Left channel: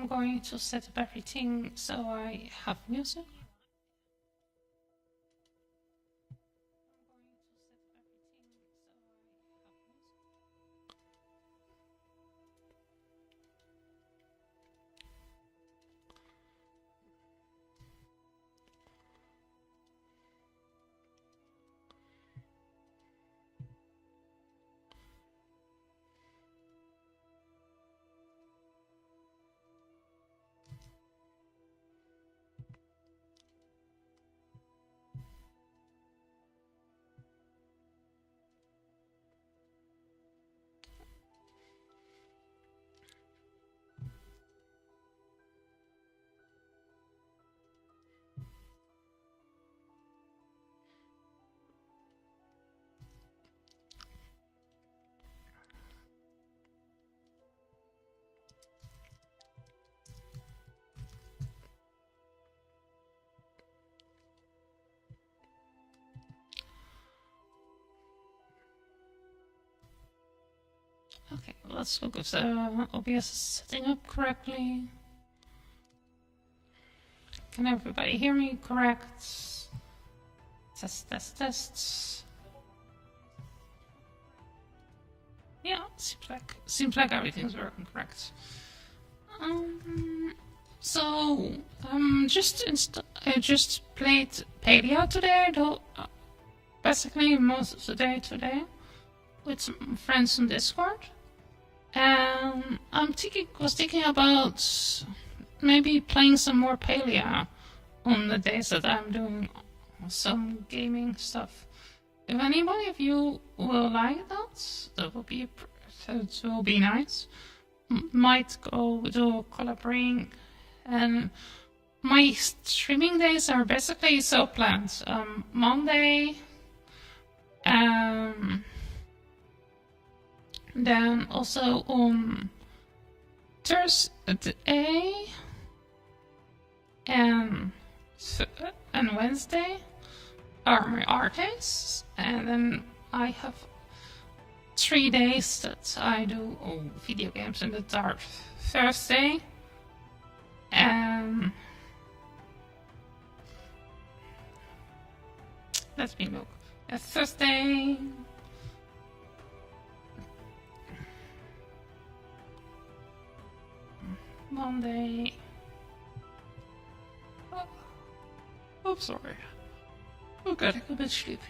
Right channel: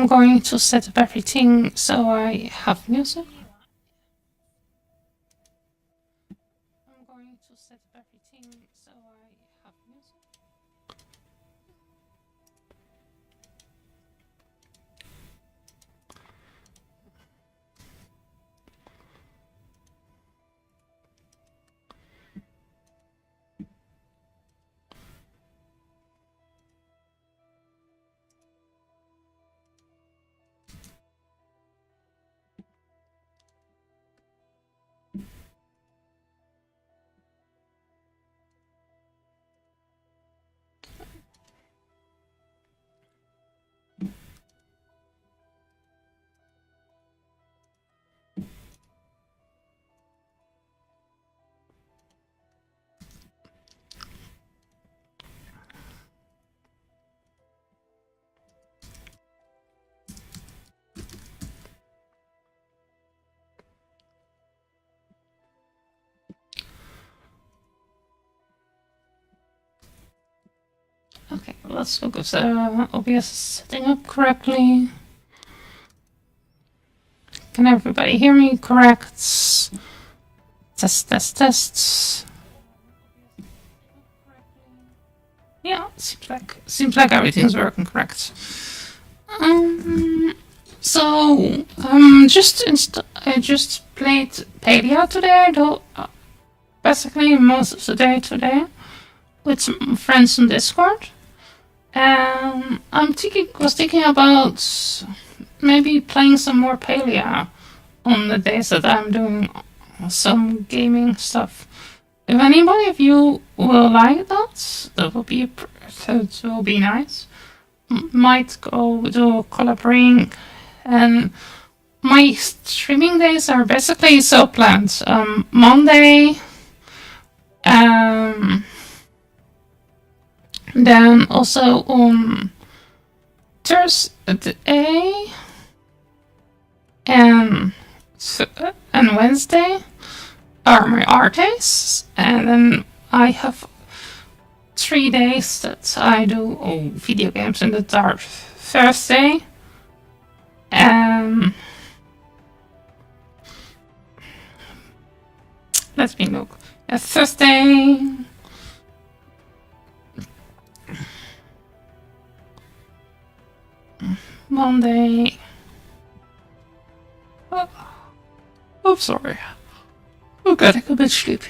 I'm going to set up everything so I have music. Okay, let's look if the OBS is setting up correctly. Can everybody hear me correct? Test. Yeah, seems like everything's working correct. I just played Paleo today, though basically most of the day today with some friends on Discord. Was thinking about maybe playing some more Paleo on the days that I'm doing some gaming stuff. If anybody of you will like that, that will be nice. Might go do collaborating, and my streaming days are basically so planned. Monday, then also on Thursday and Wednesday are my art days, and then I have 3 days that I do video games, and that are Thursday and let me look. Thursday, Monday. Oh, I'm sorry. I'm getting a bit sleepy.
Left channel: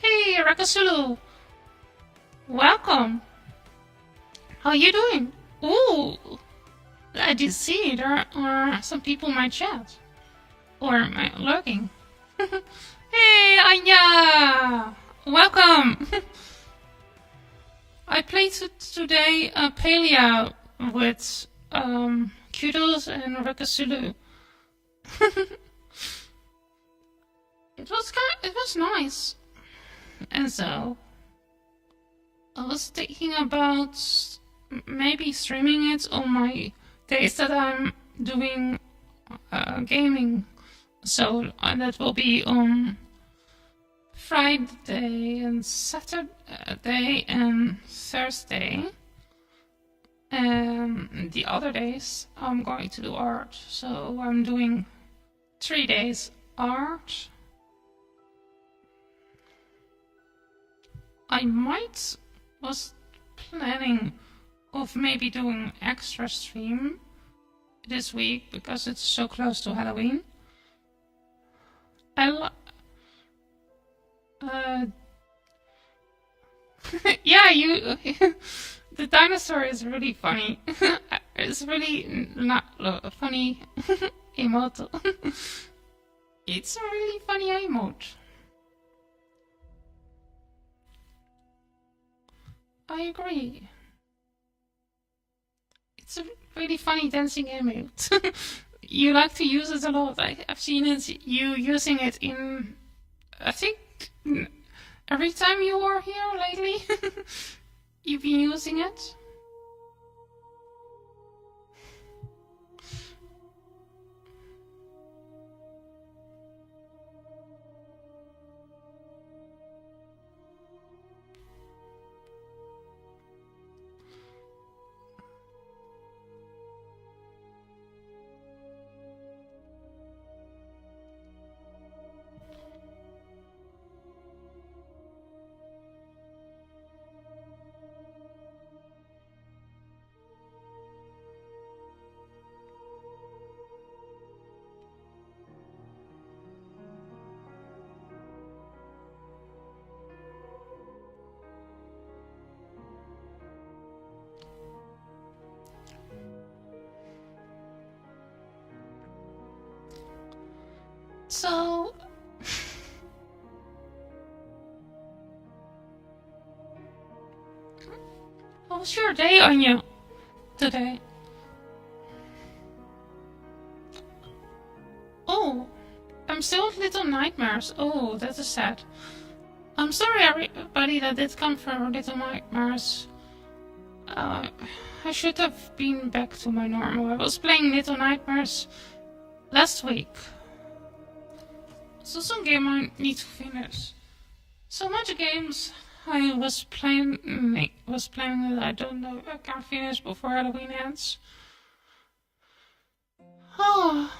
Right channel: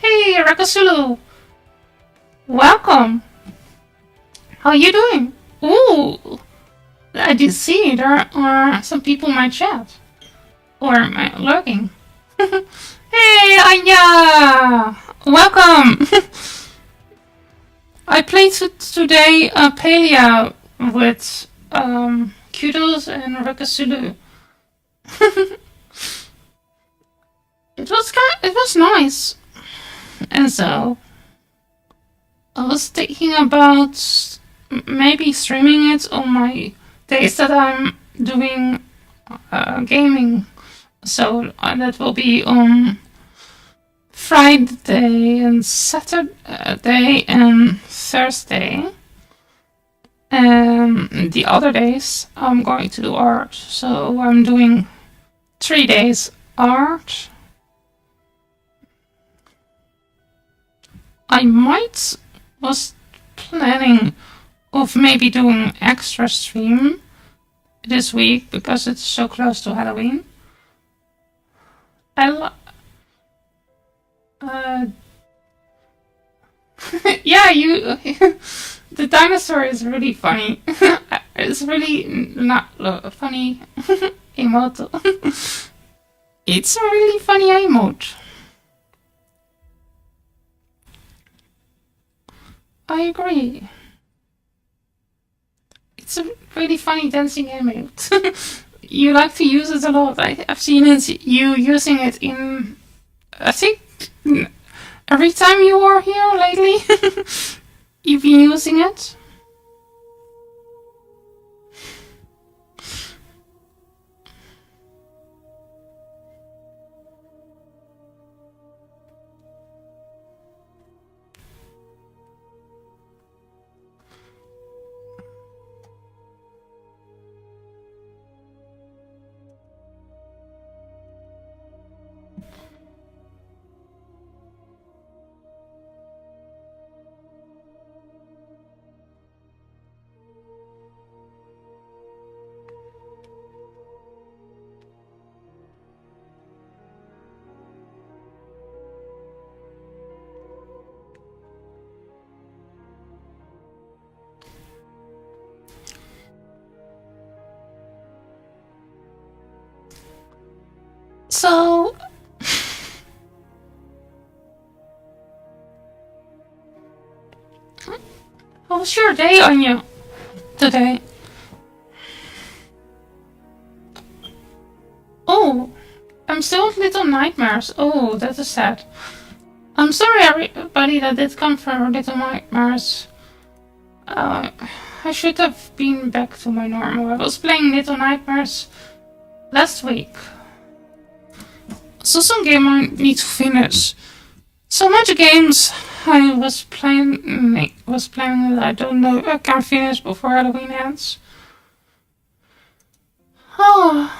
Hey, Rakasulu! Welcome! How are you doing? Ooh! I did see there are some people in my chat. Or lurking. Hey, Anya! Welcome! I played today Paleo with Kudos and Rakasulu. It was nice. And so I was thinking about maybe streaming it on my days that I'm doing gaming. So that will be on Friday and Saturday and Thursday. And the other days I'm going to do art. So I'm doing 3 days art. I was planning of maybe doing extra stream this week because it's so close to Halloween. Yeah, the dinosaur is really funny. It's really not funny emote. It's a really funny emote. I agree. It's a really funny dancing emote. You like to use it a lot. I've seen you using it in, I think, every time you were here lately. You've been using it. So, how was your day on you today? Oh, I'm still with Little Nightmares. Oh, that is sad. I'm sorry, everybody that did come for Little Nightmares. I should have been back to my normal. I was playing Little Nightmares last week. So some game I need to finish. So much games I was playing that I don't know I can finish before Halloween ends. Oh.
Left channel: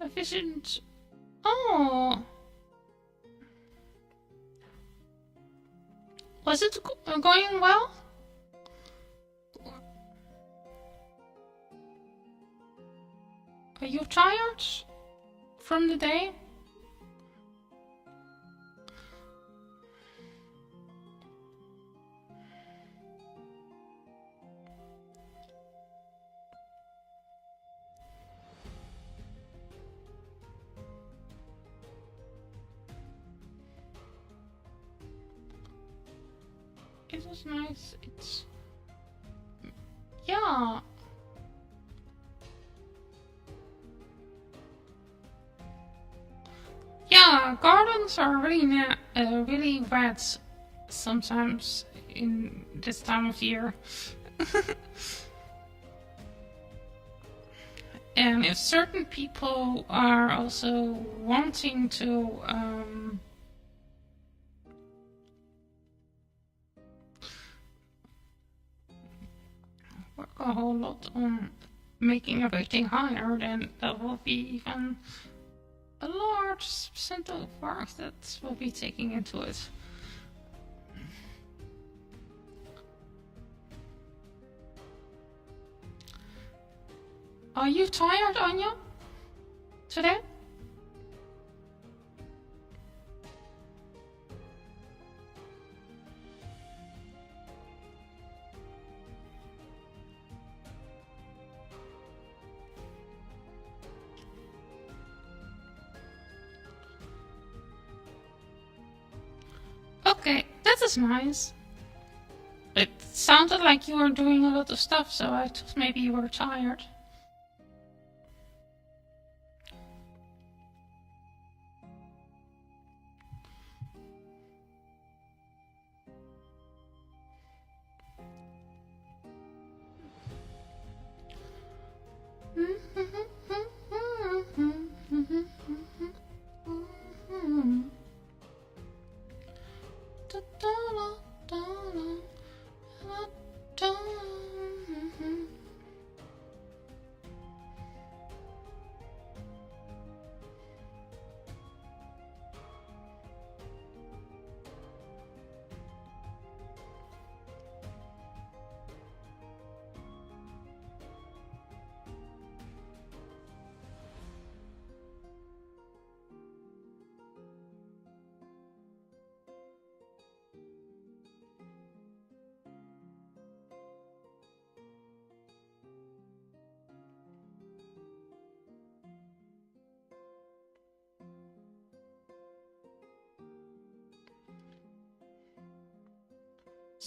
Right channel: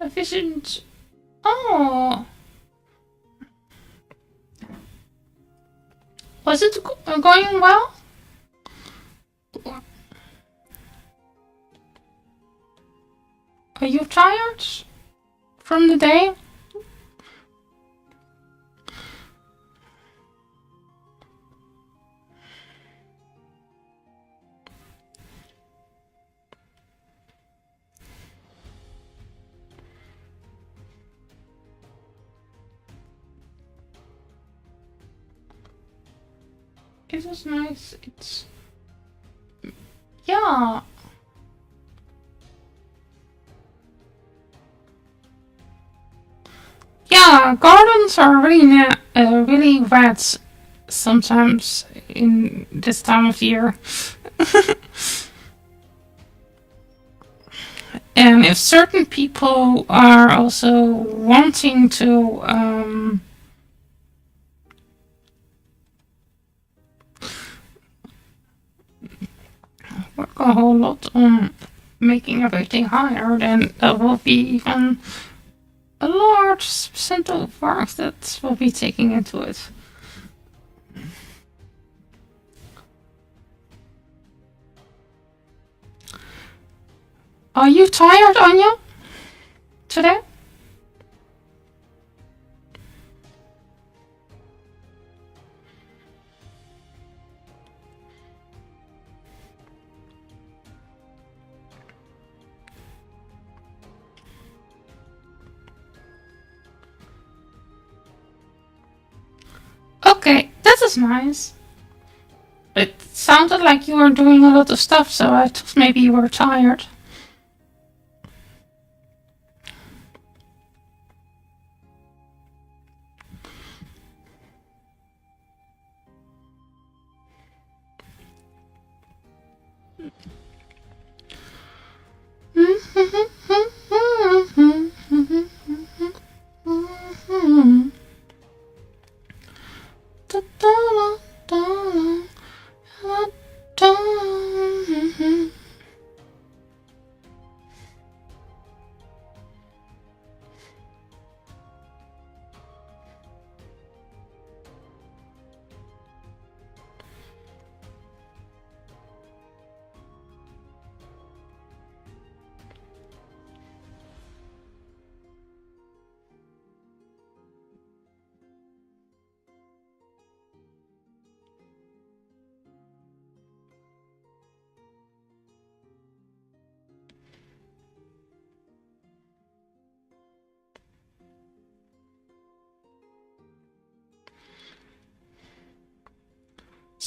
Efficient. Oh. Was it going well? Are you tired from the day? It was nice. It's... Yeah. Yeah, gardens are really wet sometimes in this time of year. And if certain people are also wanting to work a whole lot on making everything higher, then there will be even a large percent of work that will be taking into it. Are you tired, Anya? Today? Okay, that is nice. It sounded like you were doing a lot of stuff, so I thought maybe you were tired.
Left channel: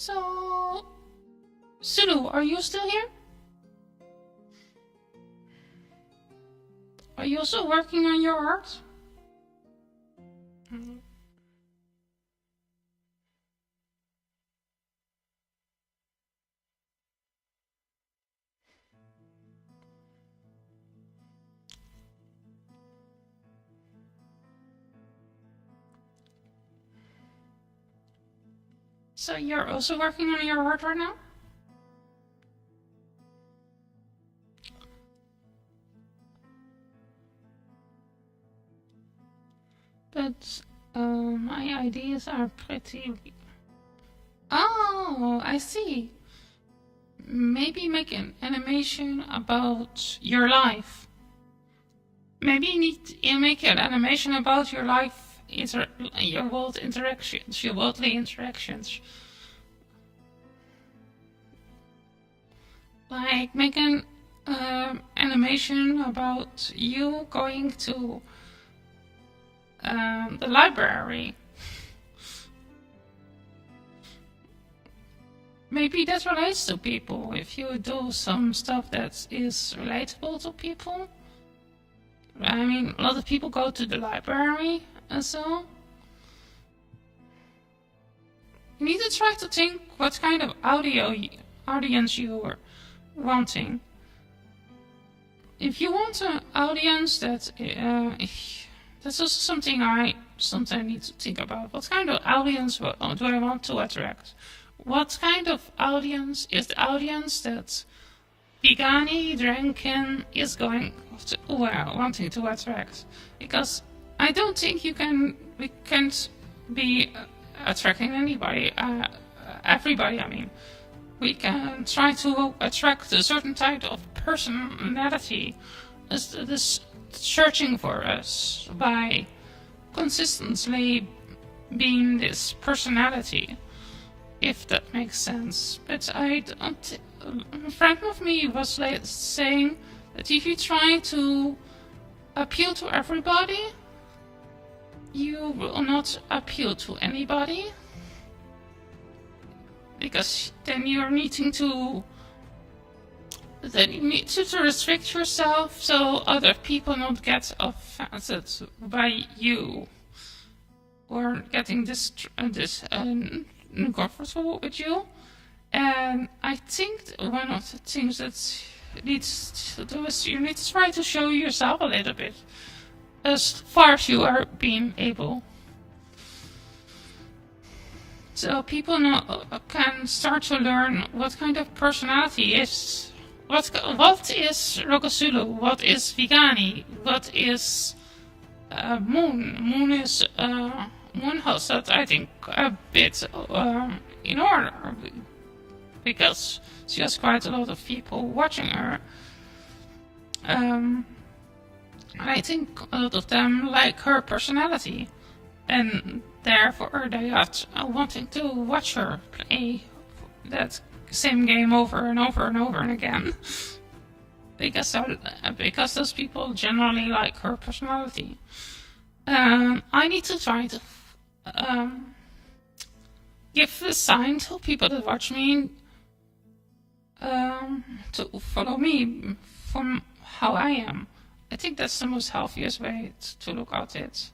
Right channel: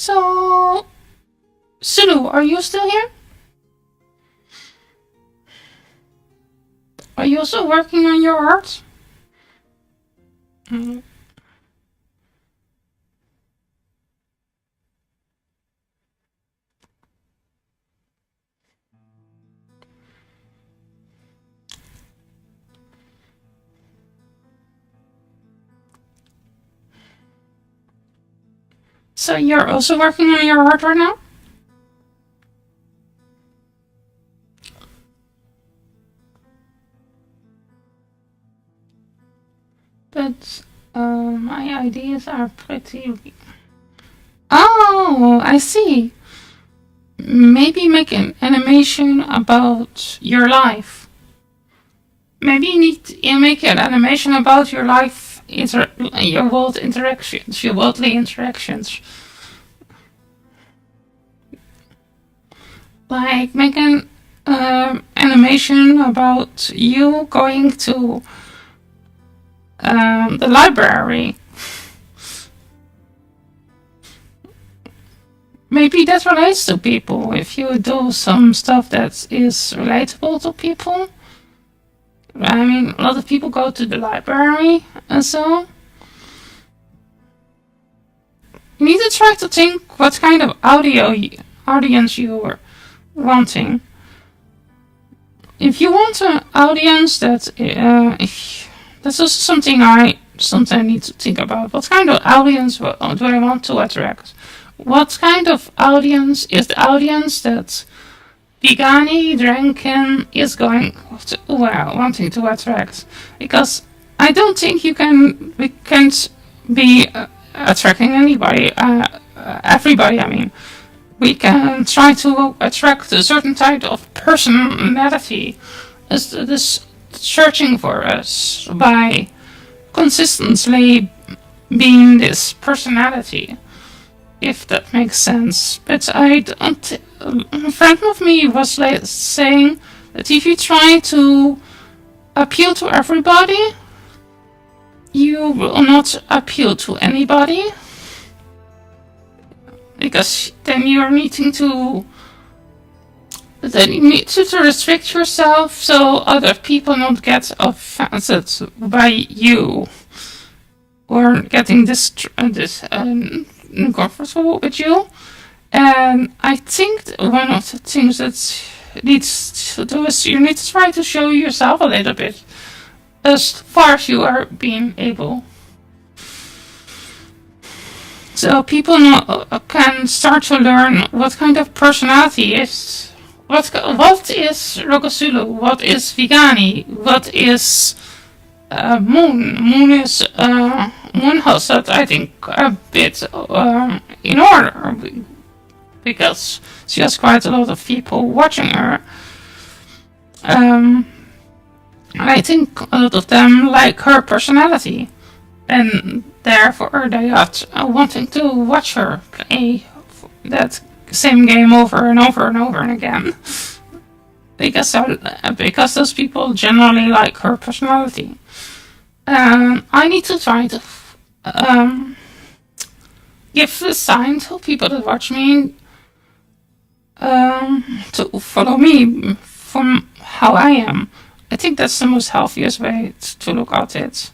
So, Sulu, are you still here? Are you also working on your art? Mm. So you're also working on your art right now? But my ideas are pretty... Oh, I see. Maybe make an animation about your life. Maybe you need to make an animation about your life, your world interactions, your worldly interactions. Like make an animation about you going to the library. Maybe that relates to people. If you do some stuff that is relatable to people. I mean, a lot of people go to the library and so. You need to try to think what kind of audience you're wanting. If you want an audience that, that's also something I sometimes need to think about. What kind of audience do I want to attract? What kind of audience is the audience that Vigani Dranken is wanting to attract? Because I don't think we can't be attracting anybody, everybody. I mean, we can try to attract a certain type of personality as this searching for us by consistently being this personality, if that makes sense. But I don't. A friend of me was saying that if you try to appeal to everybody, you will not appeal to anybody. Because then you're needing to. Then you need to restrict yourself so other people don't get offended by you. Or getting uncomfortable with you. And I think one of the things that needs to do is you need to try to show yourself a little bit. As far as you are being able. So people can start to learn what kind of personality is. What is Rokosulu? What is Vigani? What is Moon? Moon is Moon has that, I think, a bit in order because she has quite a lot of people watching her. I think a lot of them like her personality. And therefore they are wanting to watch her play that same game over and over and over and again. Because those people generally like her personality. I need to try to give a sign to people that watch me to follow me from how I am. I think that's the most healthiest way to look at it.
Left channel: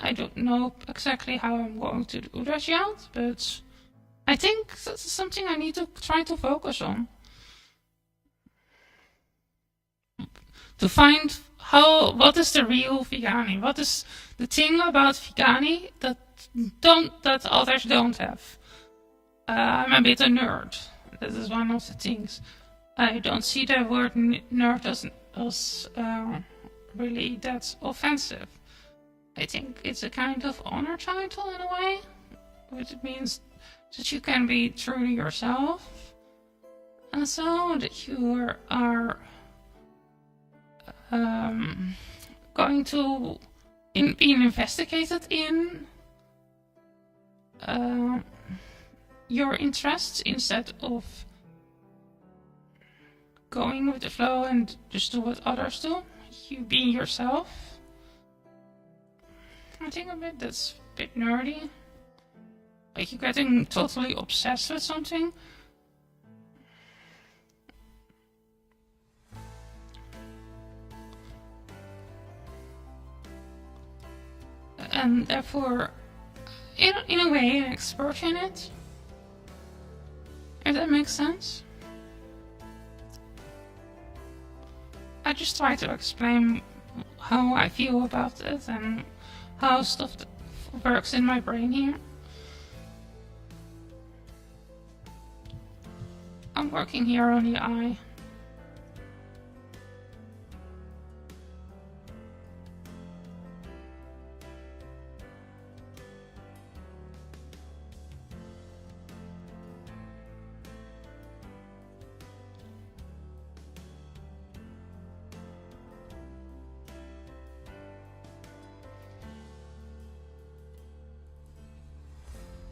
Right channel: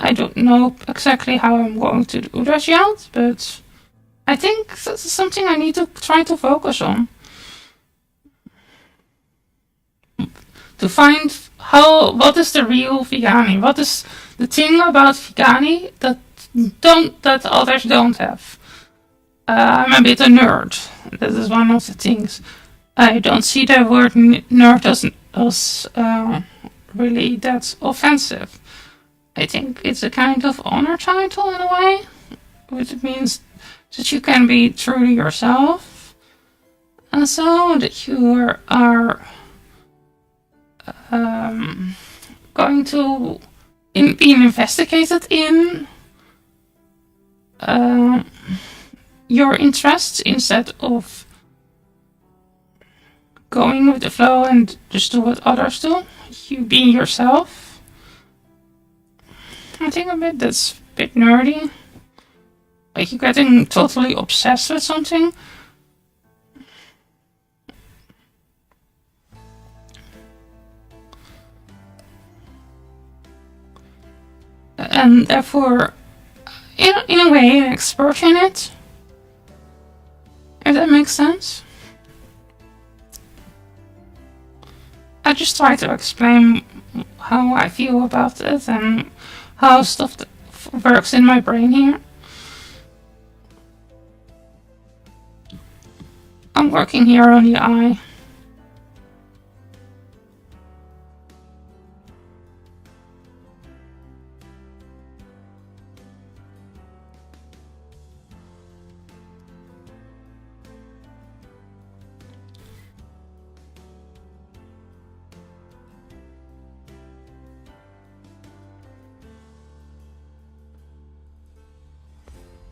I don't know exactly how I'm going to do that yet, but I think this is something I need to try to focus on. To find what is the real Vigani? What is the thing about Vigani that others don't have? I'm a bit a nerd. That is one of the things. I don't see the word nerd as really that offensive. I think it's a kind of honor title in a way, which means that you can be truly yourself, and so that you are going to be investigated in your interests instead of going with the flow and just do what others do. You be yourself. I think that's a bit nerdy. like you're getting totally obsessed with something. And therefore, in a way, an expert in it. If that makes sense. I just try to explain how I feel about it and how stuff works in my brain here. I'm working here on the eye.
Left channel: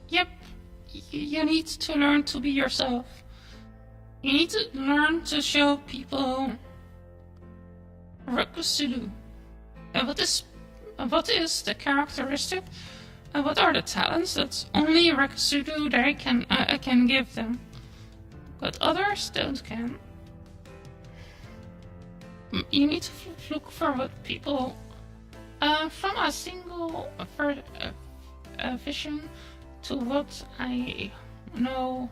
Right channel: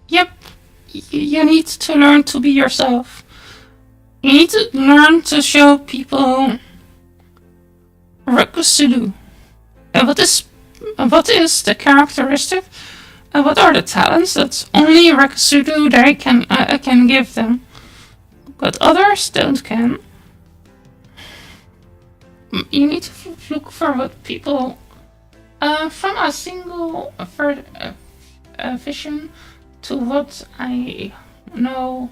Yep, you need to learn to be yourself. You need to learn to show people what to do. And what is the characteristic? And what are the talents that only Rekasudu they can give them, but others don't can. You need to look for what people from a single vision to what I know.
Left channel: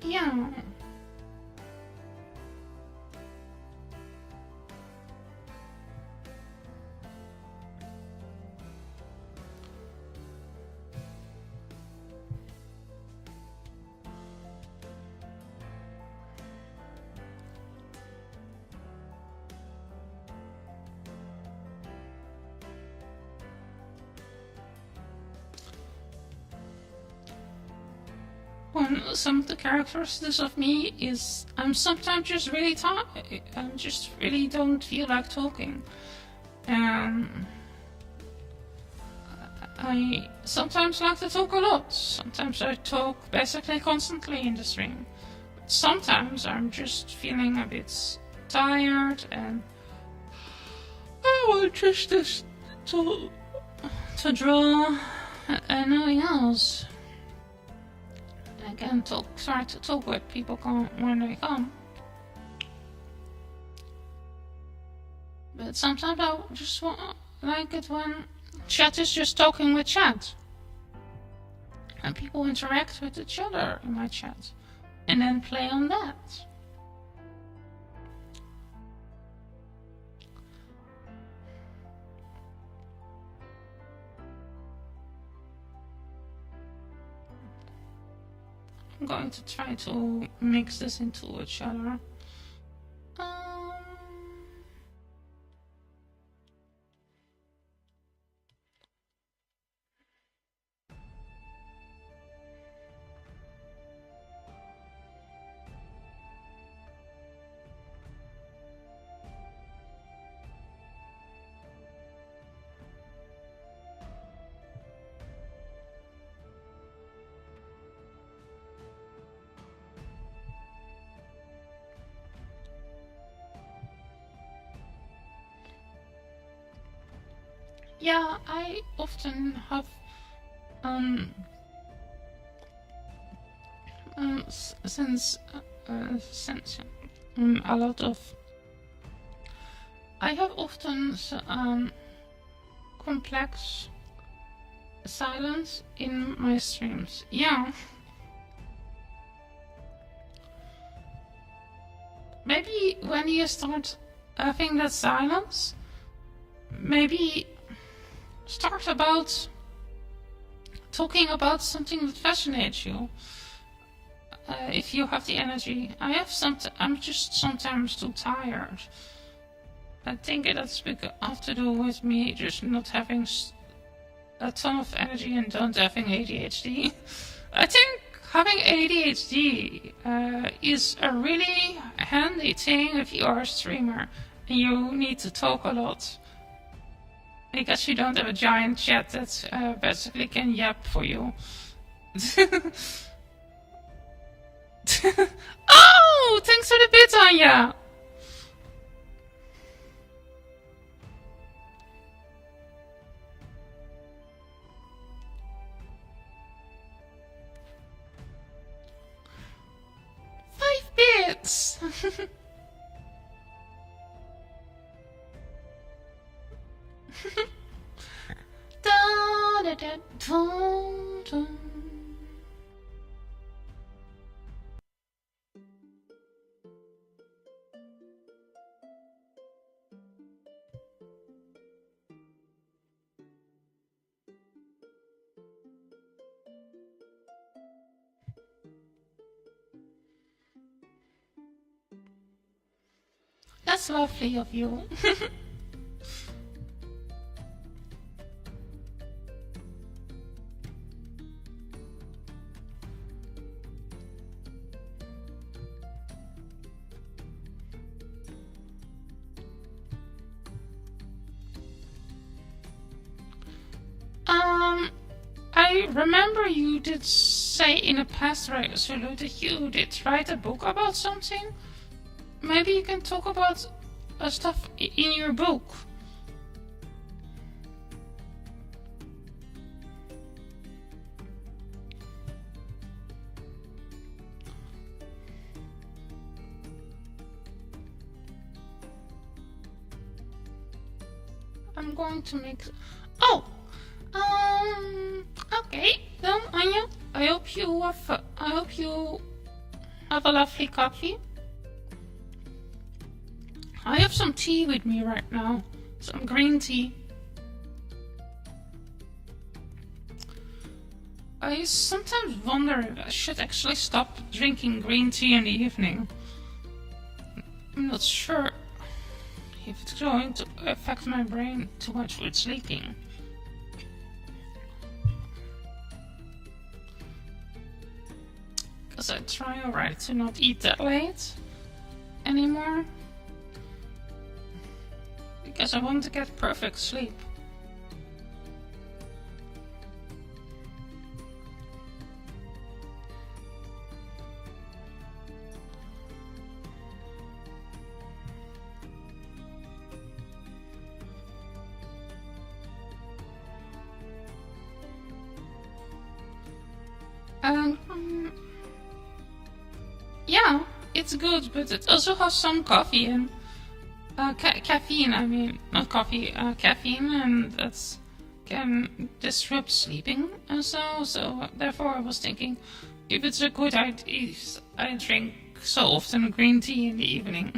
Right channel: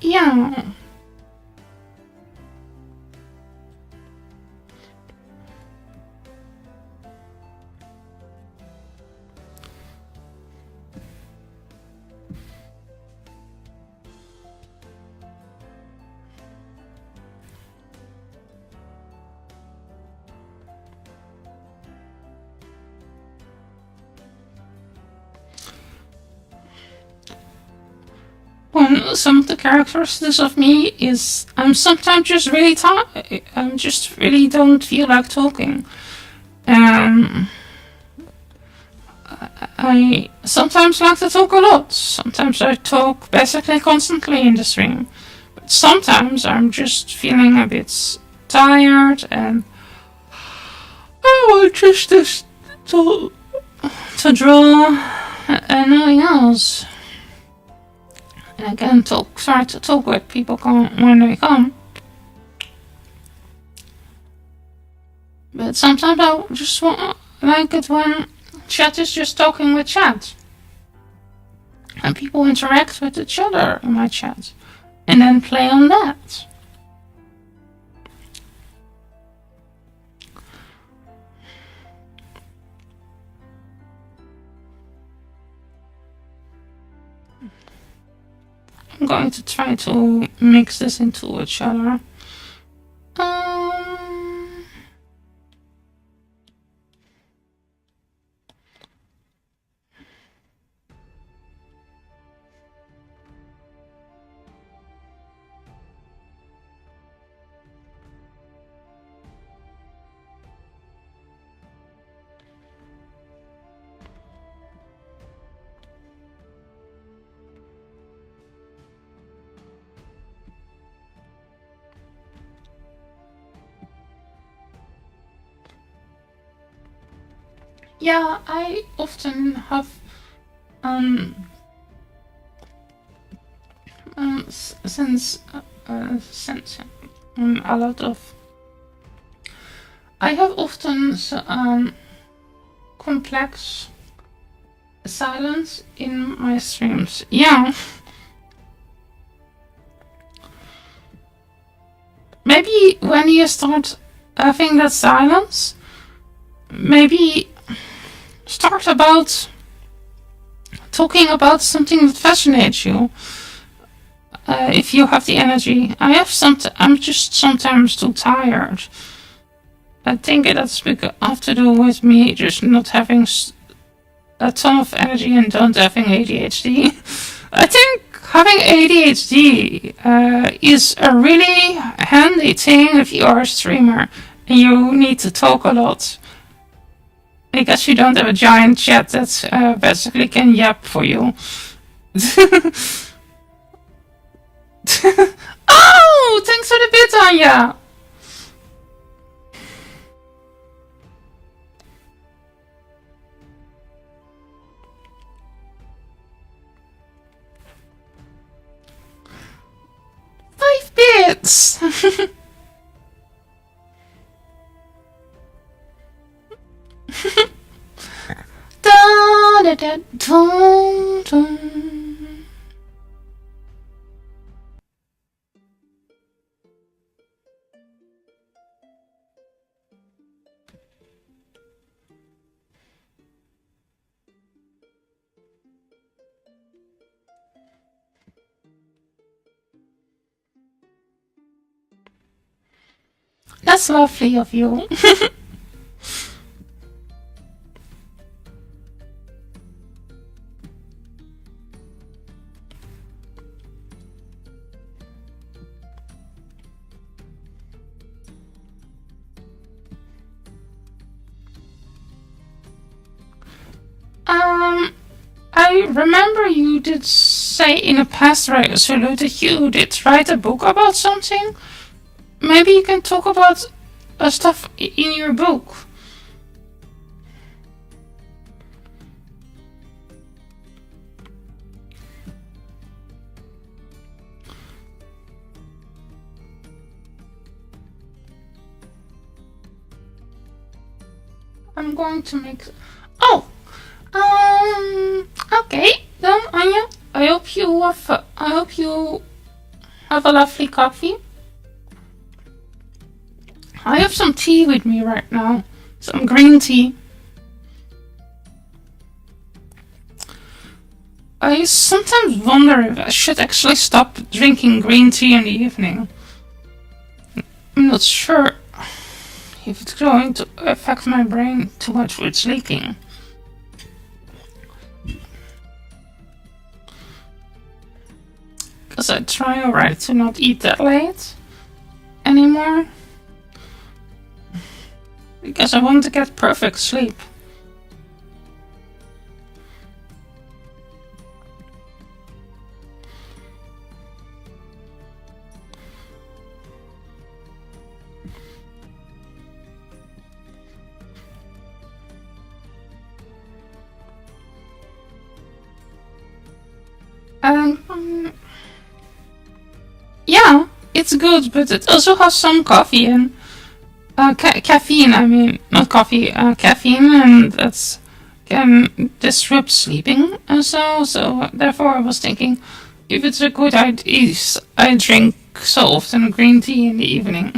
Yeah. Well, some of the characteristics of me is I'm sometimes just really tired. I'm just really don't feel like talking. I sometimes like to talk a lot. Sometimes I talk basically constantly in the stream. But sometimes I'm just feeling a bit tired and I want just to draw and nothing else. And I can try to talk with people when they come. But sometimes I just like it when chat is just talking with chat. And people interact with each other in my chat. And then play on that. I'm going to try to mix this into each other. Yeah, I often have since a lot of I have often complex silence in my streams. Yeah. Maybe when you start having that silence, maybe start about talking about something that fascinates you. If you have the energy, I'm just sometimes too tired. I think that's because have to do with me just not having a ton of energy and don't having ADHD. I think having ADHD is a really handy thing if you are a streamer and you need to talk a lot. Because you don't have a giant chat that basically can yap for you. Oh, thanks for the bit, Anja. Yes. Da, da, da, dun, dun. That's lovely of you. I remember you did say in a past resolution that you did write a book about something. Maybe you can talk about stuff in your book. I'm going to make. Oh, okay. Then Anya, I hope you have a lovely coffee. I have some tea with me right now, some green tea. I sometimes wonder if I should actually stop drinking green tea in the evening. I'm not sure if it's going to affect my brain too much with sleeping. Because I try already to not eat that late anymore. Because I want to get perfect sleep. Yeah, it's good, but it also has some coffee and caffeine. I mean, not coffee, caffeine, and that's can disrupt sleeping. And so therefore, I was thinking, if it's a good idea, I drink so often green tea in the evening.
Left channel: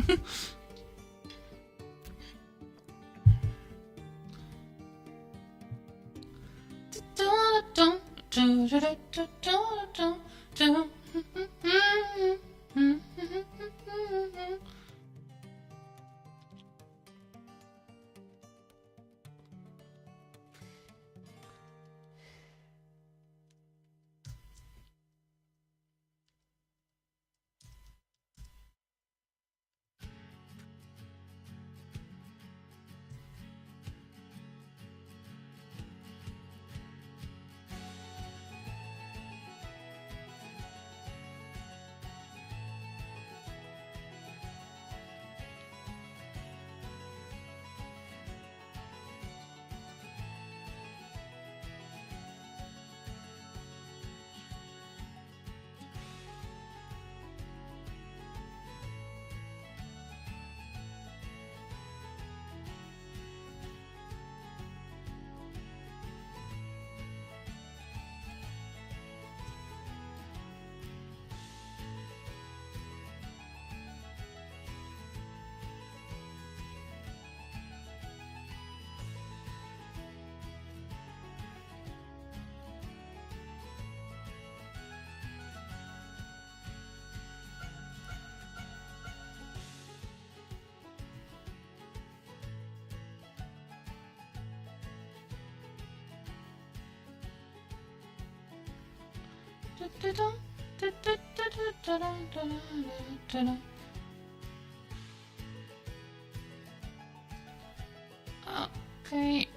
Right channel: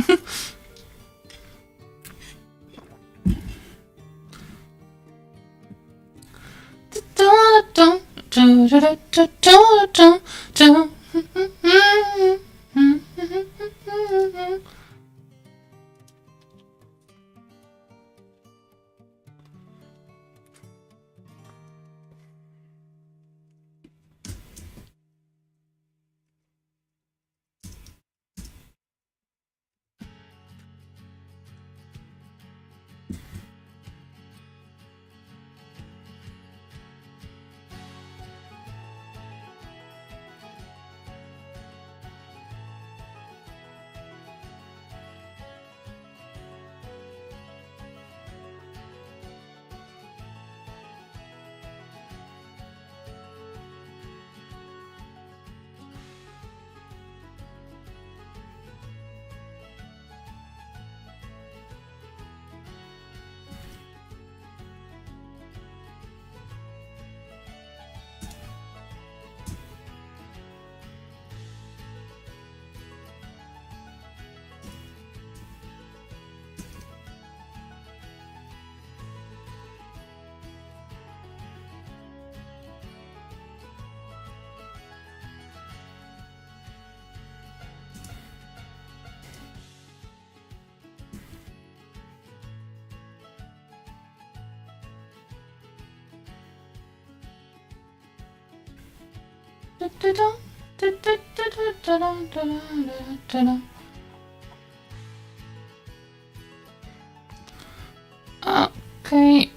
Okay,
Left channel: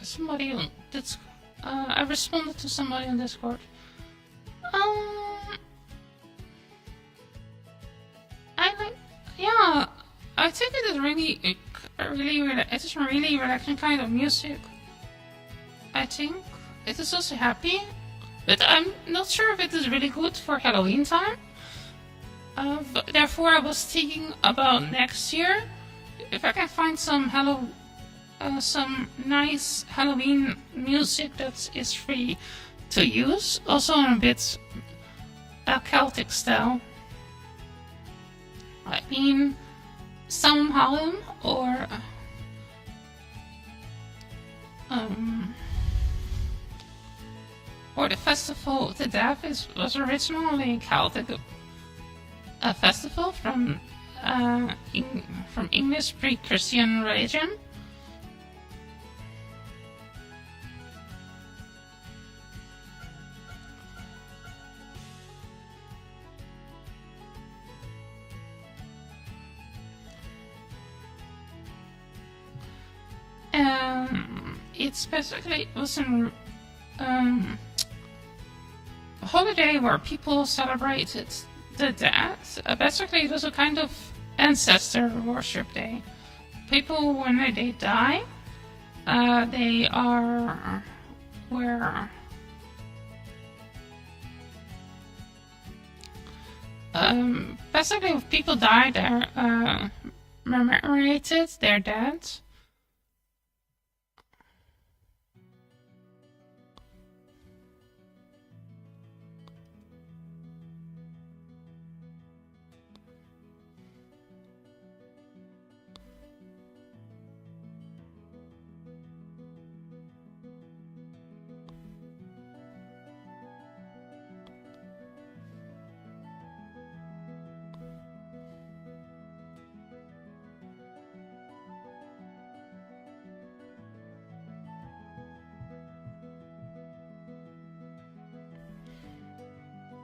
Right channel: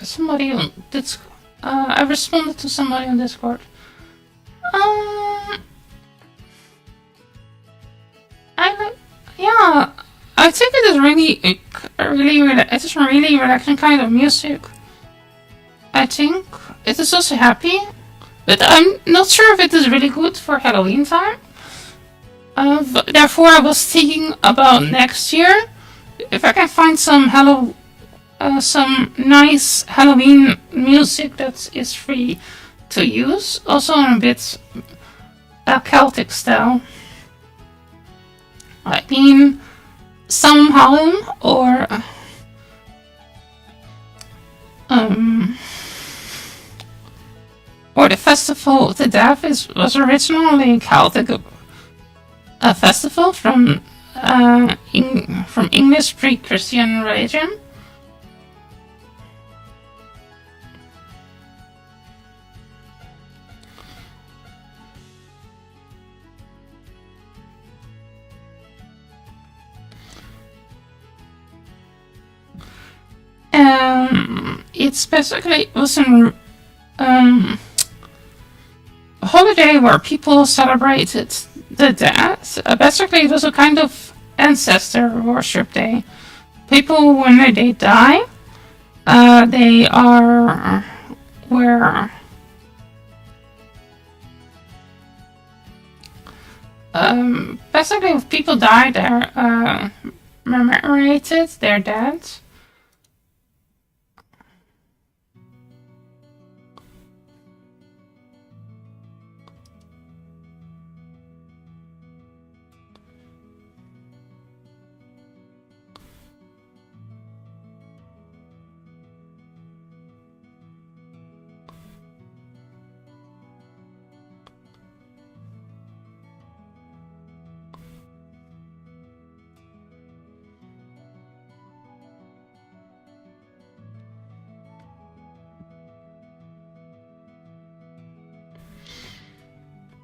somebody on Discord. I responded to somebody on Discord. Yeah, I think it is really, it is really relaxing kind of music. I think it is also happy, but I'm not sure if it is really good for Halloween time. Therefore, I was thinking about next year if I can find some nice Halloween music that is free to use, also in a bit Celtic style. I mean, Samhain or the Festival of the Deaf was originally Celtic a festival from English pre-Christian religion. It's basically was a holiday where people celebrated the dead. Basically, it was a kind of ancestor worship day. People, when they die, they are where basically if people die, they're commemorated, they're dead.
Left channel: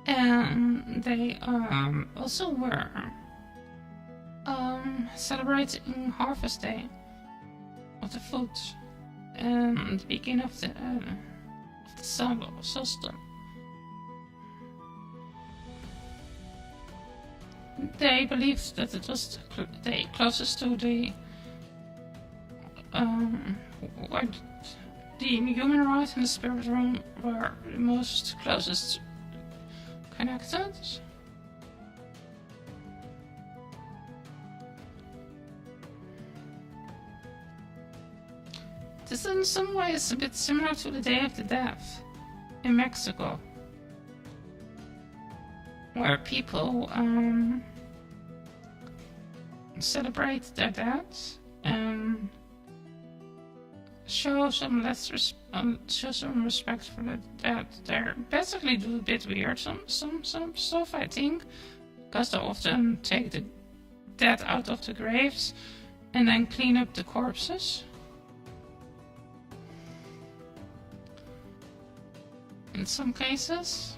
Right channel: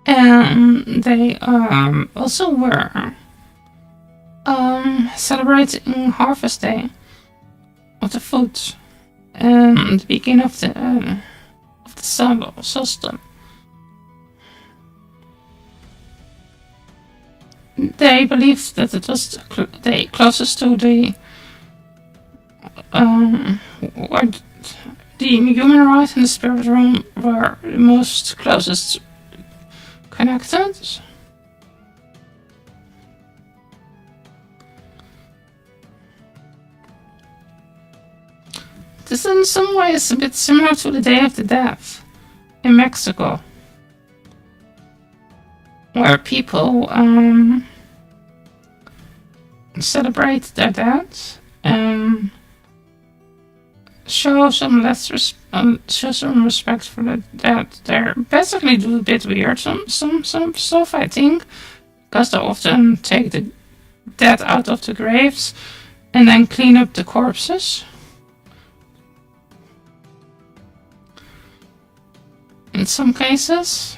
And they also were celebrating Harvest Day of the food and the beginning of the solstice. They believed that it was the closest to the where the human right and the spirit realm were the most closest connected. This in some ways a bit similar to the Day of the Dead in Mexico, where people celebrate their dead and show some respect for the dead. They're basically do a bit weird some stuff, I think, because they often take the dead out of the graves and then clean up the corpses. In some cases.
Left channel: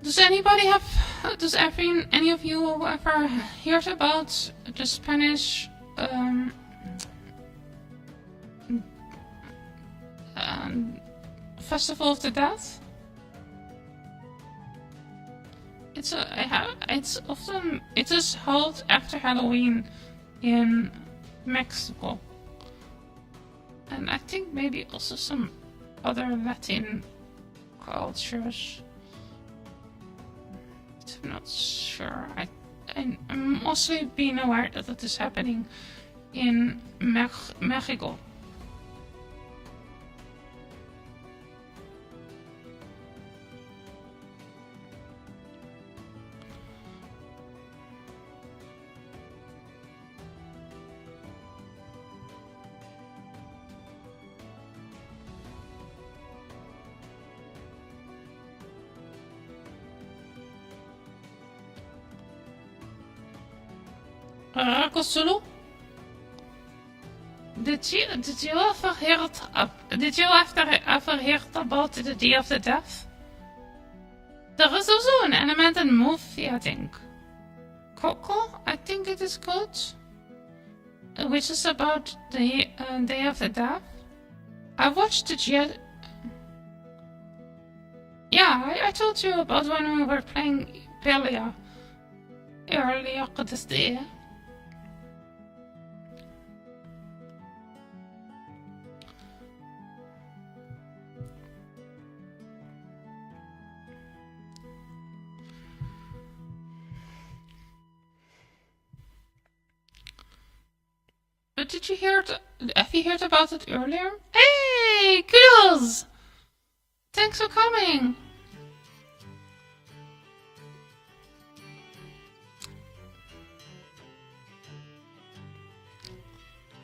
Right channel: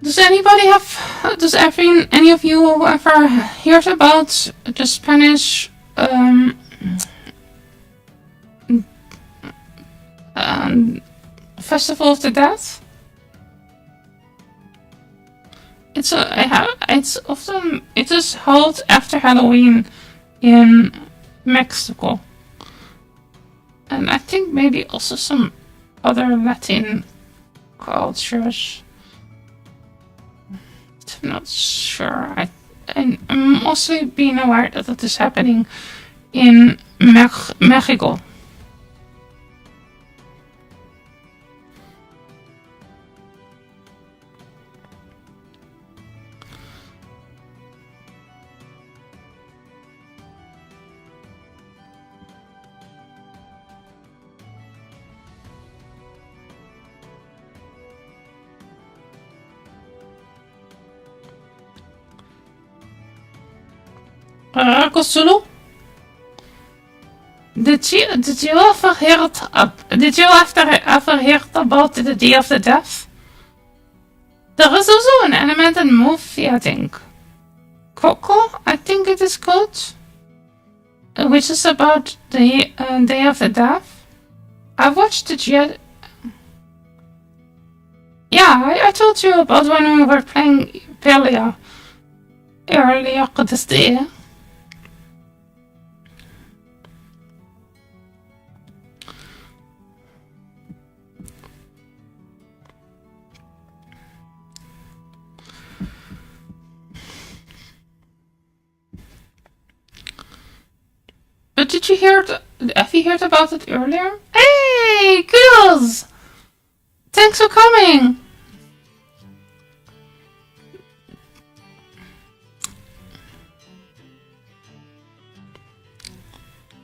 Does any of you ever heard about the Spanish Festival of the Dead? It is held after Halloween in Mexico, and I think maybe also some other Latin cultures. I'm not sure. I'm mostly being aware that it is happening in Mexico. Cthulhu? Did you ever hear about the Day of the Death? There is also an animated movie, I think. Coco, I think it is called, which is about the Day of the Death. I watched it yet. Yeah, I told you about when we were playing Paleo earlier this day. But did you hear it? Have you heard about it earlier? Hey, girls! Thanks for coming!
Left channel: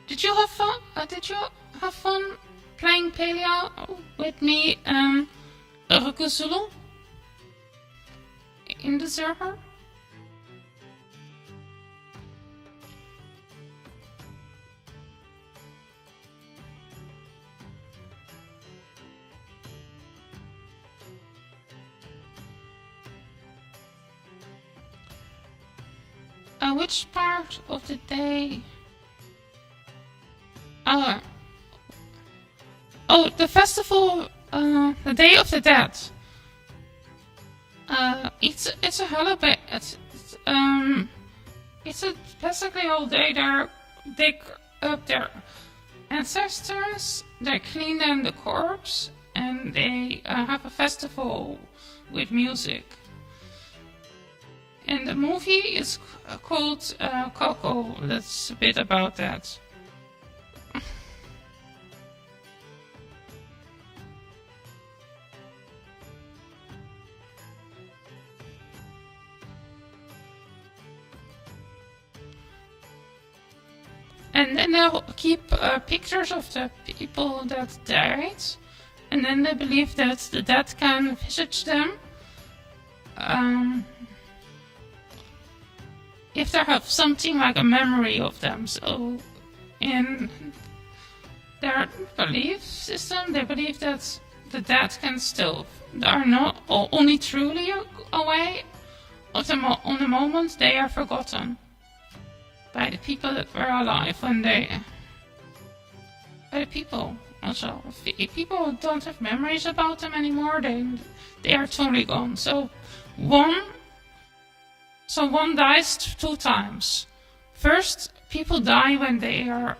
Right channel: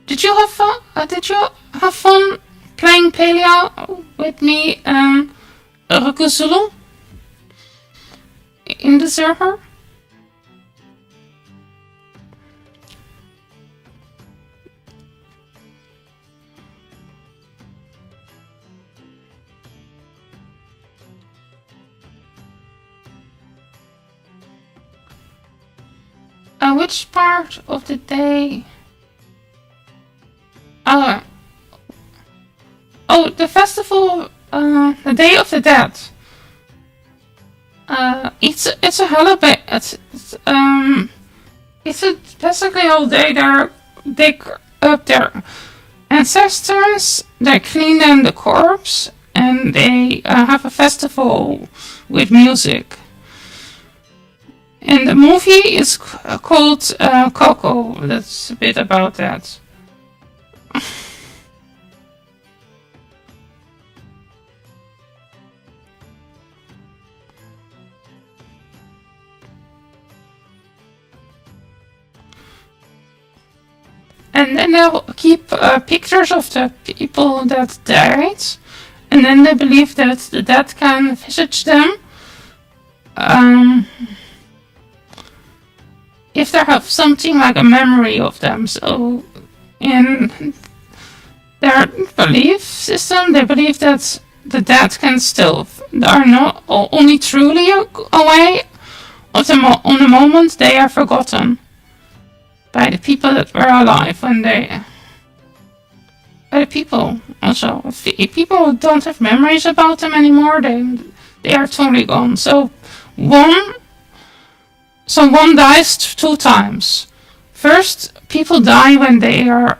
Did you have fun? Did you have fun playing Paleo with me and Rukusulu in the server? Which part of the day? Oh, the festival, the Day of the Dead. It's a holiday. It's basically all day they dig up their ancestors, they clean them the corpse, and they have a festival with music. And the movie is called Coco. That's a bit about that. And then they'll keep pictures of the people that died, and then they believe that the dead can visit them. If they have something like a memory of them. So in their belief system, they believe that the dead can still are not only truly away on the moment they are forgotten by the people that were alive when by the people also. If people don't have memories about them anymore, they are totally gone. So one dies 2 times. First, people die when they are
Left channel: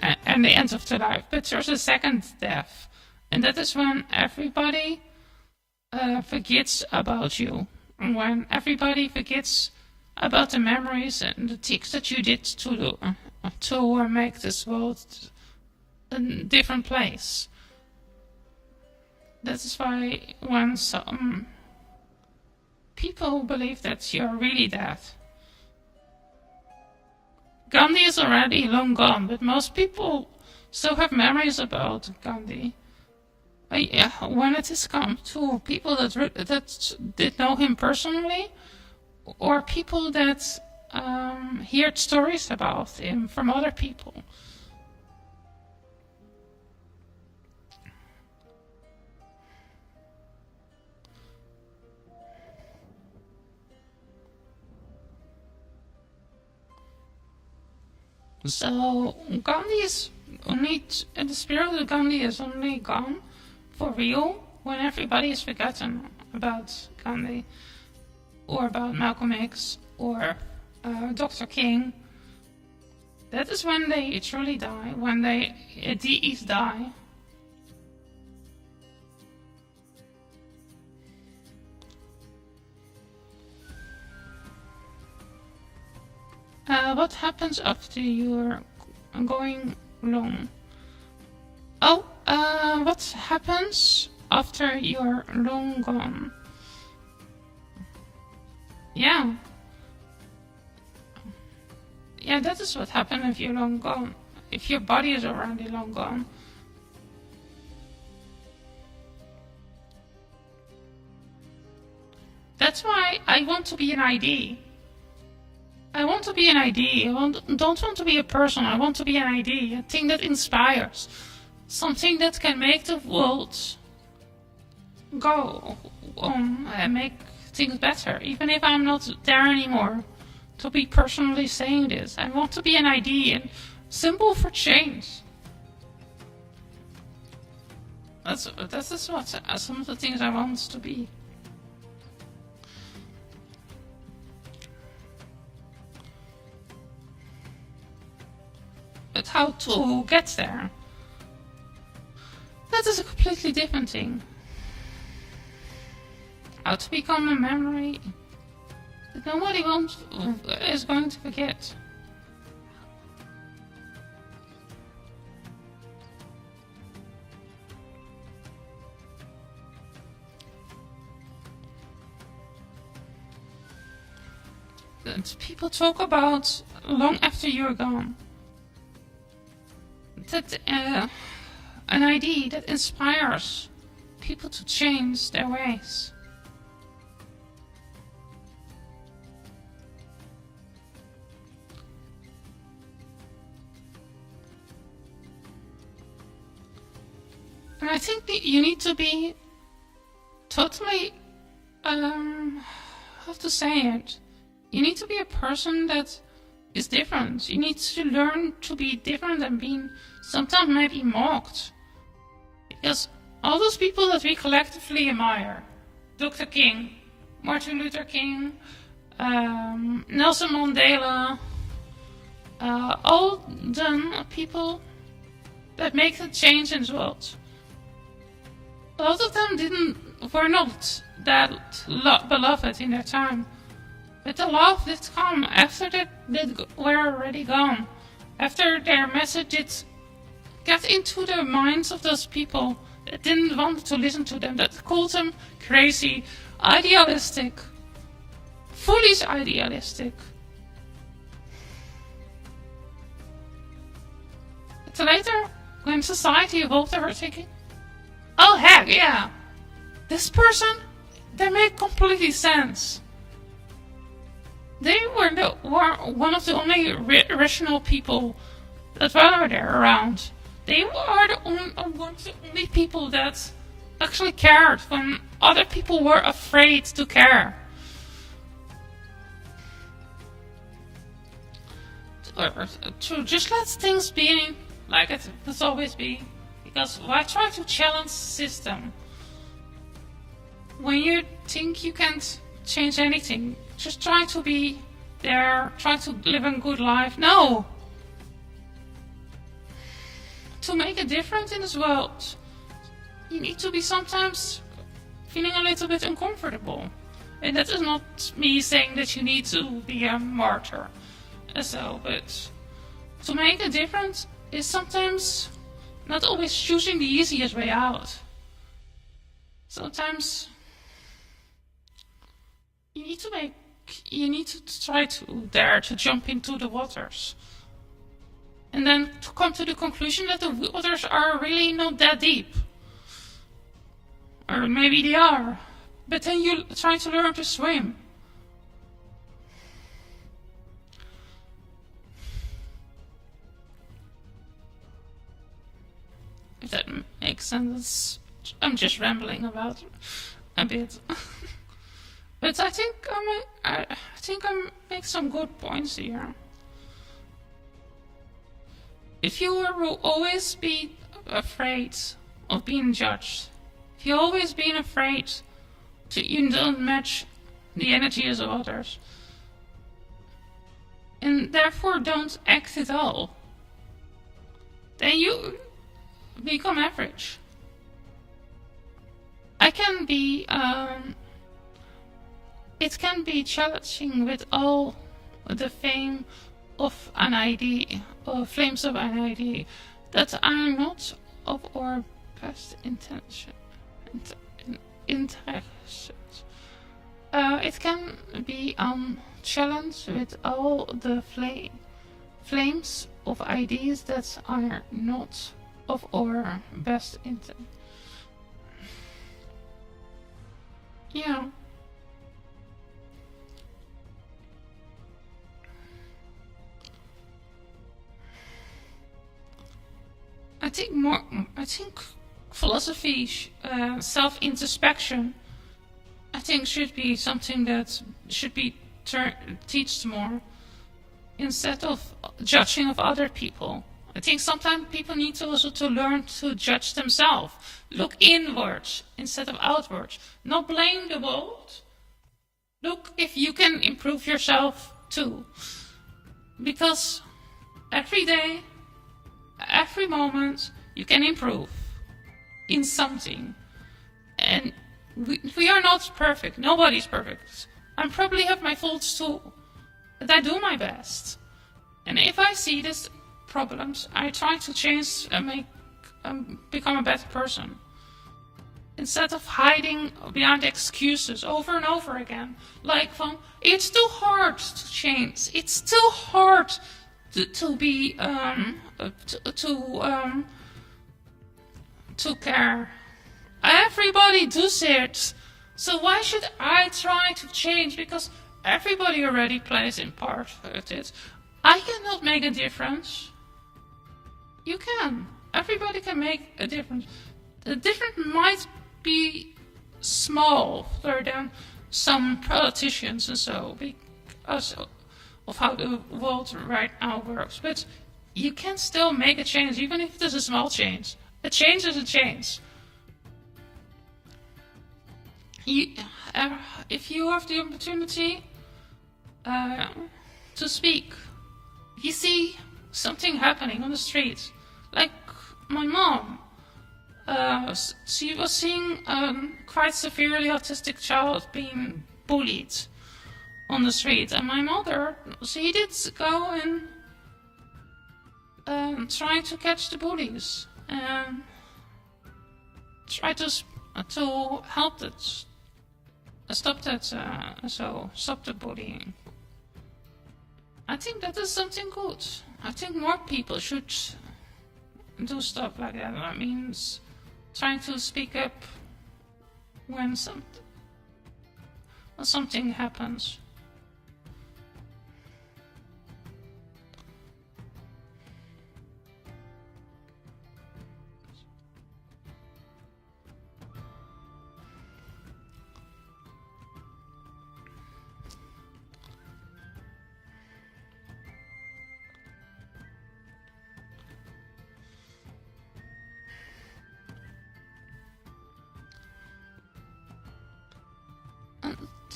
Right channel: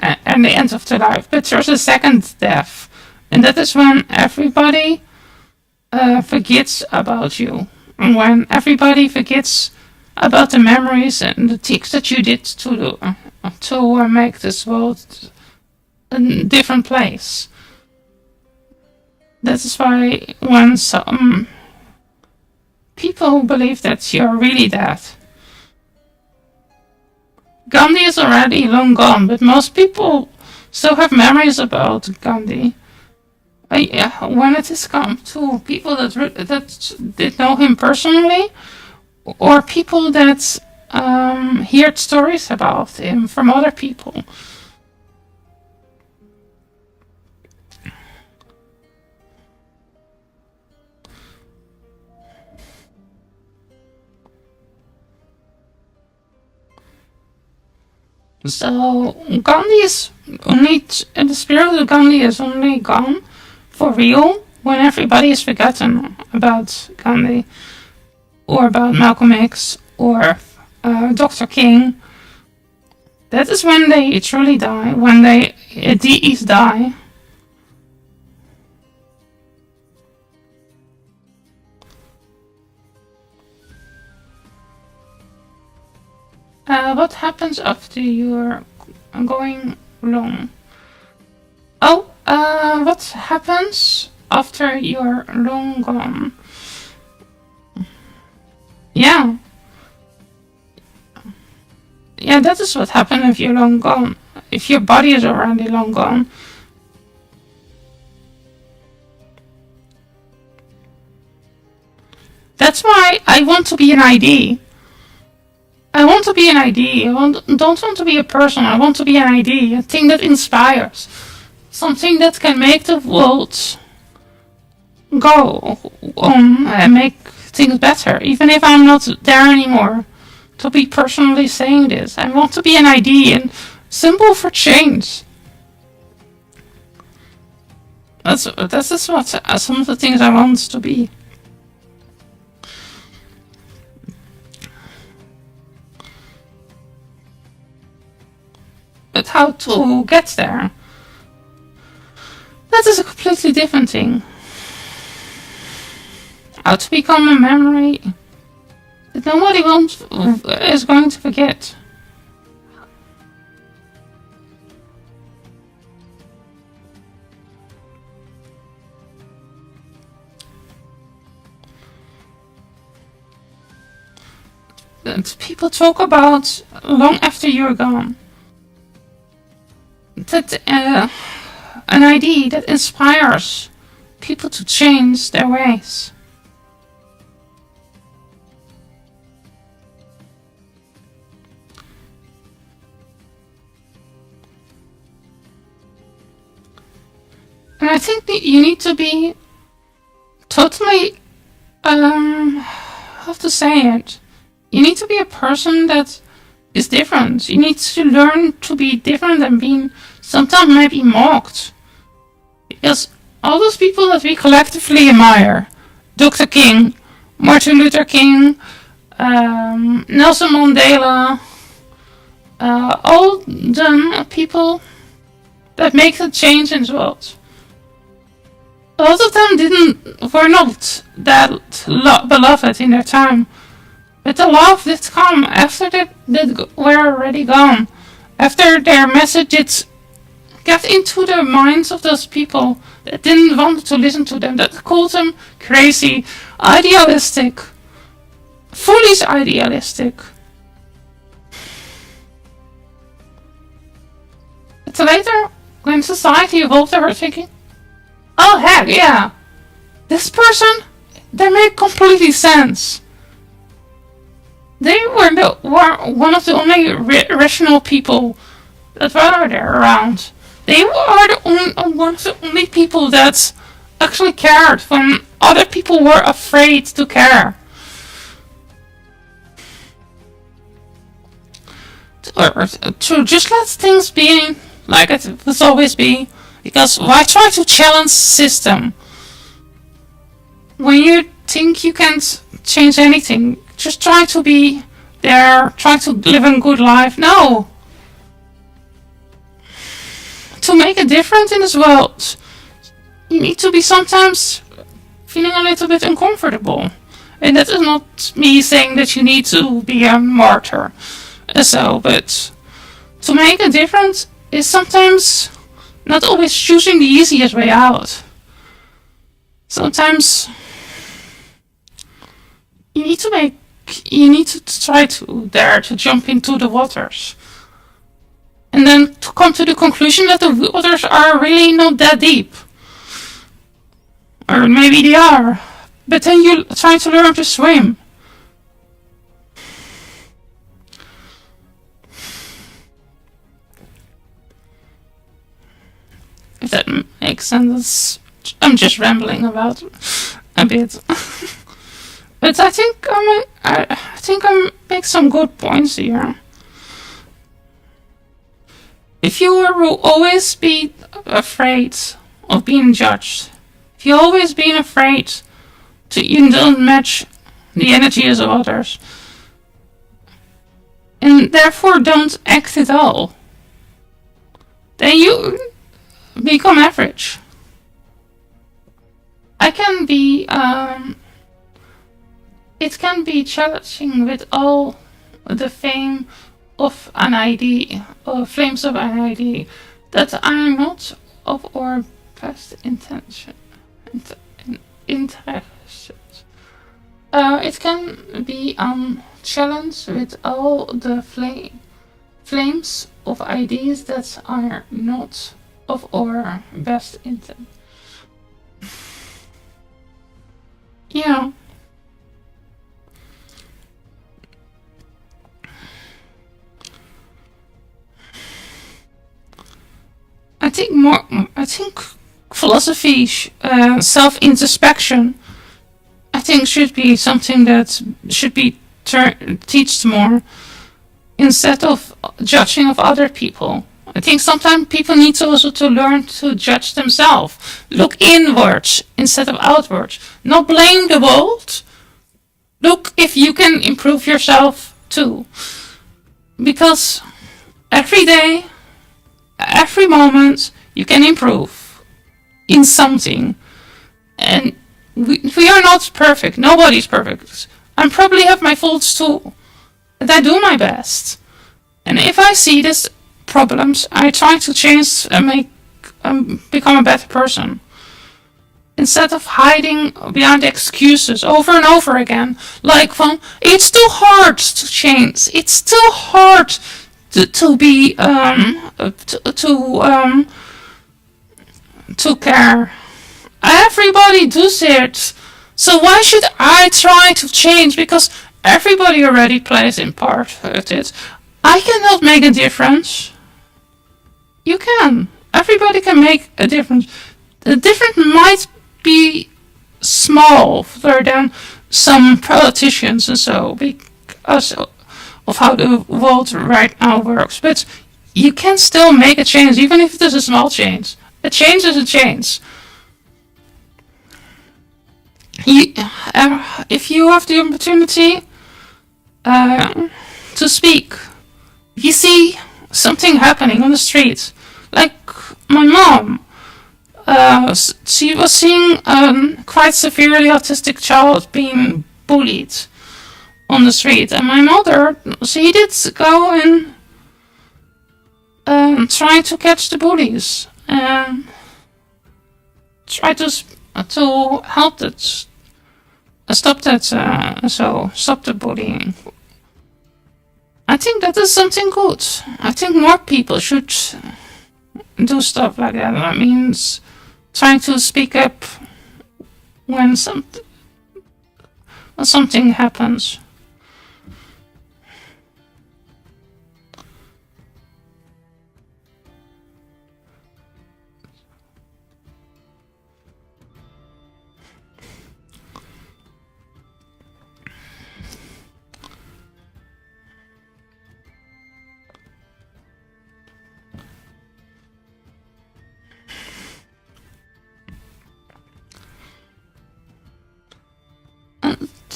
at the end of their life, but there's a second death, and that is when everybody forgets about you, and when everybody forgets about the memories and the things that you did to make this world a different place. That is why when some people believe that you're really dead. Gandhi is already long gone, but most people still have memories about Gandhi. When it has come to people that did know him personally, or people that heard stories about him from other people. So Gandhi is only, the spirit of Gandhi is only gone for real when everybody is forgotten about Gandhi, or about Malcolm X, or Dr. King. That is when they truly die, when they DEs die. What happens after you're going long? Oh, what happens after you're long gone? Yeah. Yeah, that is what happens if you're long gone. If your body is already long gone. That's why I want to be an ID. I want to be an ID. Don't want to be a person. I want to be an ID. A thing that inspires. Something that can make the world go on and make things better. Even if I'm not there anymore. To be personally saying this. I want to be an ID and symbol for change. That's what some of the things I want to be. But how to get there? That is a completely different thing. How to become a memory that nobody is going to forget. That people talk about long after you're gone. That an idea that inspires people to change their ways. And I think that you need to be totally, how to say it? You need to be a person that is different. You need to learn to be different and being sometimes maybe mocked. Because all those people that we collectively admire, Dr. King, Martin Luther King, Nelson Mandela, all the people that make a change in the world. A lot of them were not that beloved in their time. But the love did come after they were already gone. After their messages got into the minds of those people that didn't want to listen to them, that called them crazy, idealistic, foolish idealistic. But later, when society evolved, they were thinking, oh heck yeah, this person, they make completely sense. They were one of the only rational people that were there around. They were one of the only people that actually cared when other people were afraid to care. To just let things be like it will always be. Because why try to challenge the system? When you think you can't change anything, just try to be there, try to live a good life. No! To make a difference in this world, you need to be sometimes feeling a little bit uncomfortable. And that is not me saying that you need to be a martyr. But to make a difference is sometimes not always choosing the easiest way out. Sometimes you need to try to dare to jump into the waters. And then to come to the conclusion that the waters are really not that deep. Or maybe they are. But then you try to learn to swim. If that makes sense. I'm just rambling about a bit. But I think I make some good points here. If you will always be afraid of being judged, if you always been afraid you don't match the energies of others, and therefore don't act at all, then you become average. It can be challenging with all the fame of an idea, or flames of an idea, that are not of our best intention. Interested. It can be challenge with all the flames of ideas that are not of our best intent. Yeah. I think philosophy, self-introspection, I think should be something that should be taught more, instead of judging of other people. I think sometimes people need to also to learn to judge themselves. Look inwards instead of outwards. Not blame the world. Look if you can improve yourself too. Because every day, every moment, you can improve in something. And we are not perfect. Nobody's perfect. I probably have my faults too. But I do my best. And if I see these problems, I try to change and become a better person. Instead of hiding behind excuses over and over again, like from it's too hard to change, it's too hard to be to care. Everybody does it, so why should I try to change? Because everybody already plays in part of it. I cannot make a difference. You can. Everybody can make a difference. The difference might be small than some politicians and so, because of how the world right now works. But you can still make a change, even if it is a small change. A change is a change. If you have the opportunity to speak, if you see something happening on the street, like my mom, she was seeing quite severely autistic child being bullied on the street, and my mother, she did go and try to catch the bullies and try to help that, stop the bullying. I think that is something good. I think more people should do stuff like that. That means trying to speak up when something happens.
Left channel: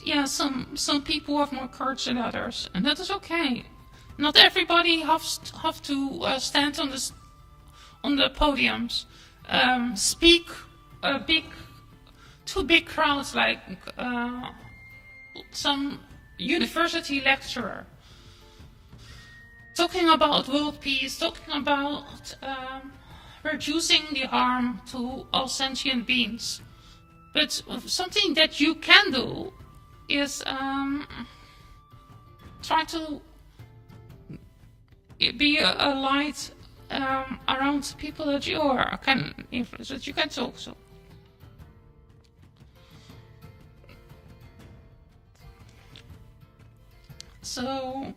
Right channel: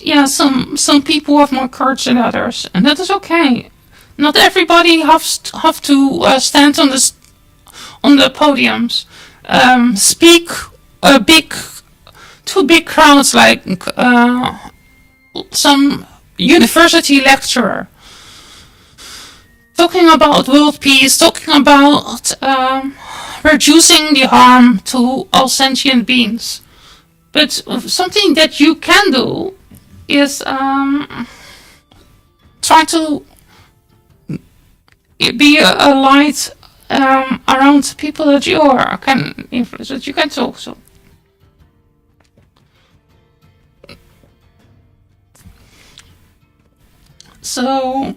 Yeah, some people have more courage than others, and that is okay. Not everybody have to stand on the podiums, speak to big crowds like some university lecturer, talking about world peace, talking about reducing the harm to all sentient beings. But something that you can do is try to be a light around people that you can influence, that you can talk to. So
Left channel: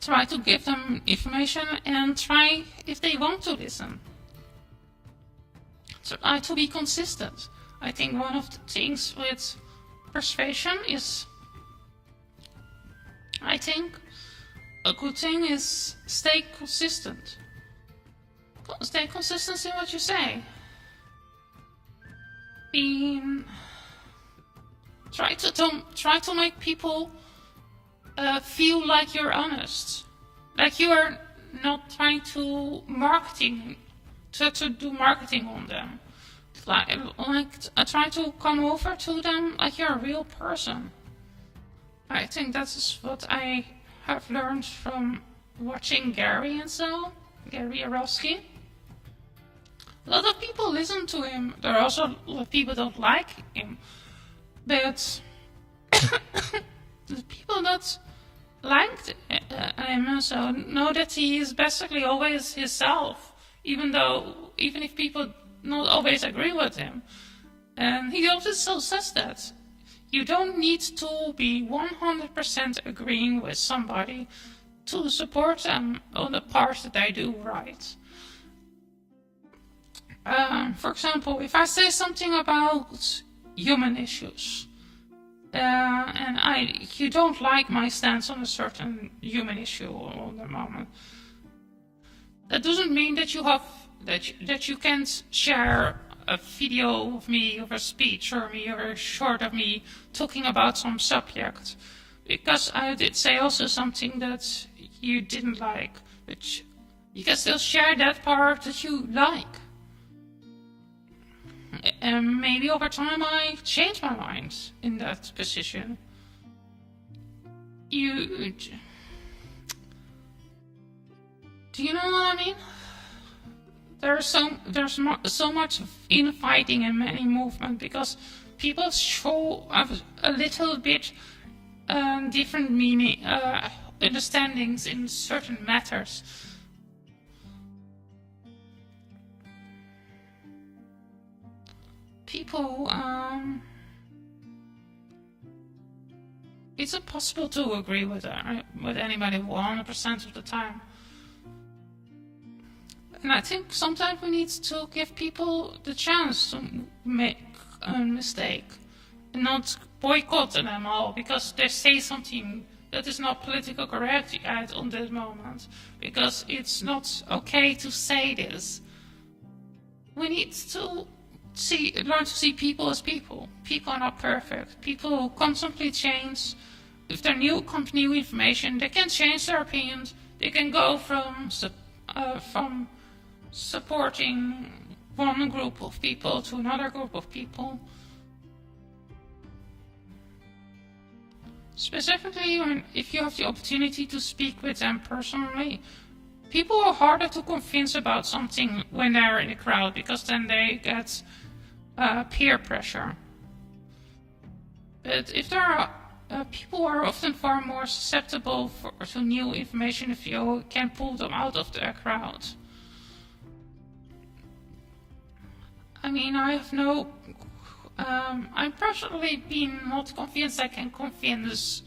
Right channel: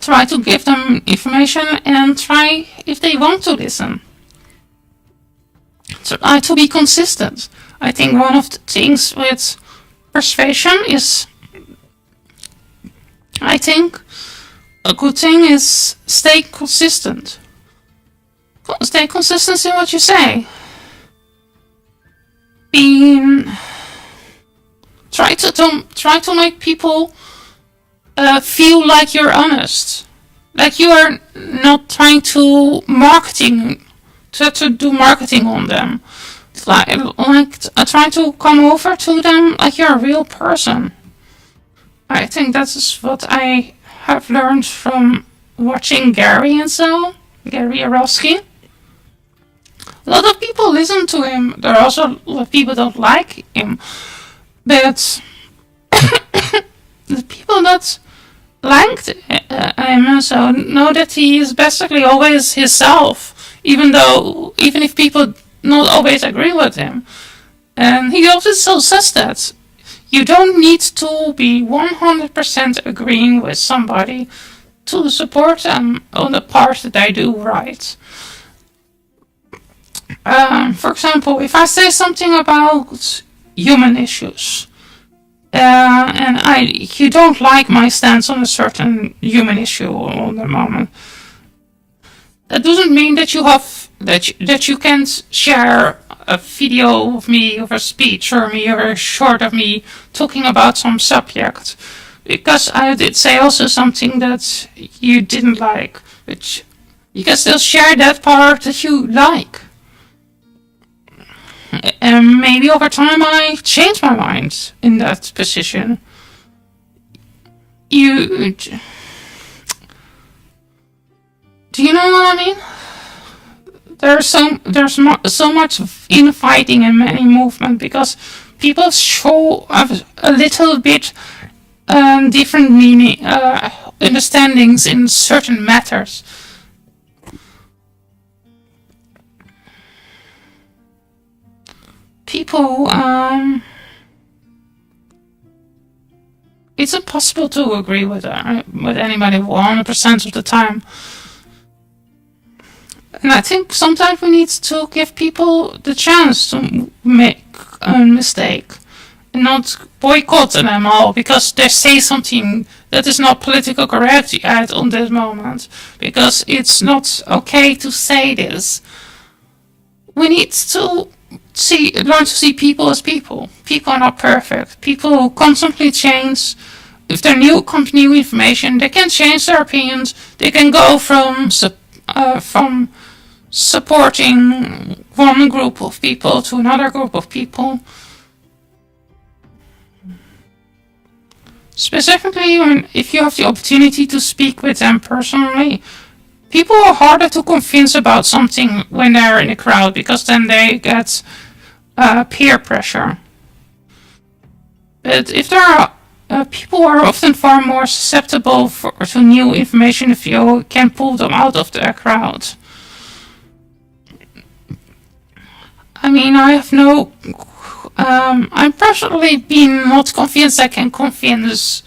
try to give them information and try, if they want to listen, try to be consistent. I think one of the things with persuasion is, I think a good thing is stay consistent. Stay consistent in what you say. Try to make people feel like you're honest, like you are not trying to do marketing on them. Like try to come over to them like you're a real person. I think that is what I have learned from watching Gary Arofsky. A lot of people listen to him. There are also a lot of people don't like him, but the people that liked him so know that he is basically always himself, even if people not always agree with him. And he also says that you don't need to be 100% agreeing with somebody to support them on the part that they do right. For example, if I say something about human issues, and you don't like my stance on a certain human issue at the moment. That doesn't mean that that you can't share a video of me, of a speech, or a short of me talking about some subject, because I did say also something that you didn't like, but you can still share that part that you like. And maybe over time I change my mind in that position. Do you know what I mean? There's so much infighting in many movements because people show a little bit different meaning, understandings in certain matters. People, it's impossible to agree with anybody 100% of the time. And I think sometimes we need to give people the chance to make a mistake and not boycott them all because they say something that is not politically correct at on this moment, because it's not okay to say this. We need to learn to see people as people. People are not perfect. People constantly change. If there comes new information, they can change their opinions. They can go from supporting one group of people to another group of people. Specifically, if you have the opportunity to speak with them personally, people are harder to convince about something when they're in a crowd, because then they get peer pressure. But if there are people are often far more susceptible to new information if you can pull them out of the crowd. I mean, I have no. I'm personally been not convinced I can convince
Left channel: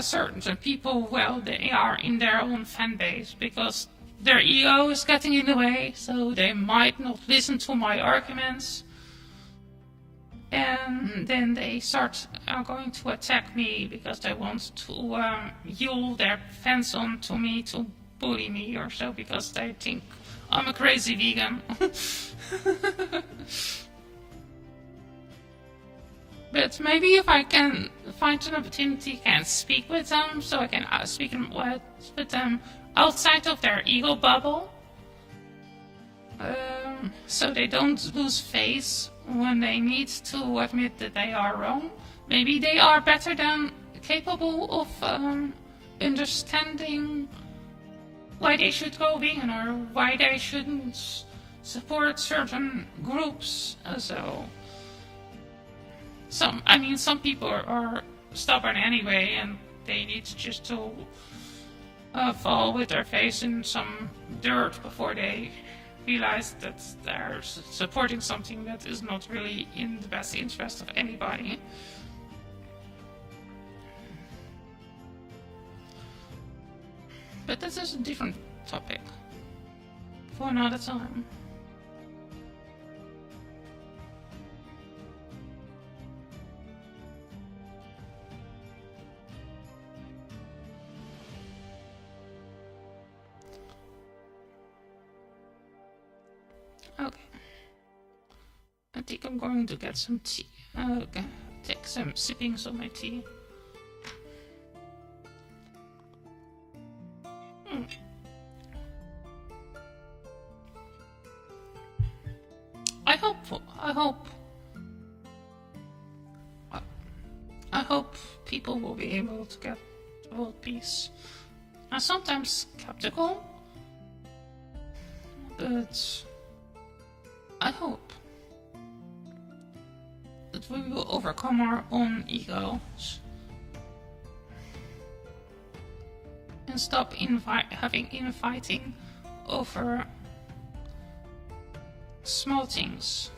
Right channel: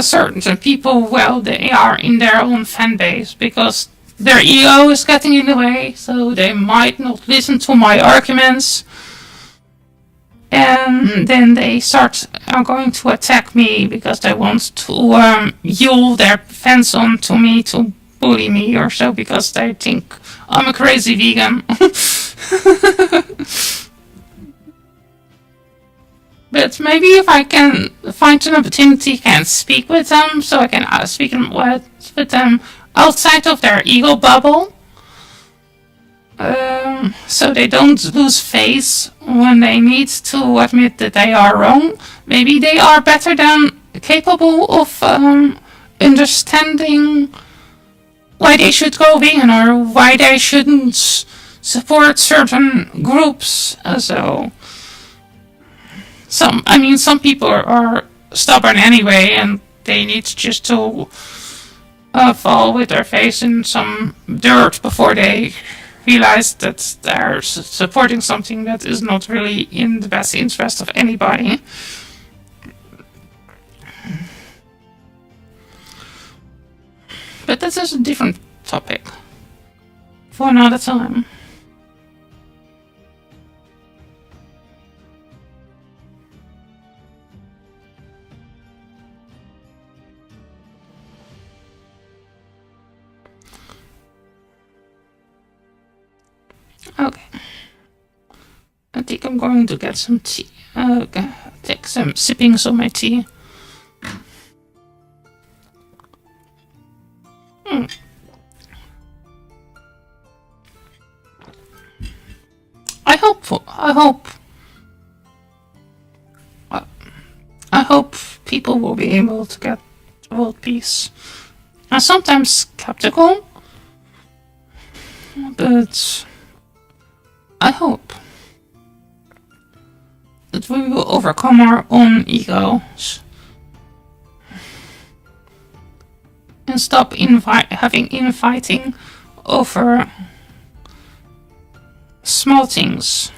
certain people while they are in their own fan base, because their ego is getting in the way, so they might not listen to my arguments. And then they are going to attack me because they want to yell their fans on to me to bully me or so, because they think I'm a crazy vegan. But maybe if I can find an opportunity, can speak with them, so I can speak with them outside of their ego bubble, so they don't lose face when they need to admit that they are wrong. Maybe they are better than capable of understanding why they should go vegan or why they shouldn't support certain groups. So some people are stubborn anyway, and they need just to fall with their face in some dirt before they realize that they're supporting something that is not really in the best interest of anybody. But that is a different topic for another time. Okay. I think I'm going to get some tea. Take some sippings of my tea. I hope people will be able to get world peace. I'm sometimes skeptical, but I hope that we will overcome our own egos and stop having infighting over small things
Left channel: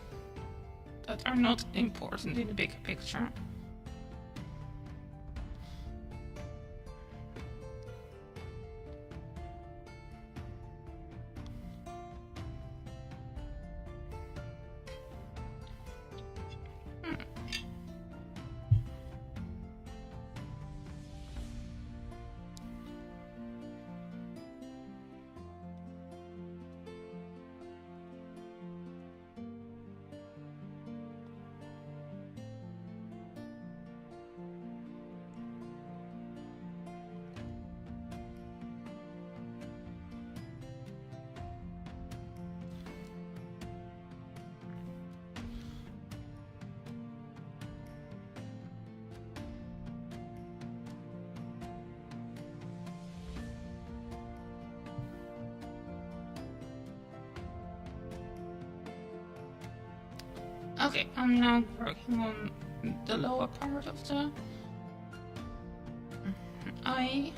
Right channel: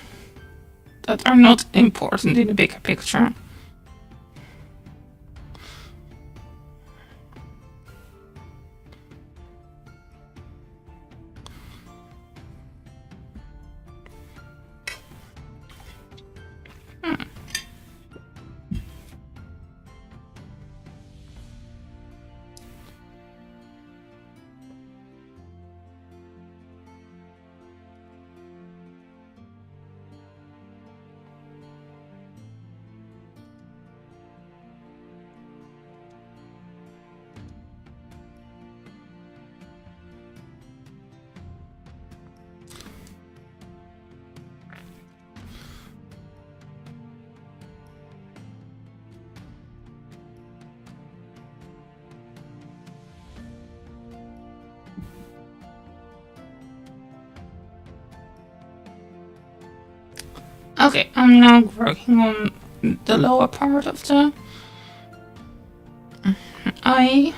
that are not important in the bigger picture. Okay, I'm now working on the lower part of the eye.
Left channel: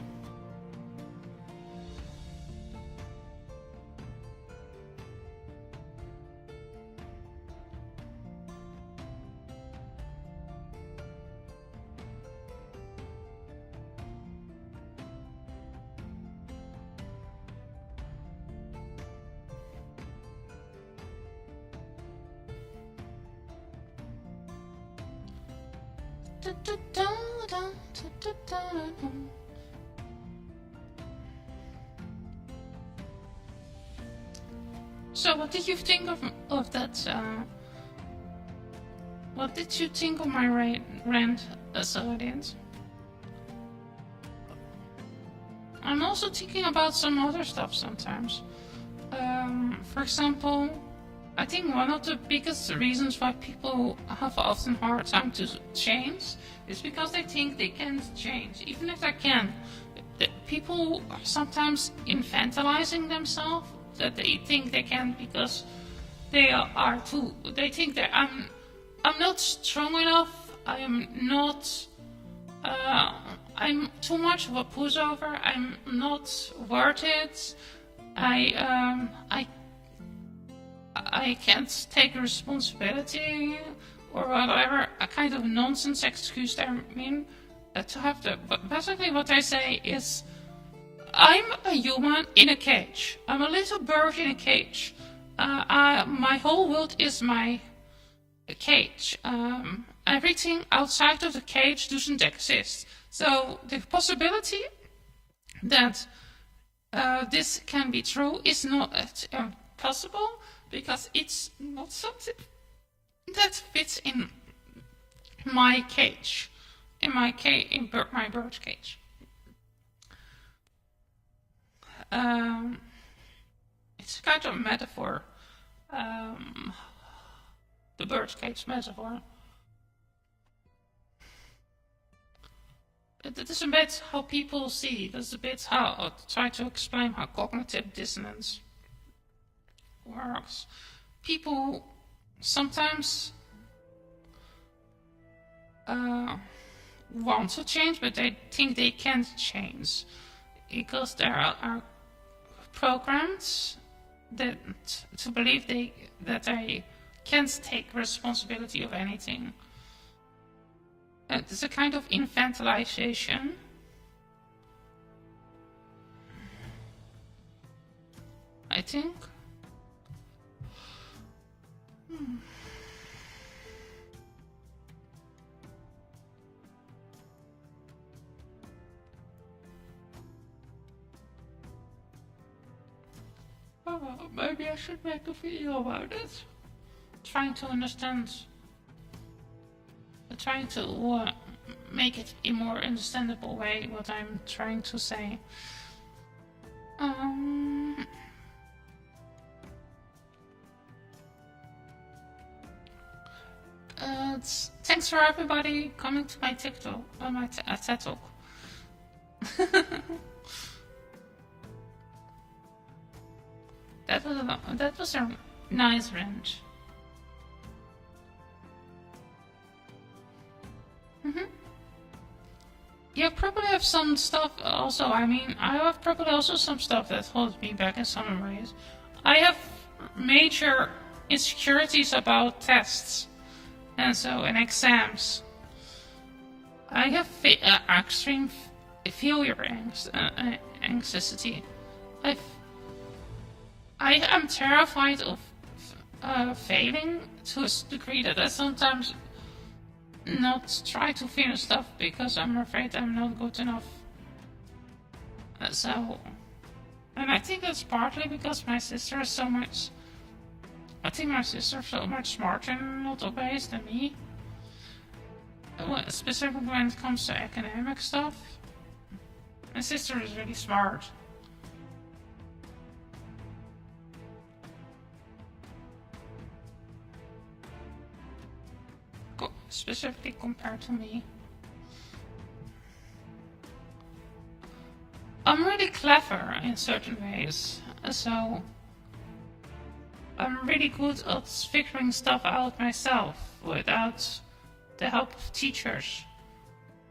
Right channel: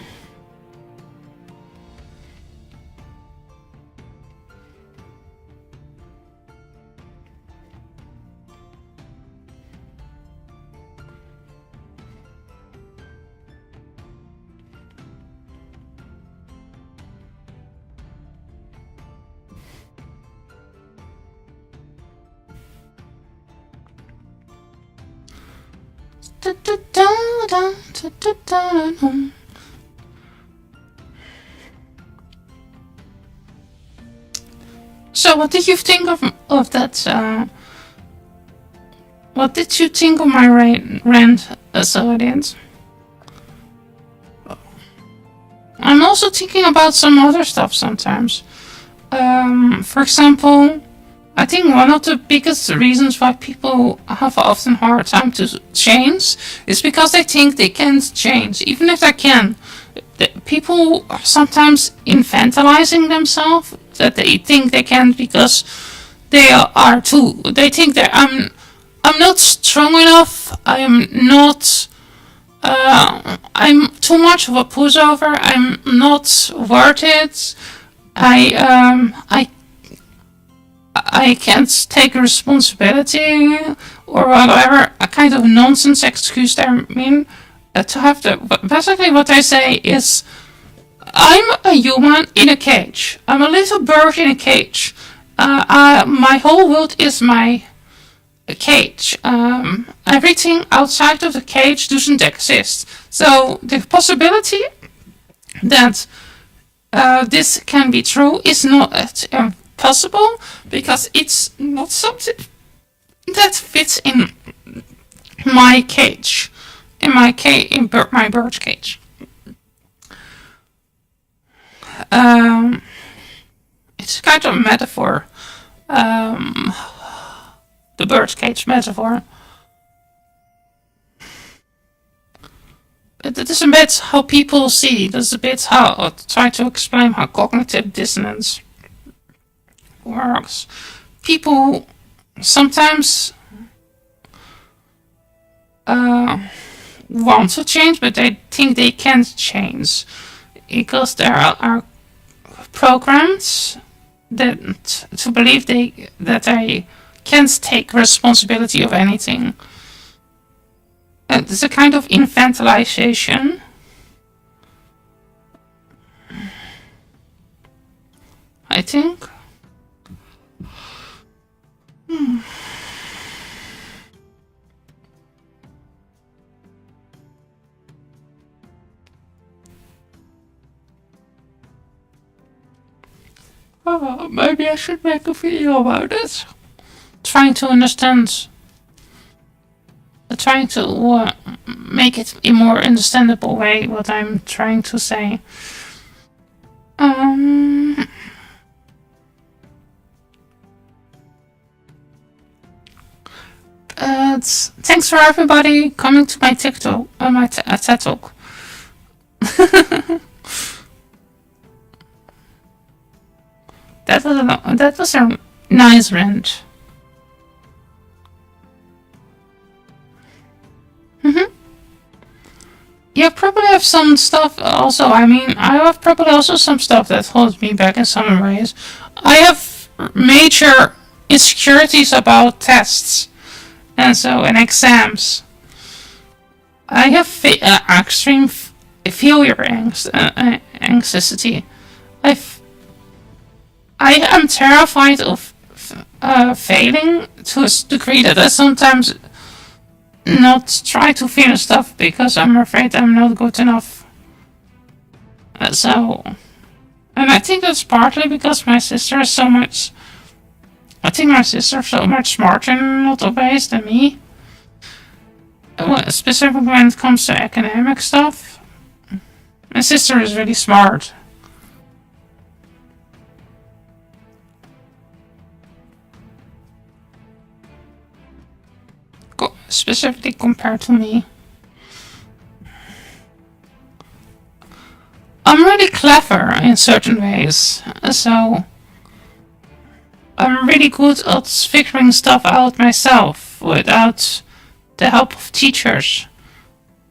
So, what did you think of that? What did you think of my rant, audience? I'm also thinking about some other stuff sometimes. For example, I think one of the biggest reasons why people have often hard time to change is because they think they can't change, even if they can. People are sometimes infantilizing themselves that they think they can't because they are too. They think that I'm not strong enough. I'm not. I'm too much of a pushover. I'm not worth it. I can't take responsibility or whatever, a kind of nonsense excuse there. I mean, to have the basically what I say is, I'm a human in a cage. I'm a little bird in a cage. My whole world is my cage. Everything outside of the cage doesn't exist. So the possibility that this can be true is not possible because it's not something that fits in my cage, in my bird cage. It's kind of a metaphor, the bird cage metaphor. It is a bit how people see. That's a bit how I try to explain how cognitive dissonance works. People sometimes want to change, but they think they can't change because there are programs that to believe that they can't take responsibility of anything. It's a kind of infantilization. I think. Oh, maybe I should make a video about it. Trying to understand. Trying to make it in a more understandable way what I'm trying to say. Thanks for everybody coming to my TikTok, my TED Talk. That was a nice rant. Yeah, probably have some stuff also. I mean, I have probably also some stuff that holds me back in some ways. I have major insecurities about tests and exams. I have extreme failure anxiety. I am terrified of failing to a degree that I sometimes not try to finish stuff because I'm afraid I'm not good enough. And I think that's partly because my sister is so much. I think my sister is so much smarter in a lot of ways than me. Specifically when it comes to academic stuff. My sister is really smart. Specifically compared to me. I'm really clever in certain ways, so I'm really good at figuring stuff out myself without the help of teachers.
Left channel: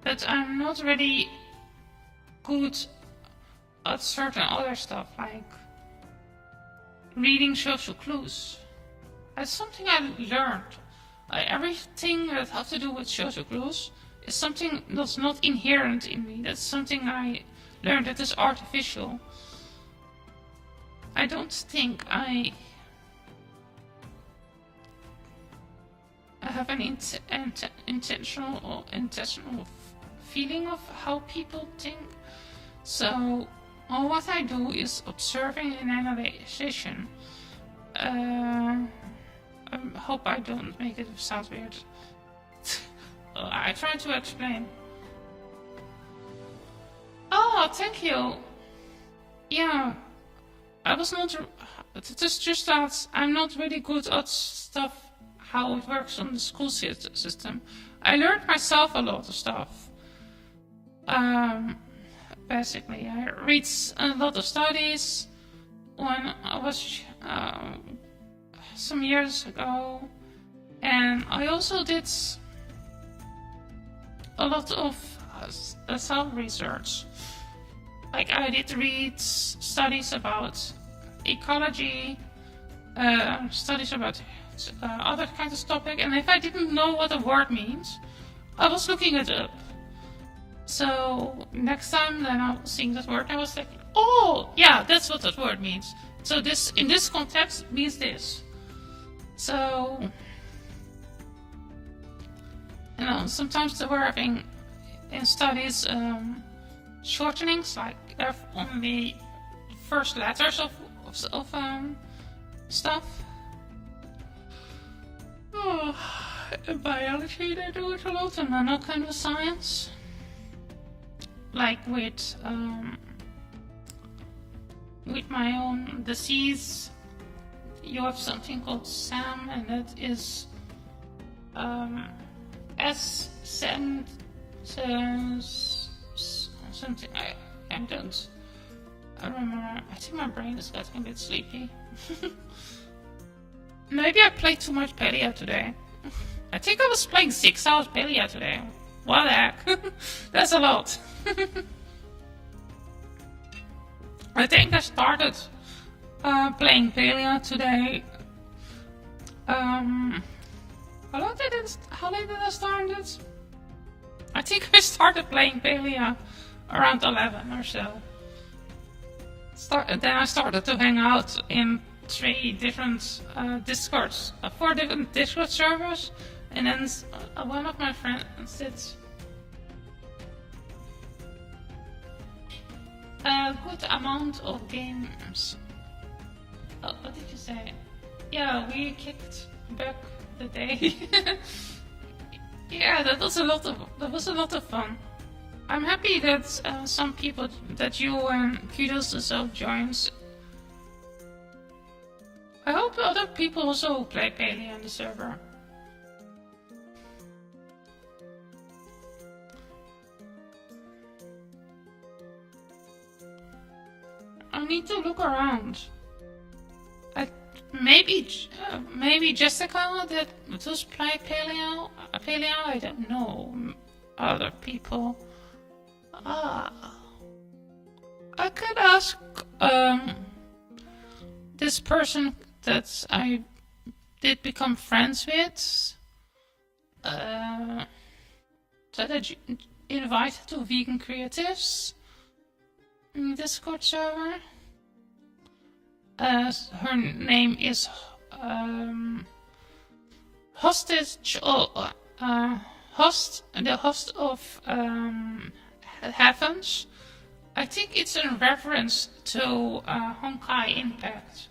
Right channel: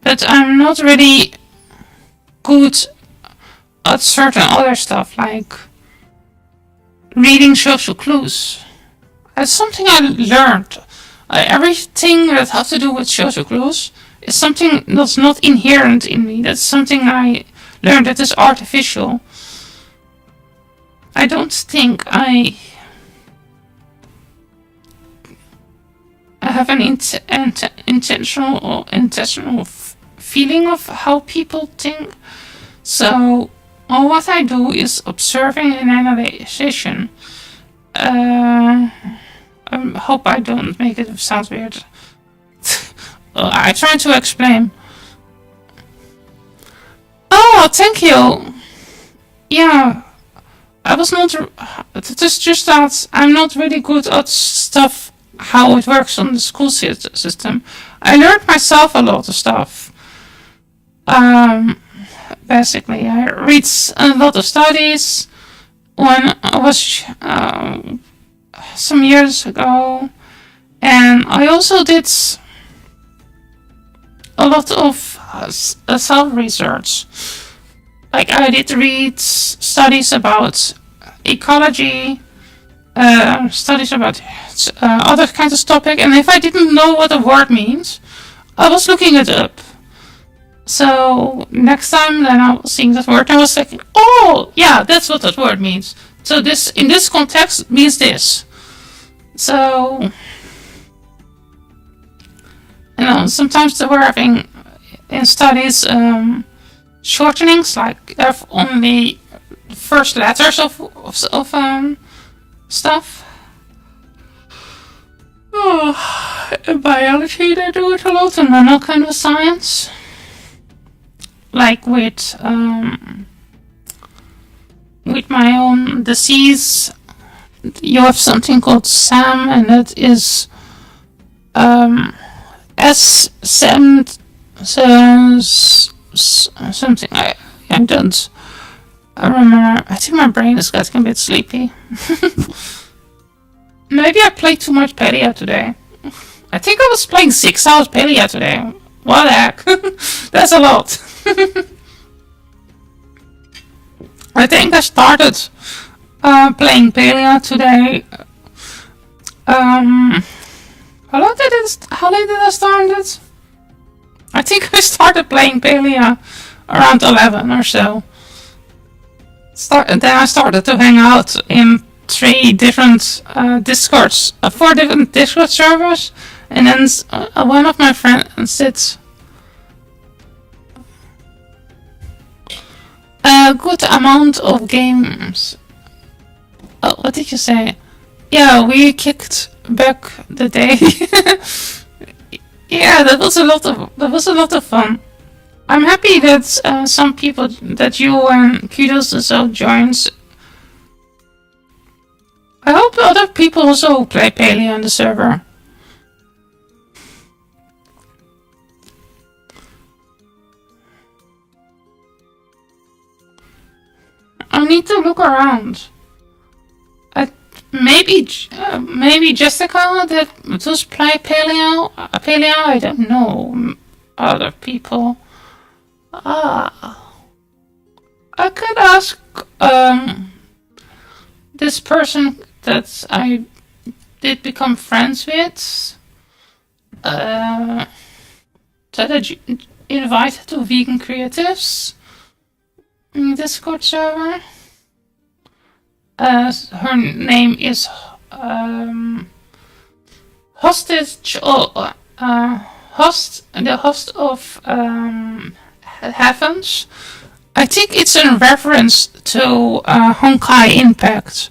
But I'm not really good at certain other stuff, like reading social clues. It's something I learned. Everything that has to do with social clues is something that's not inherent in me. That's something I learned that is artificial. I don't think I have an intentional feeling of how people think. So all what I do is observing and analyzation. I hope I don't make it sound weird. I try to explain. Oh, thank you. Yeah, I was not. It is just that I'm not really good at stuff, how it works on the school system. I learned myself a lot of stuff. Basically, I read a lot of studies when I was some years ago, and I also did a lot of self-research. Like I did read studies about ecology, studies about other kinds of topic, and if I didn't know what a word means, I was looking it up. So next time then I was seeing that word, I was like, oh yeah, that's what that word means. So this in this context means this. So sometimes they were having in studies shortenings, like have only the first letters of stuff. Oh, in biology they do it a lot, and another kind of science. Like with my own disease, you have something called SAM, and that is S7 something. I don't remember. I think my brain is getting a bit sleepy. Maybe I played too much Palia today. I think I was playing 6 hours Palia today. What the heck? That's a lot. I think I started playing Palia today. How late did I start it? I think I started playing Palia around 11 or so. Then I started to hang out in 3 different Discords, 4 different Discord servers, and then one of my friends did a good amount of games. Oh, what did you say? Yeah, we kicked back the day. Yeah, that was a lot of fun. I'm happy that some people, that you and Kudos also joins. I hope other people also play Palia on the server. I need to look around. Maybe Jessica that does play Palia. I don't know. Other people. I could ask this person that I did become friends with. That I invited to Vegan Creatives in Discord server. Her name is Hostage, the host of Heavens. I think it's in reference to Honkai Impact.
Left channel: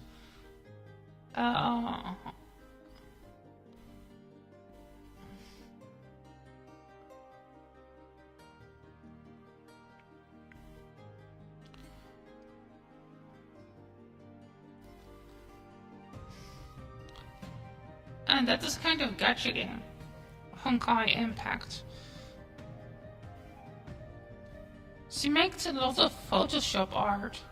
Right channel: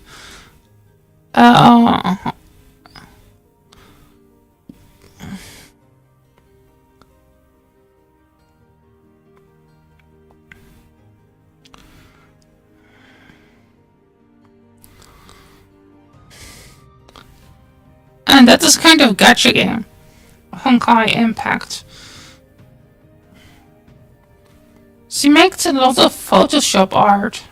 And that is kind of gacha game. Honkai Impact. She makes a lot of Photoshop art.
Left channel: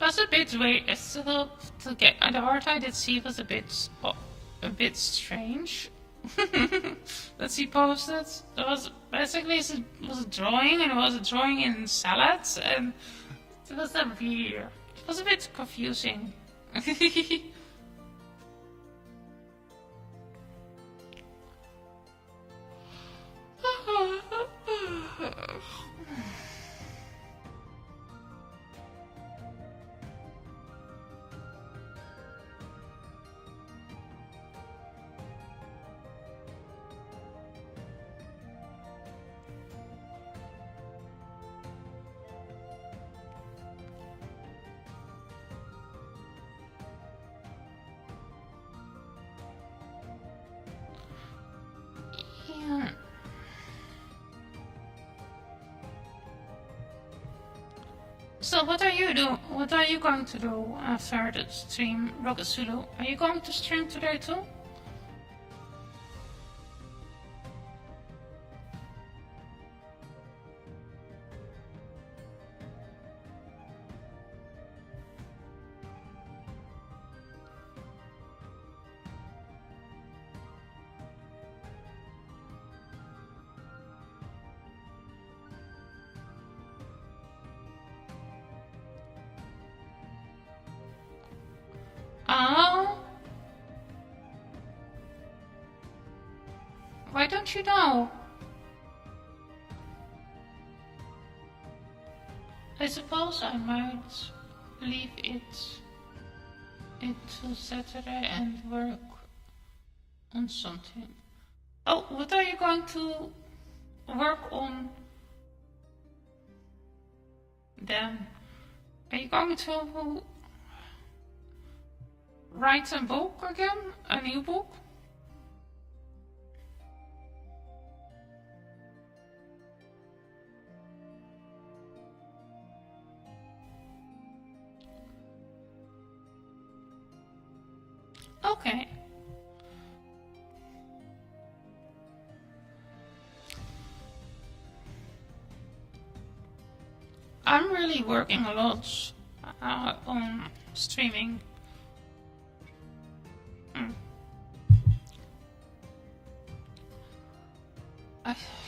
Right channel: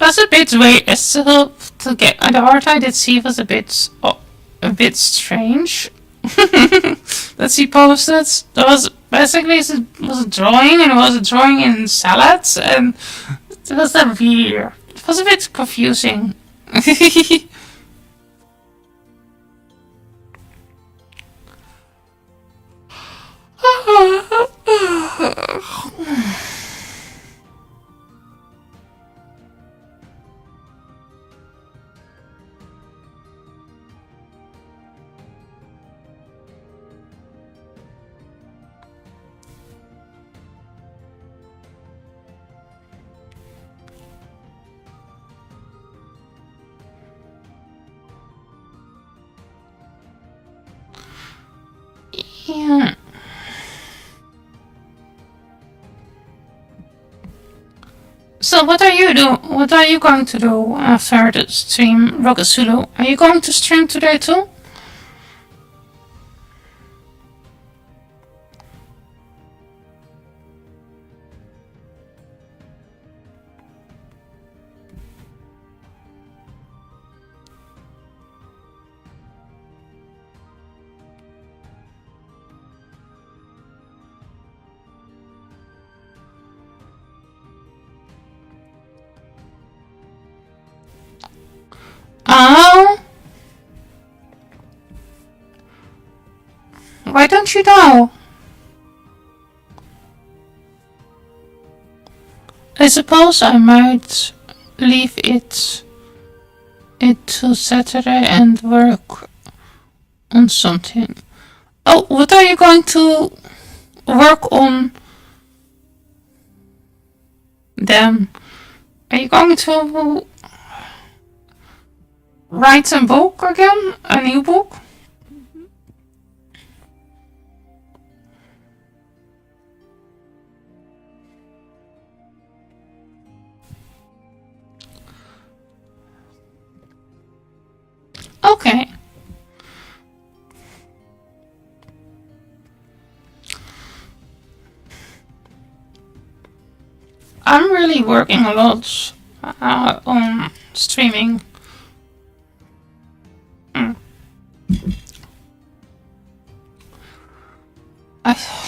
was a bit weird. Still, to get the art I did see was a bit strange. That she posted. There was basically was a drawing, and it was a drawing in salads, and it was a weird. It was a bit confusing. Yeah. So what are you do? What are you going to do after the stream, Rocket Zulu? Are you going to stream today too? Oh. Why don't you know? I suppose I might leave it to Saturday and work on something. Oh, what are you going to work on then? Are you going to write a book again? A new book? Okay. I'm really working a lot on streaming.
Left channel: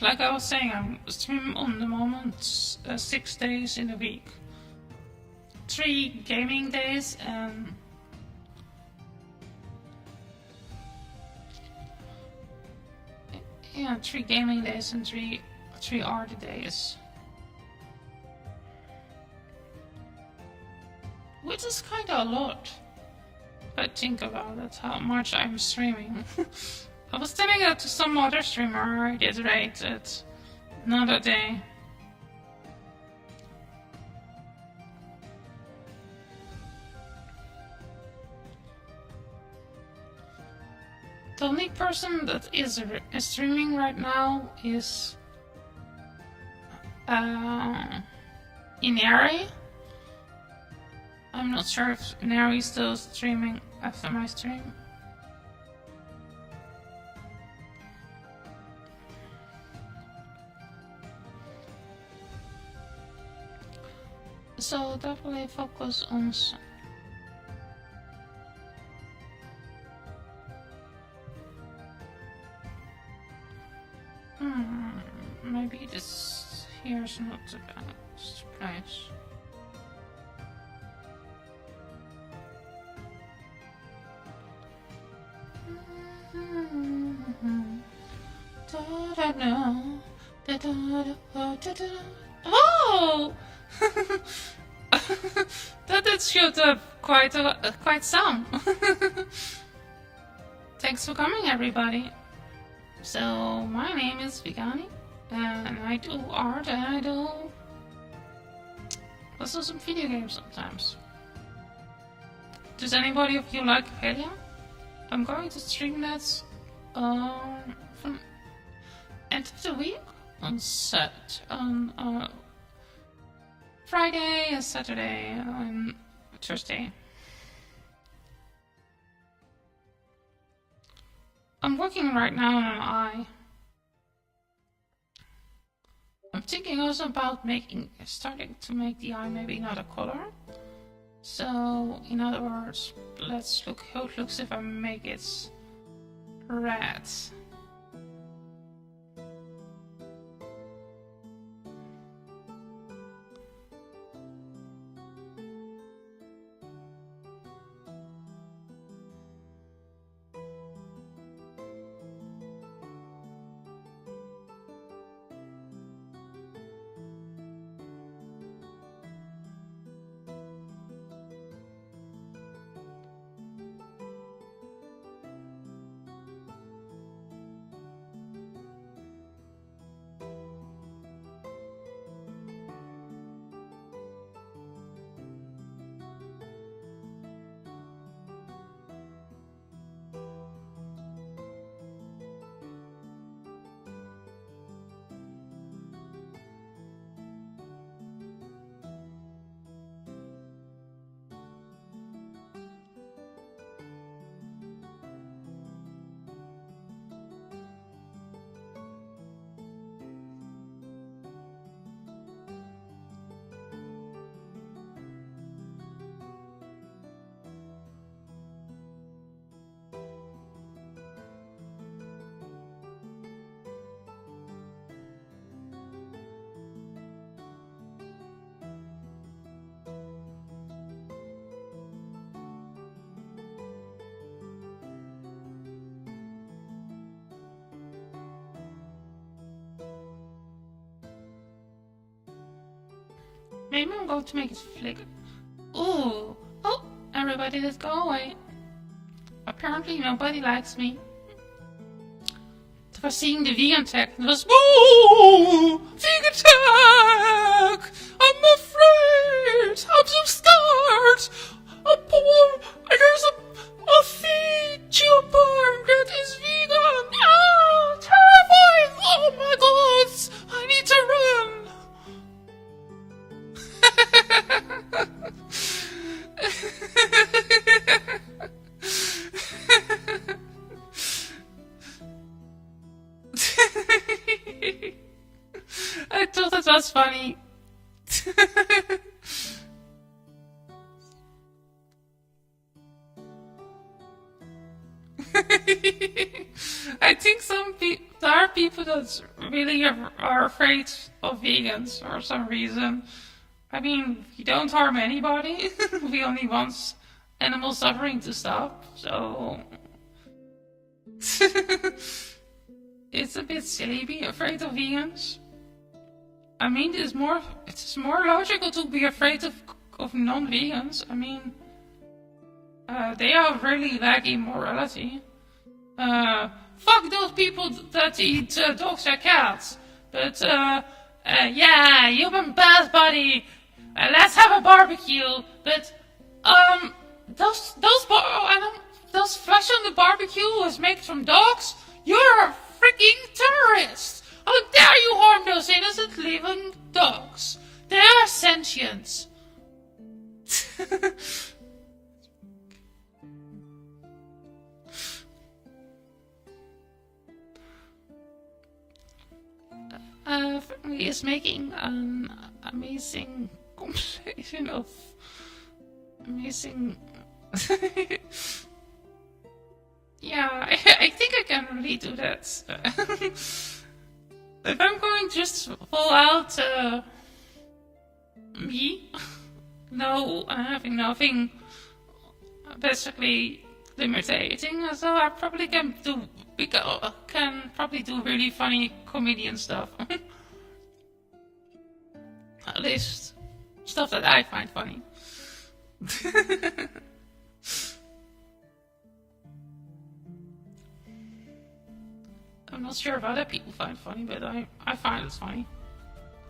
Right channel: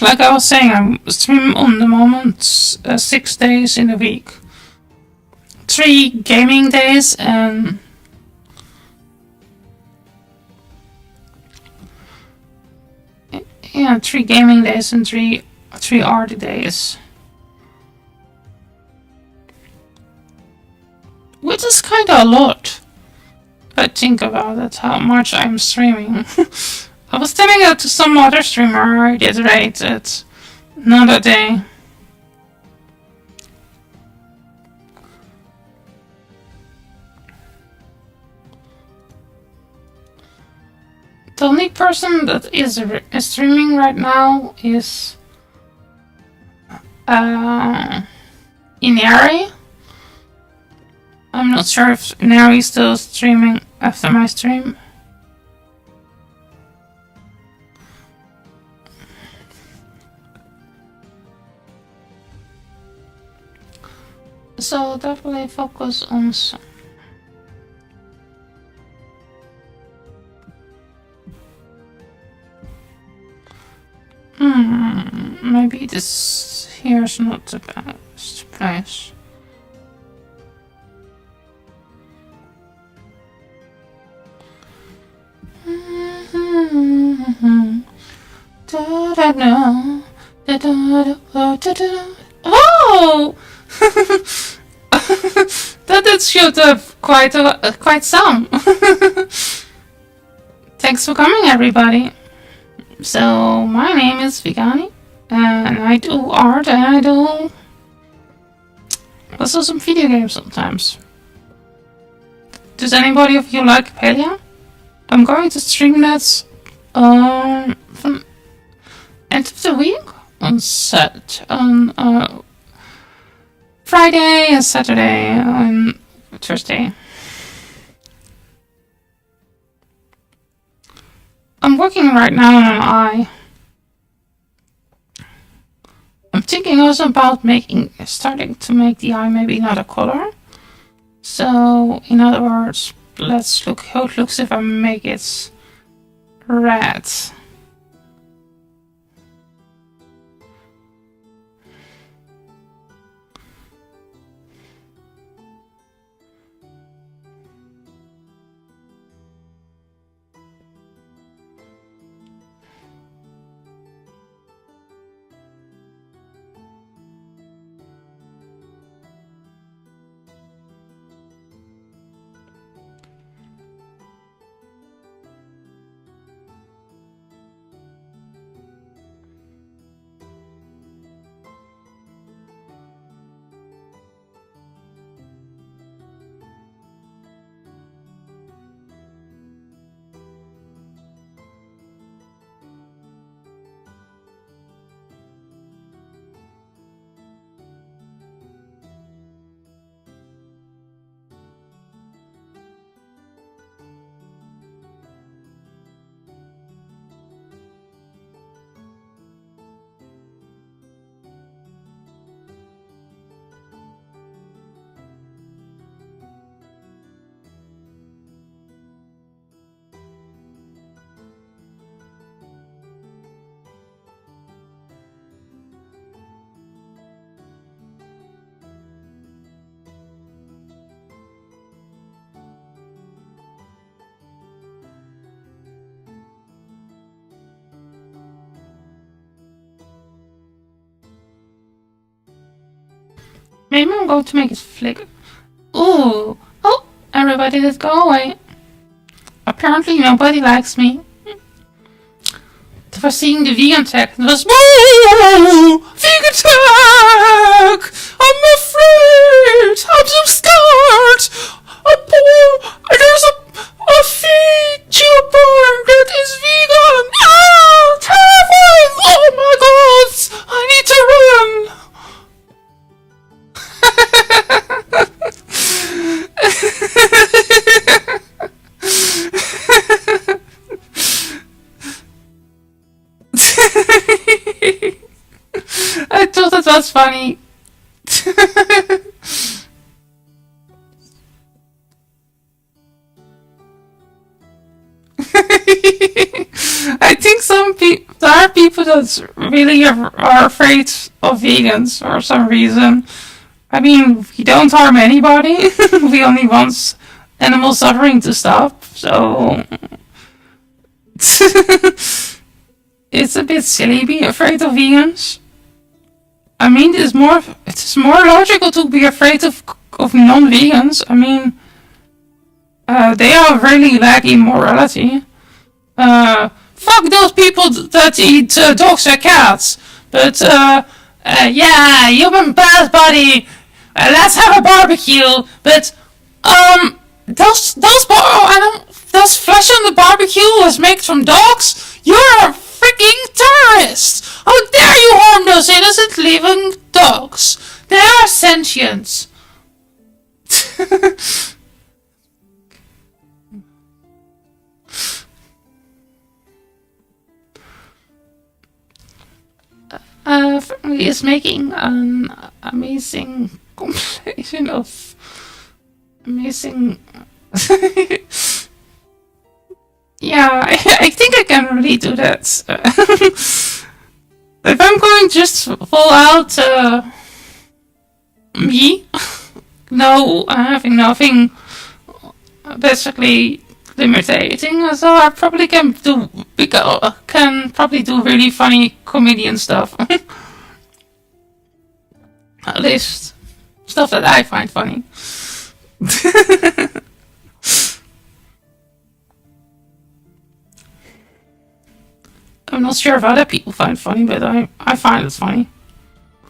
Like I was saying, I'm streaming on the moment 6 days in a week. 3 gaming days and yeah, 3 gaming days and 3 art days. Which is kinda a lot. I think about it, how much I'm streaming. I was telling it to some other streamer I did rate it another day. The only person that is streaming right now is Inari. I'm not sure if Inari is still streaming after my stream. So definitely focus on some. Maybe this here's not the best place. Oh! That did shoot up quite some. Thanks for coming, everybody. So my name is Vigani, and I do art, and I do also some video games sometimes. Does anybody of you like Palia? I'm going to stream that from end of the week on Friday and Saturday and Thursday. I'm working right now on an eye. I'm thinking also about starting to make the eye maybe not a color. So, in other words, let's look how it looks if I make it red. Maybe I'm going to make it flicker. Ooh! Oh! Everybody did go away. Apparently nobody likes me. For seeing the vegan tag, it was vegan tag! I'm afraid! I'm so scared! There's a VTuber that is vegan! Ah! Terrifying! Oh my god! I need to run! I thought that was funny. I think there are people that really are afraid of vegans for some reason. I mean, we don't harm anybody. We only want animal suffering to stop. So it's a bit silly being afraid of vegans. I mean, it's more logical to be afraid of non-vegans. I mean, they are really lacking morality. Fuck those people that eat dogs or cats. But yeah, human bad body. Let's have a barbecue. But those flesh on the barbecue was made from dogs. You're a freaking terrorist! How dare you harm those innocent living dogs? They are sentient. He is making an amazing compilation of amazing. Yeah, I think I can really do that. If I'm going just full out me, no, having nothing basically limiting, so I probably can probably do really funny comedian stuff. At least stuff that I find funny. I'm not sure if other people find it funny, but I find it funny.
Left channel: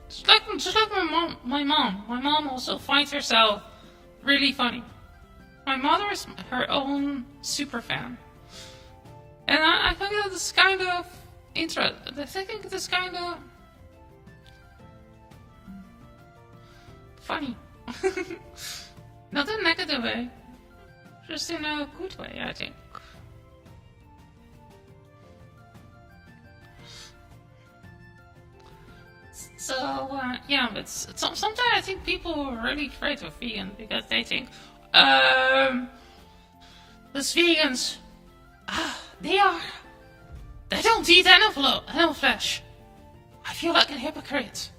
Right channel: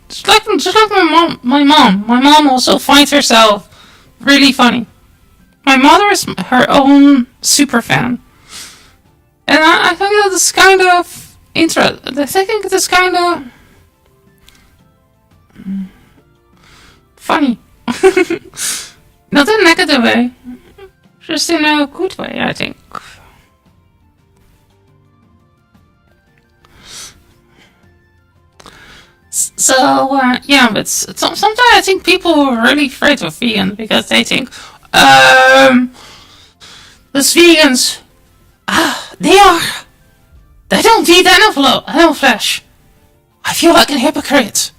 Just like my mom. My mom also finds herself really funny. My mother is her own super fan, and I think that is kind of interesting. I think it is kind of funny, not in a negative way, just in a good way, I think. So, yeah, but sometimes I think people are really afraid of vegan because they think, Um, those vegans, they don't eat animal flesh. I feel like a hypocrite.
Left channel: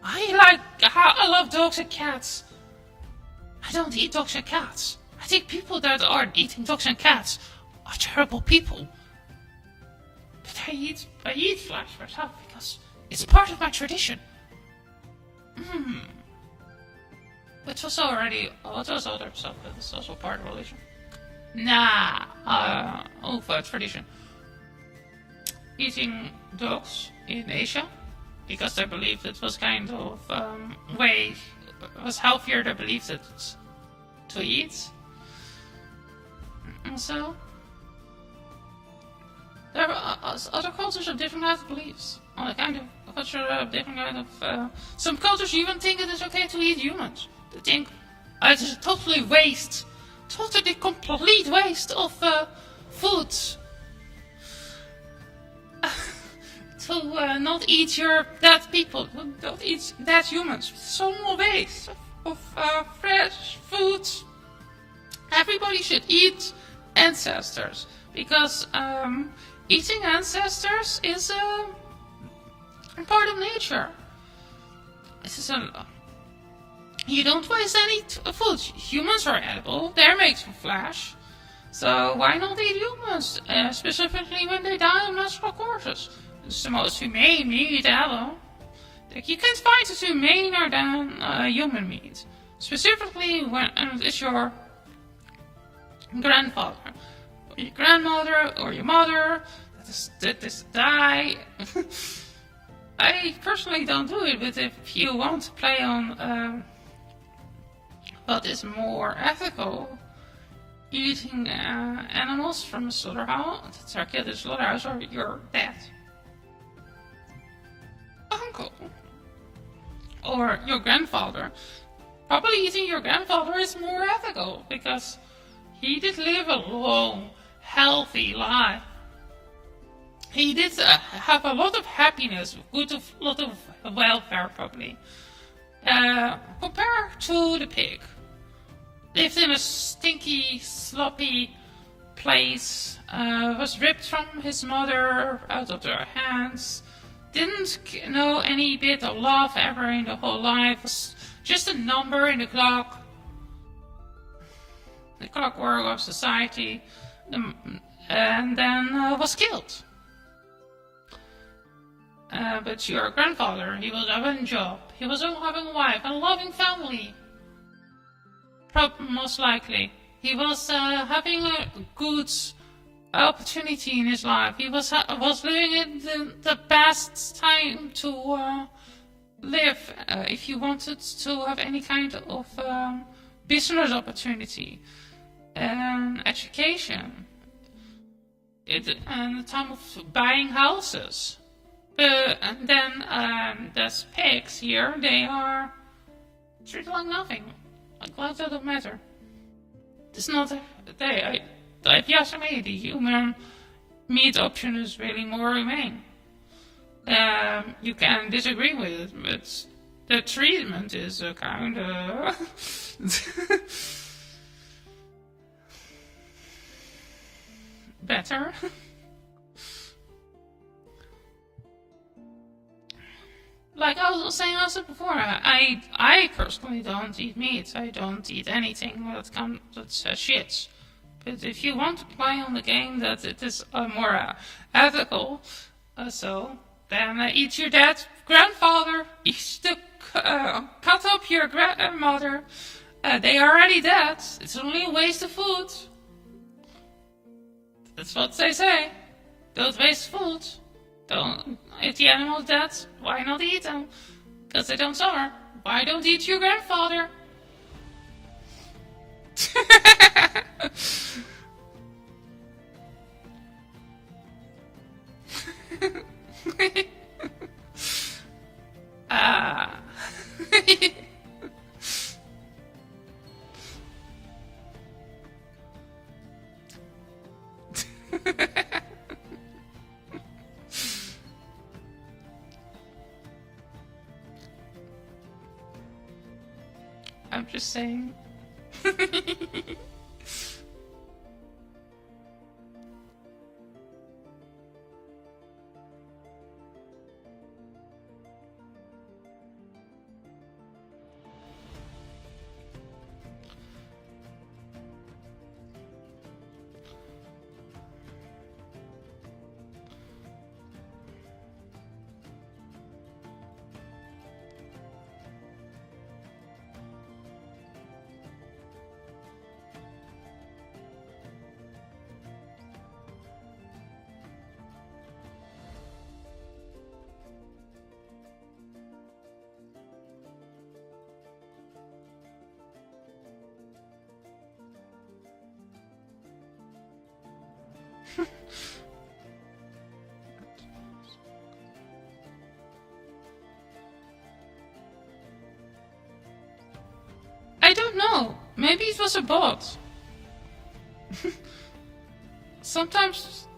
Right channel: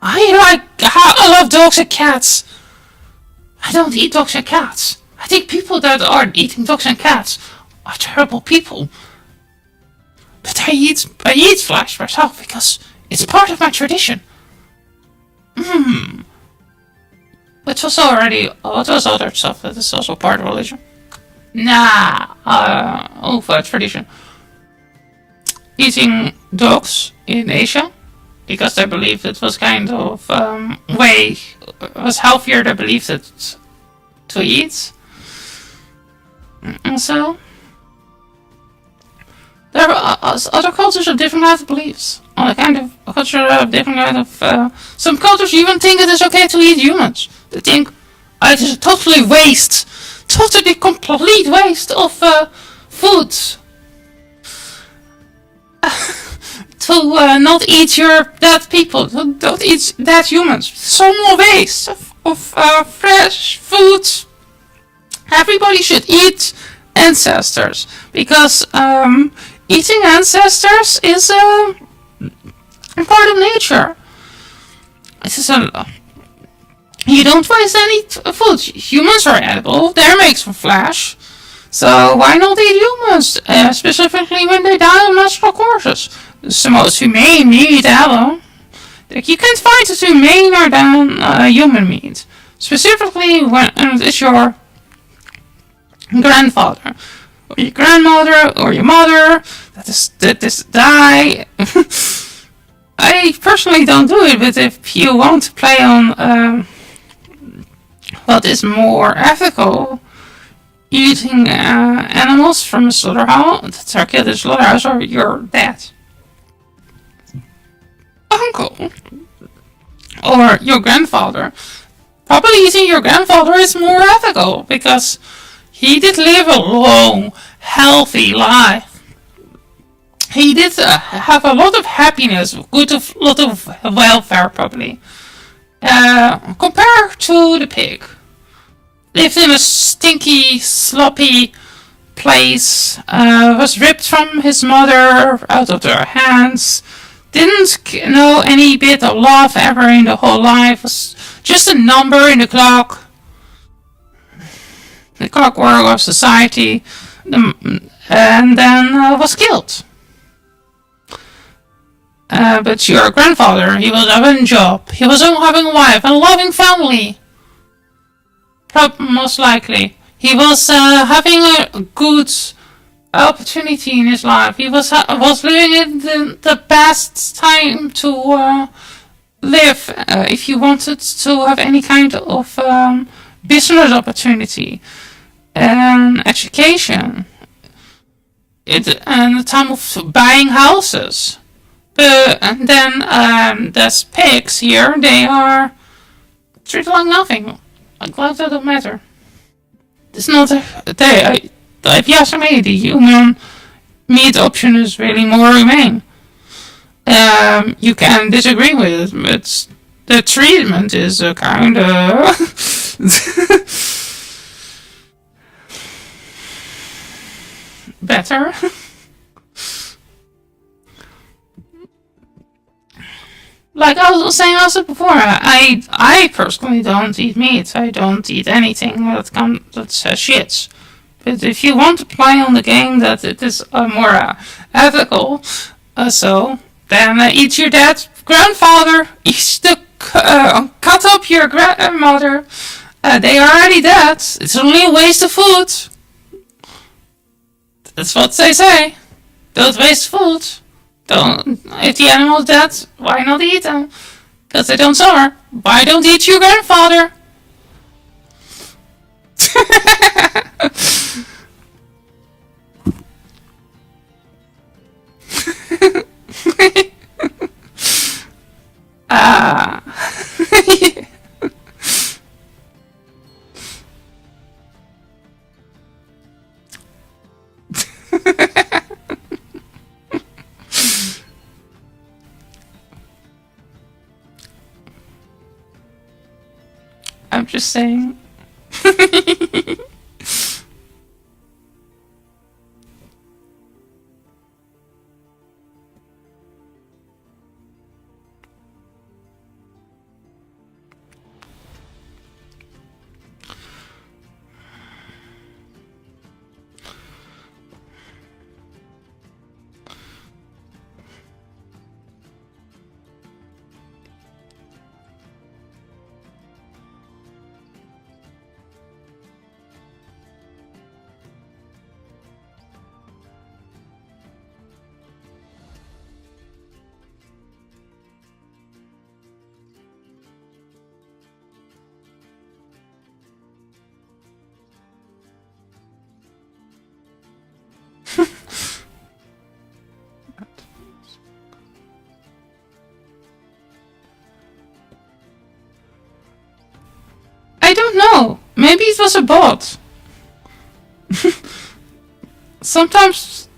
I love dogs and cats. I don't eat dogs and cats. I think people that are eating dogs and cats are terrible people. But I eat flesh myself because it's part of my tradition. Which was already, what was other stuff that is also part of religion? For tradition. Eating dogs in Asia, because they believed it was kind of was healthier, they believed it to eat. And so, there are other cultures of different kinds of beliefs. Other kind of culture of different kind of. Some cultures even think it is okay to eat humans. They think it is a totally complete waste of food. To not eat your dead people, don't eat dead humans. So more waste of fresh food. Everybody should eat ancestors because eating ancestors is a part of nature. It is you don't waste any food. Humans are edible. They're made from flesh. So why not eat humans? Specifically when they die of natural causes. It's the most humane meat ever. Like, you can't find it humaner than human meat. Specifically when it's your grandfather, or your grandmother, or your mother that is die. I personally don't do it, but if you want to play on what is more ethical, eating animals from a slaughterhouse, that are killed in a slaughterhouse, or your dad, uncle, or your grandfather. Probably eating your grandfather is more ethical because he did live a long, healthy life. He did have a lot of happiness, a lot of welfare probably. Compared to the pig. Lived in a stinky, sloppy place, was ripped from his mother out of their hands, didn't know any bit of love ever in the whole life, was just a number in the clockwork of society, and then was killed. But your grandfather, he was having a job, he was having a wife, and a loving family. Most likely. He was having a good opportunity in his life. He was living in the best time to live if you wanted to have any kind of business opportunity and education. And the time of buying houses. And then there's pigs here. They are treated like nothing. Like life doesn't matter. It's not if you ask me, the human meat option is really more humane. You can disagree with it, but the treatment is a kind of better. Like I was saying also before, I personally don't eat meat. I don't eat anything that says shits. But if you want to play on the game that it is more ethical, then eat your dead grandfather. Cut up your grandmother. They are already dead. It's only a waste of food. That's what they say. Don't waste food. If the animal's dead, why not eat them? Because they don't suffer. Why don't eat your grandfather? I'm just saying. I don't know. Maybe it was a bot. Sometimes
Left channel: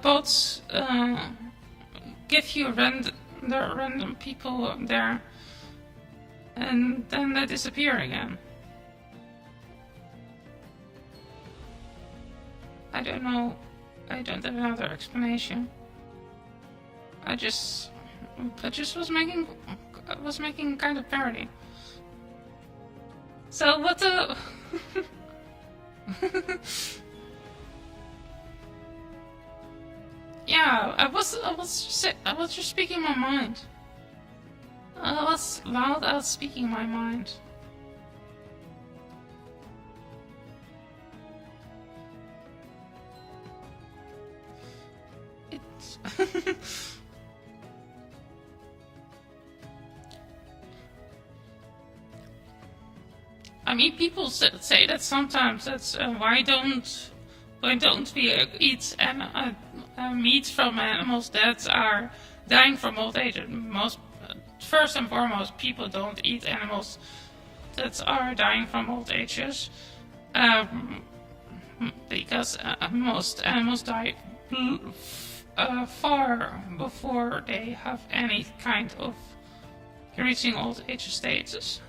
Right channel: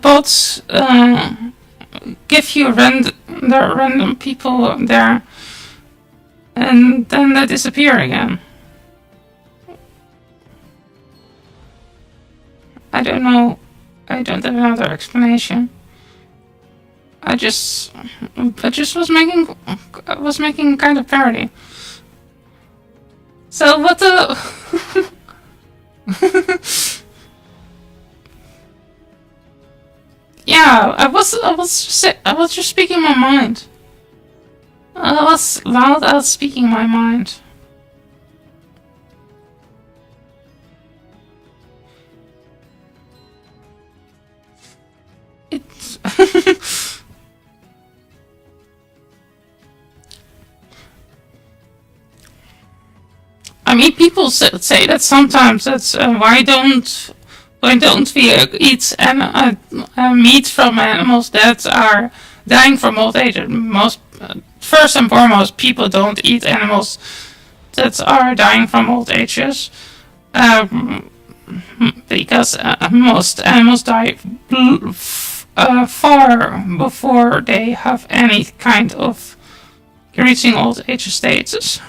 bots give you random people there, and then they disappear again. I don't know. I don't have another explanation. I just was making kind of parody. So what the? Yeah, I was just speaking my mind. I was loud out speaking my mind. It's I mean, people say that sometimes. That's why don't we eat meat from animals that are dying from old age? First and foremost, people don't eat animals that are dying from old ages, because most animals die far before they have any kind of reaching old age status.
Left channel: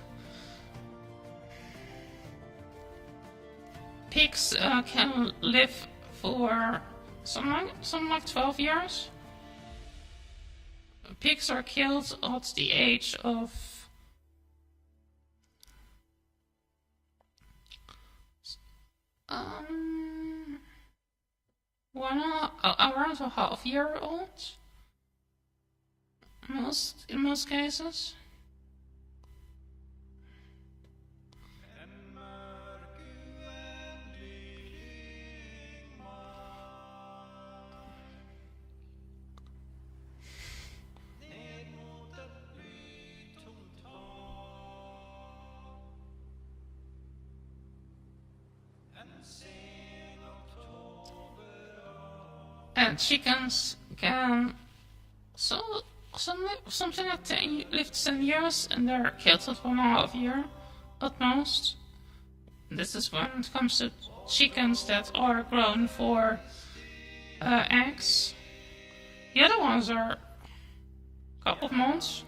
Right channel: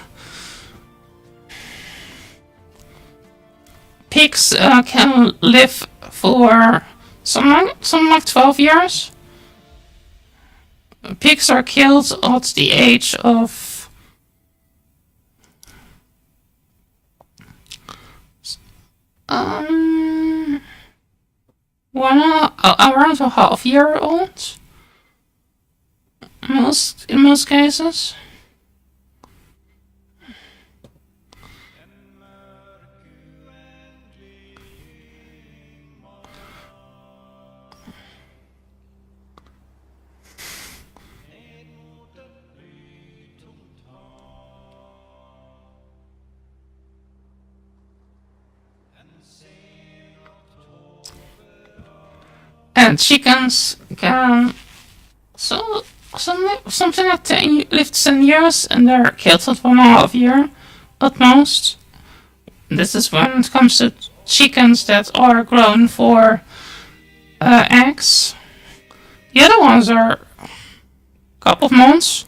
Pigs can live for something like 12 years. Pigs are killed at the age of around a half year old. In most cases. And chickens can something like live 10 years, and they're killed at 1.5 year at most. This is when it comes to chickens that are grown for eggs. The other ones are a couple of months.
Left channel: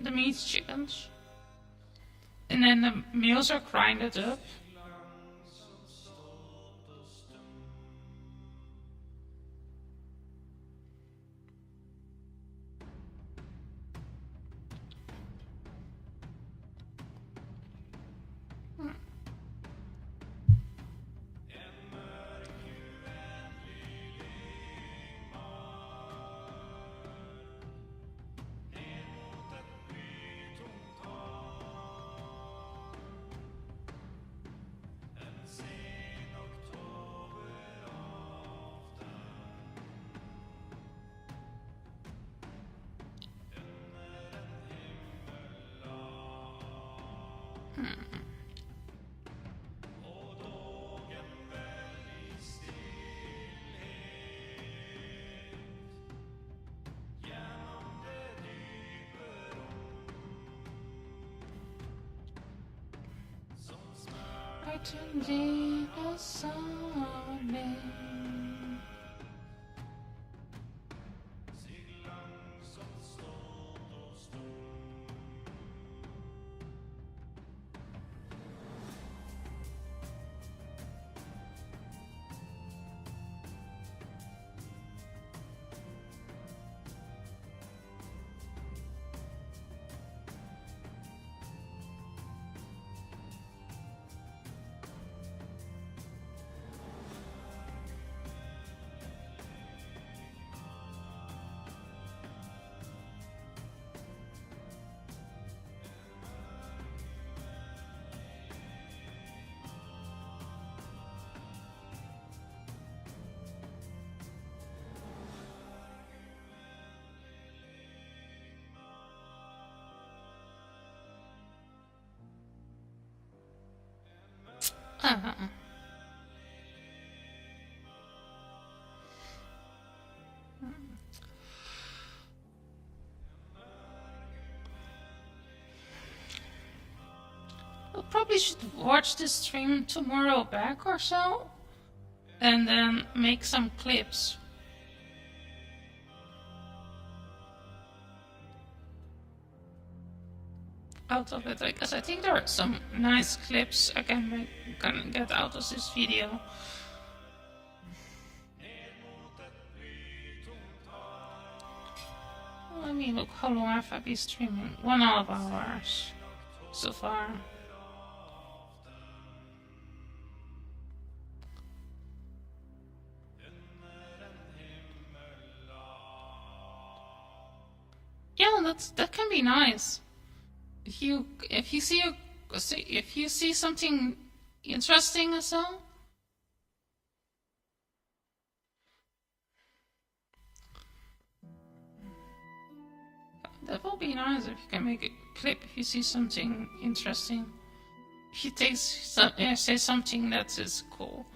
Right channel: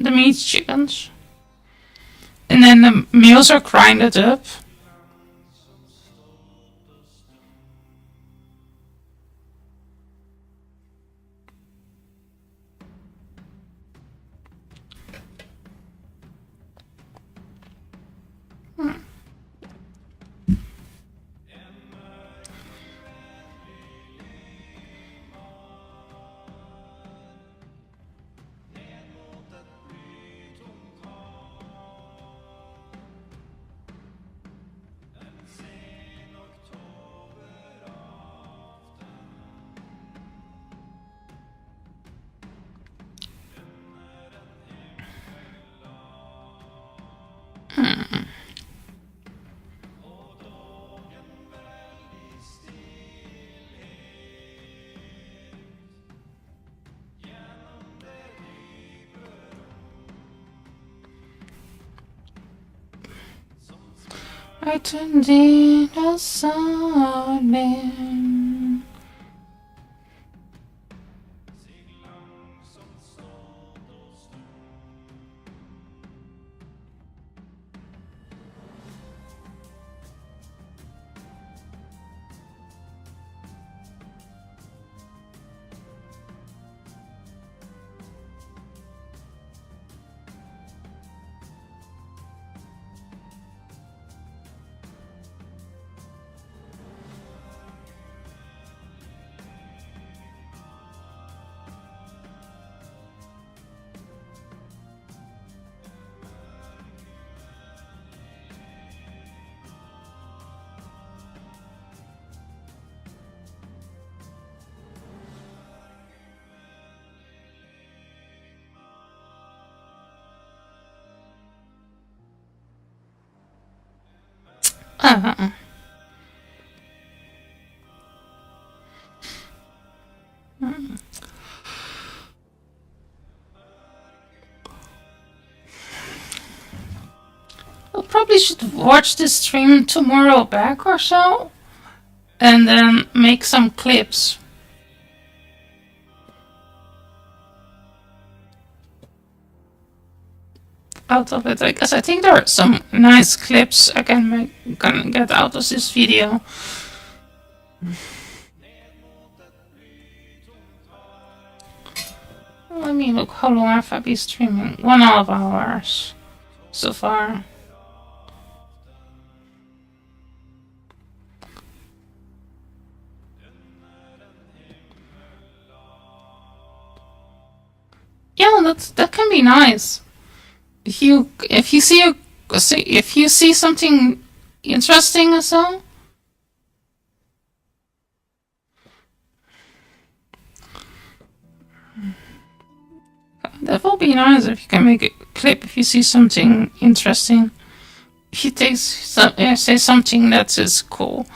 The meat chickens. And then the meals are grinded up. I turned in a sunbeam. Uh, I probably should watch this stream tomorrow back or so, and then make some clips out of it. Because I think there are some nice clips I can get out of this video. Let me look. How long have I been streaming? 1.5 hours so far. Yeah, that can be nice. If you see something interesting or so. That will be nice if you can make a clip if you see something interesting. If you say something that is cool.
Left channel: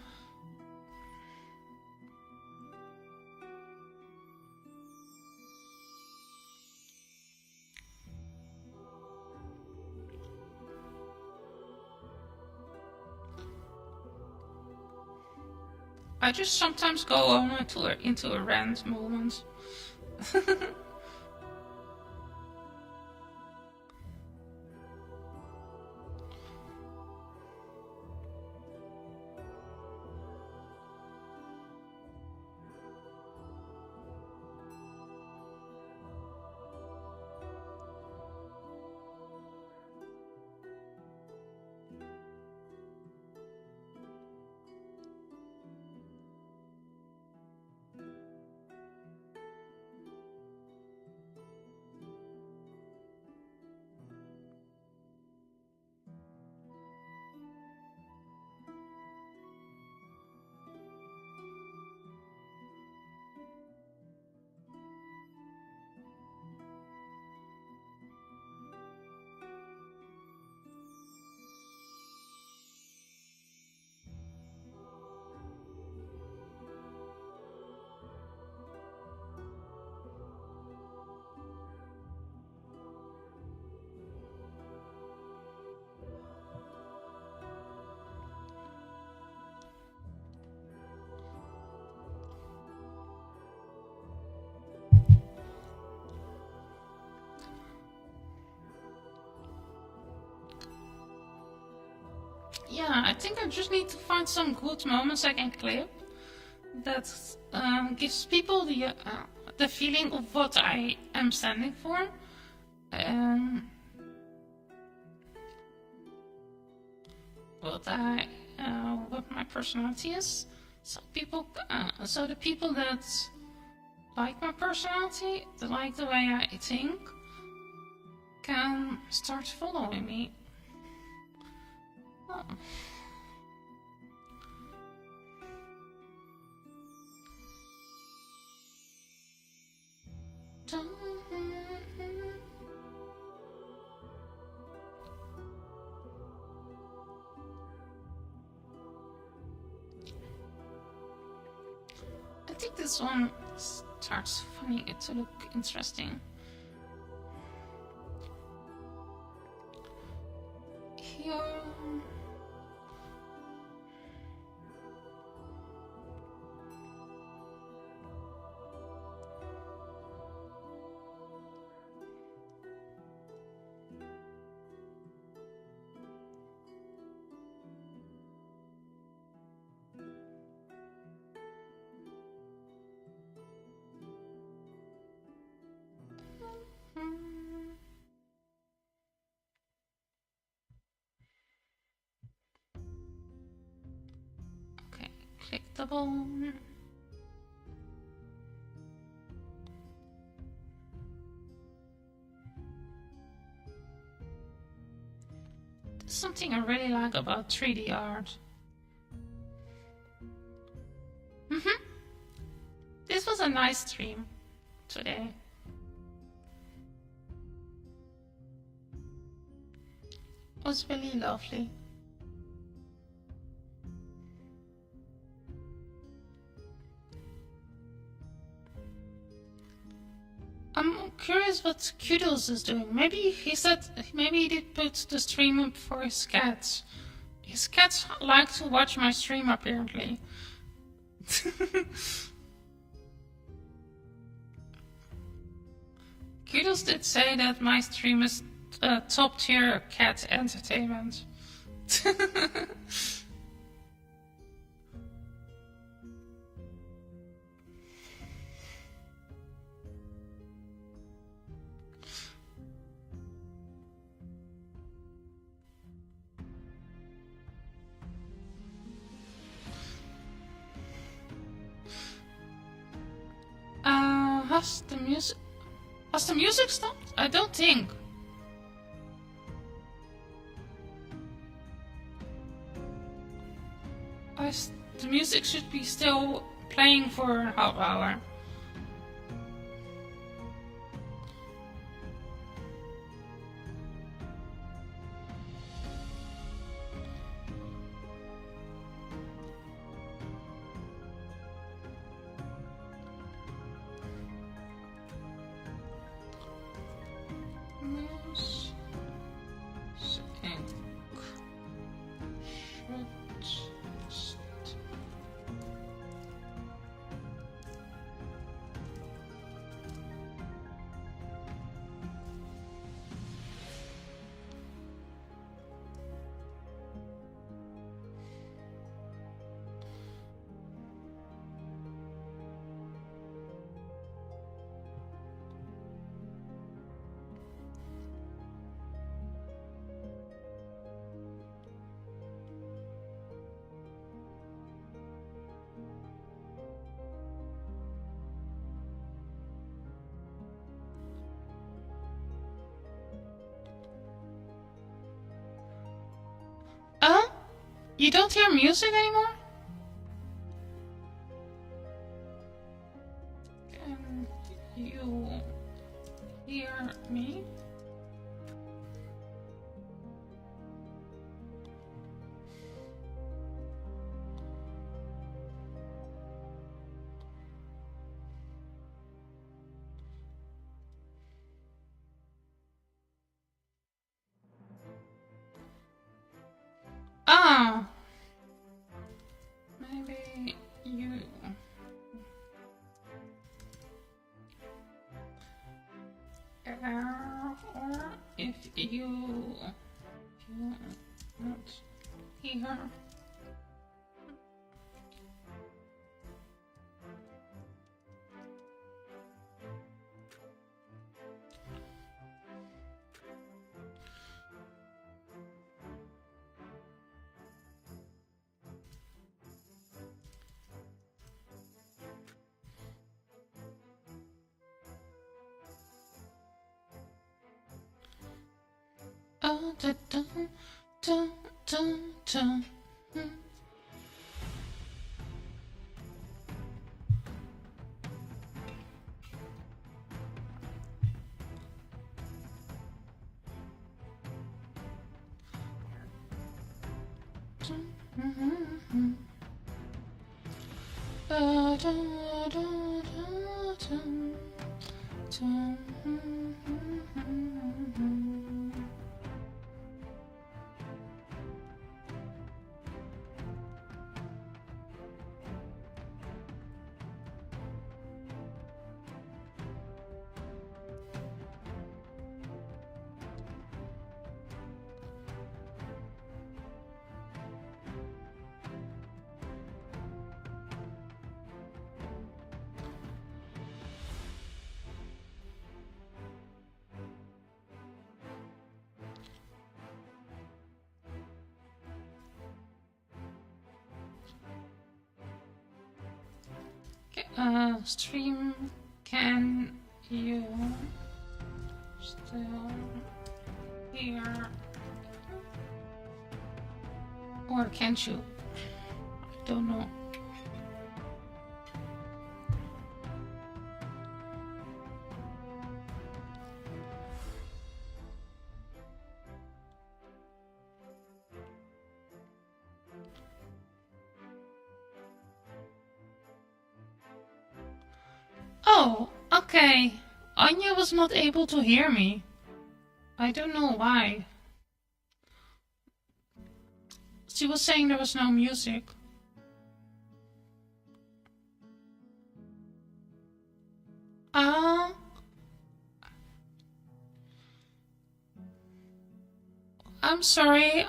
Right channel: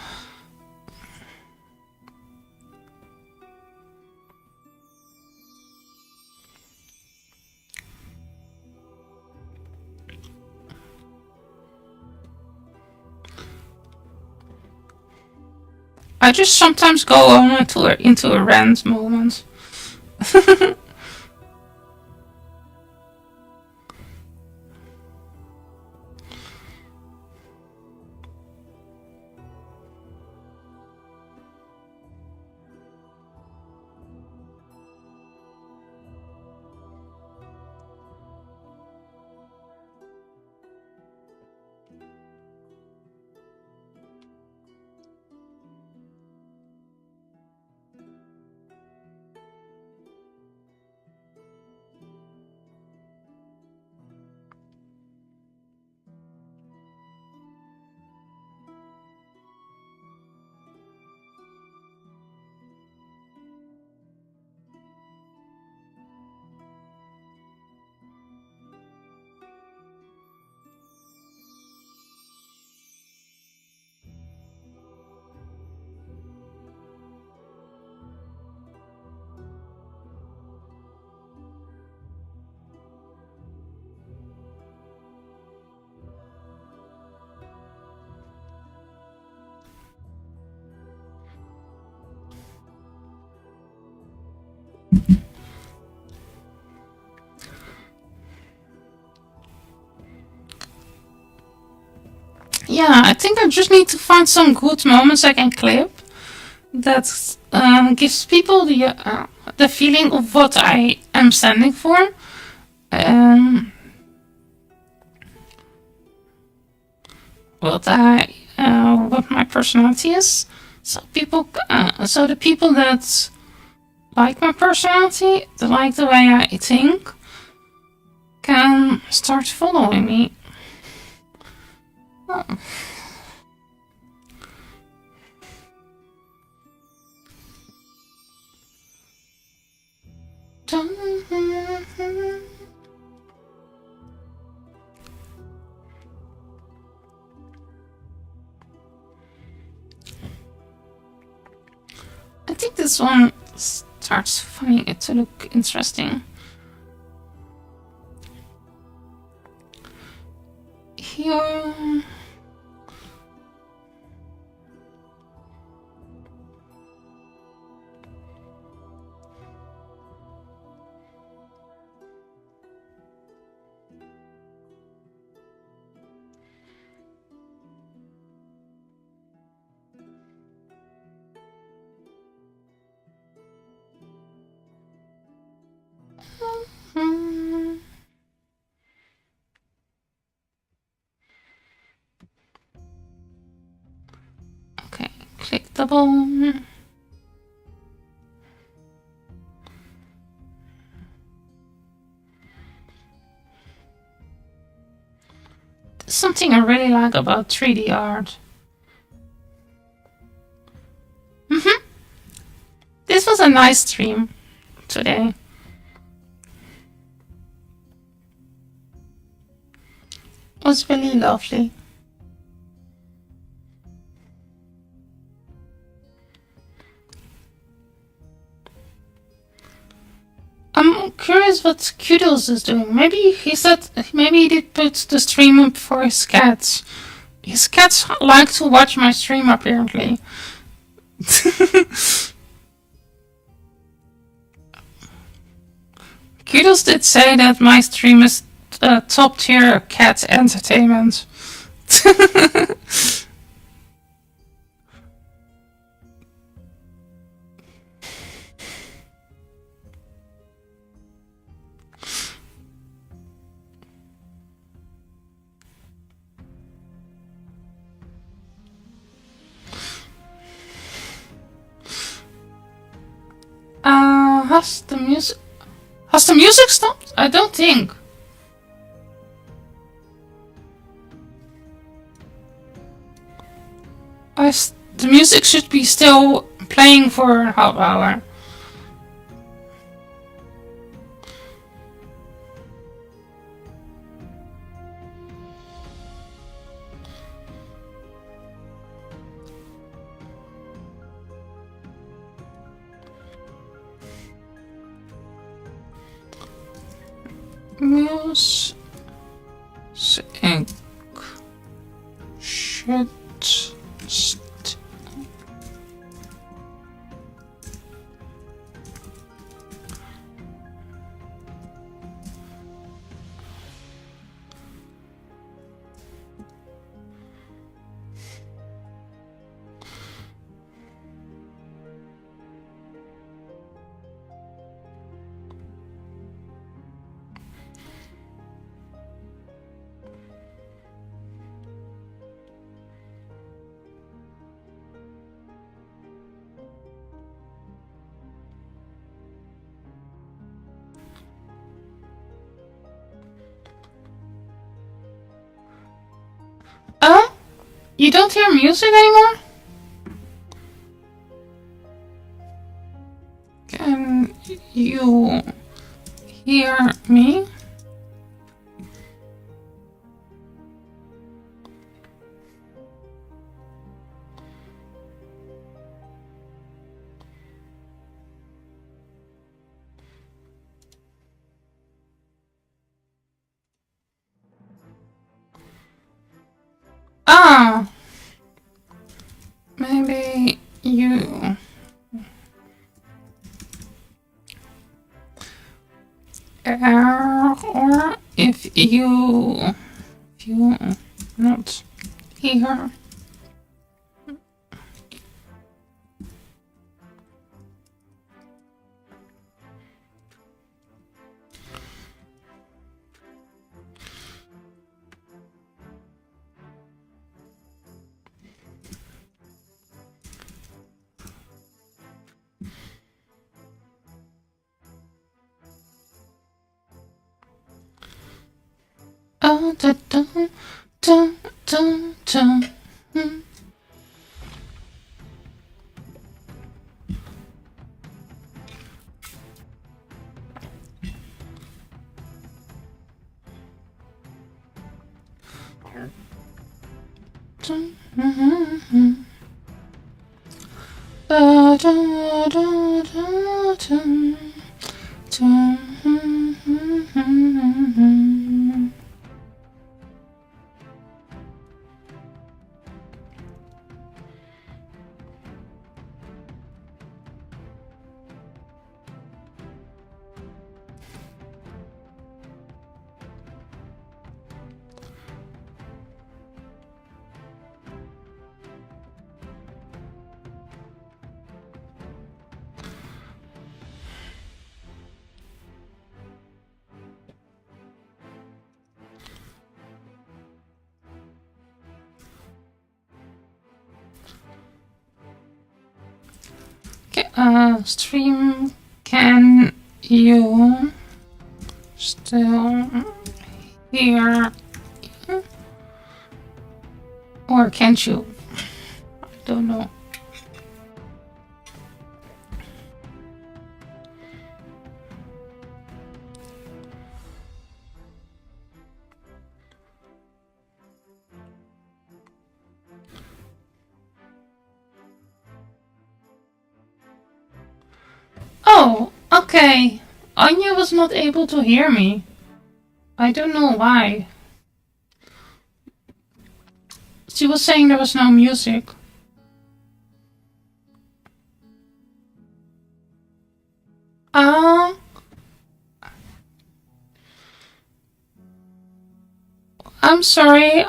I just sometimes go on into a rant moment. Yeah, I think I just need to find some good moments I can clip that gives people the feeling of what I am standing for. What my personality is. So the people that like my personality, that like the way I think, can start following me. Oh. I think this one starts finding it to look interesting. Here. Okay, click double. There's something I really like about 3D art. This was a nice stream today. It was really lovely. I'm curious what Kudos is doing. Maybe he did put the stream up for his cats. His cats like to watch my stream, apparently. Kudos did say that my stream is top tier cat entertainment. Has the music stopped? I don't think. The music should be still playing for a half hour. Music should You don't hear music anymore? Can you hear me? Ah, maybe you. Or if you not here. Oh, da da da da da. Da da da da da. Stream, can you still hear? Or can't you? I don't know. Oh, okay. Anya was not able to hear me. I don't know why. She was saying there was no music. Uh, I'm sorry.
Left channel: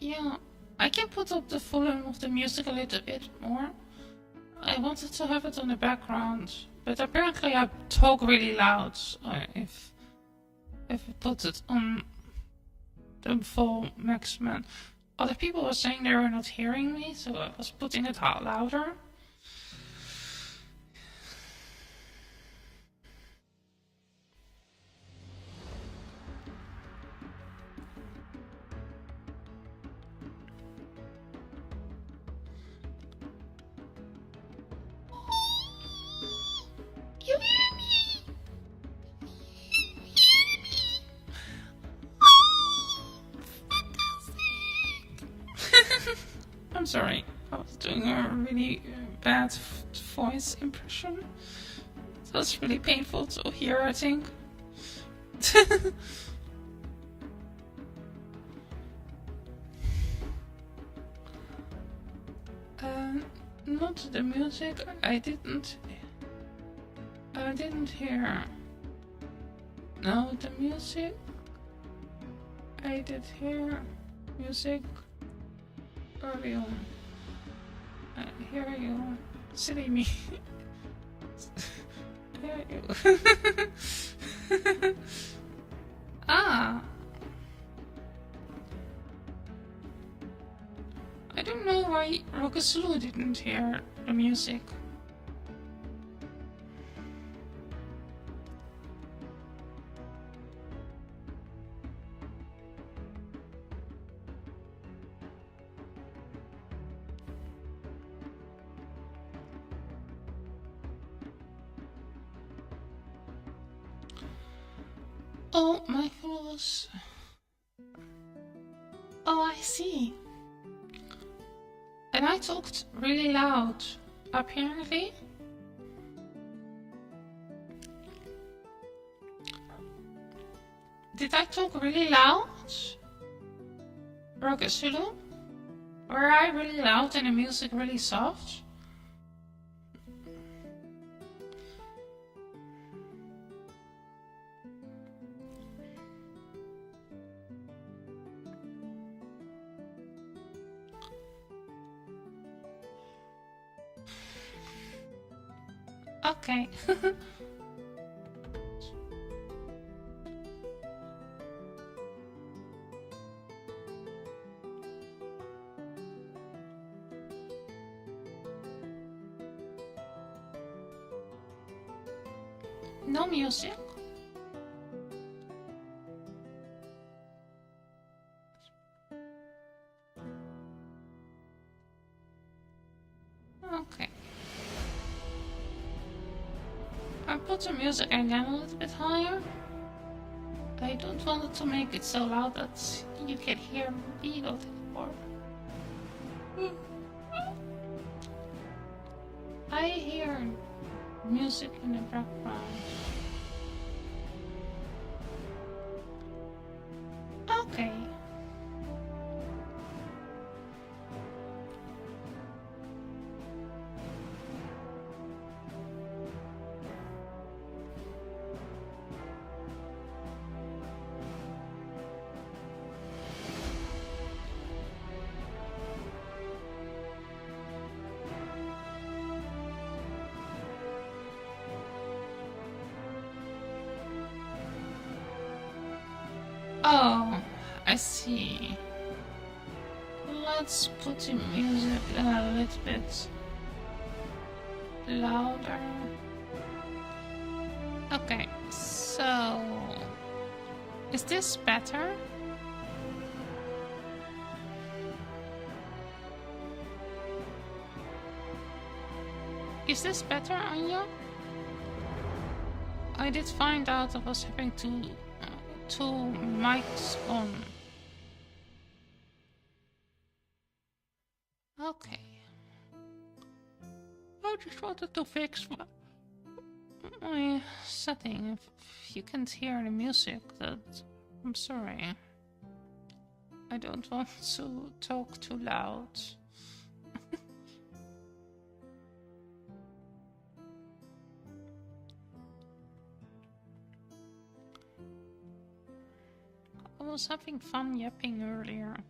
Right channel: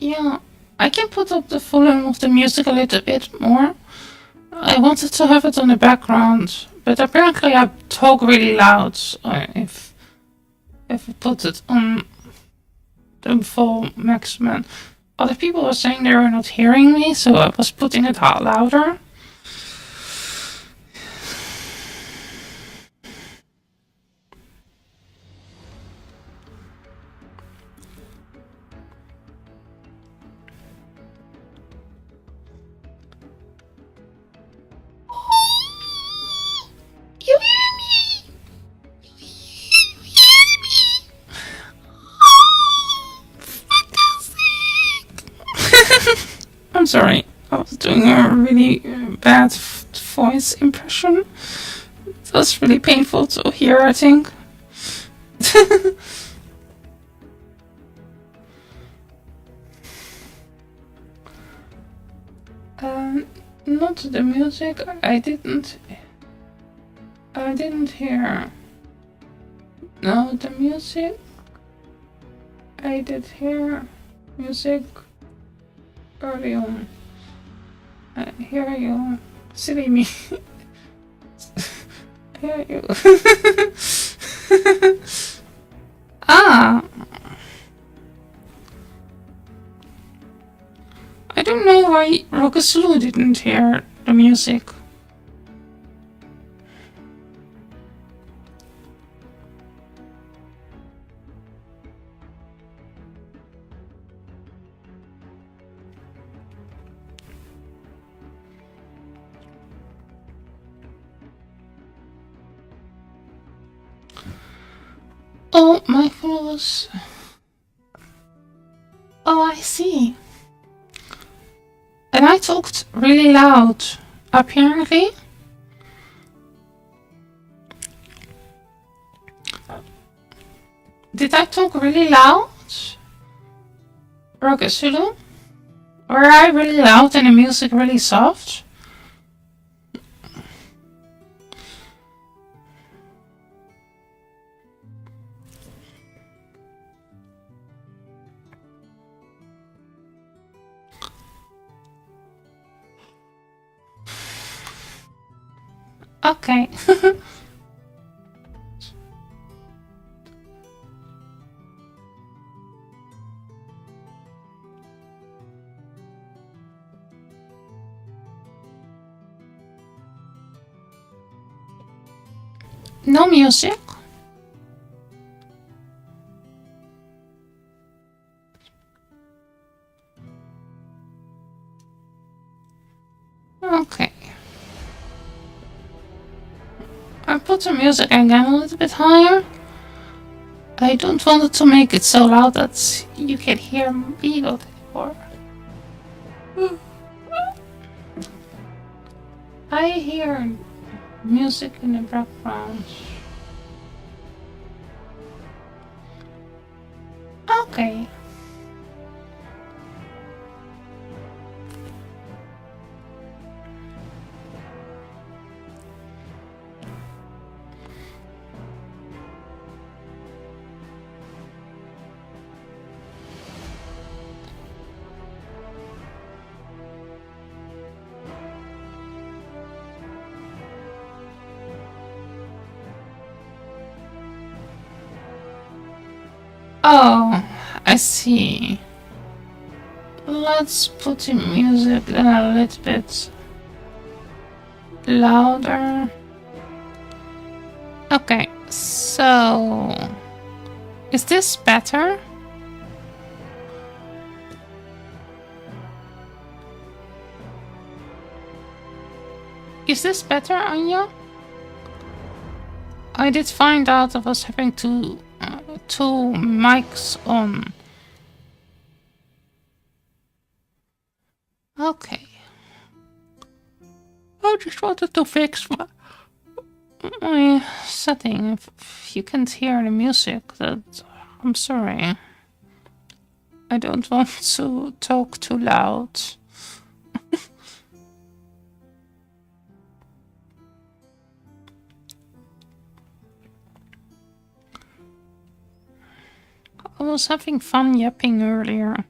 Yeah, I can put up the volume of the music a little bit more. I wanted to have it on the background, but apparently I talk really loud. If I put it on the full maximum, other people were saying they were not hearing me, so I was putting it out louder. You hear me? You hear me? Oh, fantastic! I'm sorry, I was doing a really bad voice impression. It was really painful to hear, I think. Not the music. I didn't hear. No, the music. I did hear music early on. I hear you. Silly me. I hear you. Ah. I don't know why Rokasulu didn't hear the music. Oh, my phone was... Oh, I see. And I talked really loud, apparently. Did I talk really loud? Rokasulu? Were I really loud and the music really soft? Okay. No music? Okay. I put the music again a little bit higher. I don't want it to make it so loud that you can hear me anymore. I hear music in the background. Okay. Oh, I see. Let's put the music a little bit louder. Okay, so is this better? Is this better, Anya? I did find out I was having two mics on. Okay. I just wanted to fix my setting. If you can't hear the music, that I'm sorry. I don't want to talk too loud. I was having fun yapping earlier.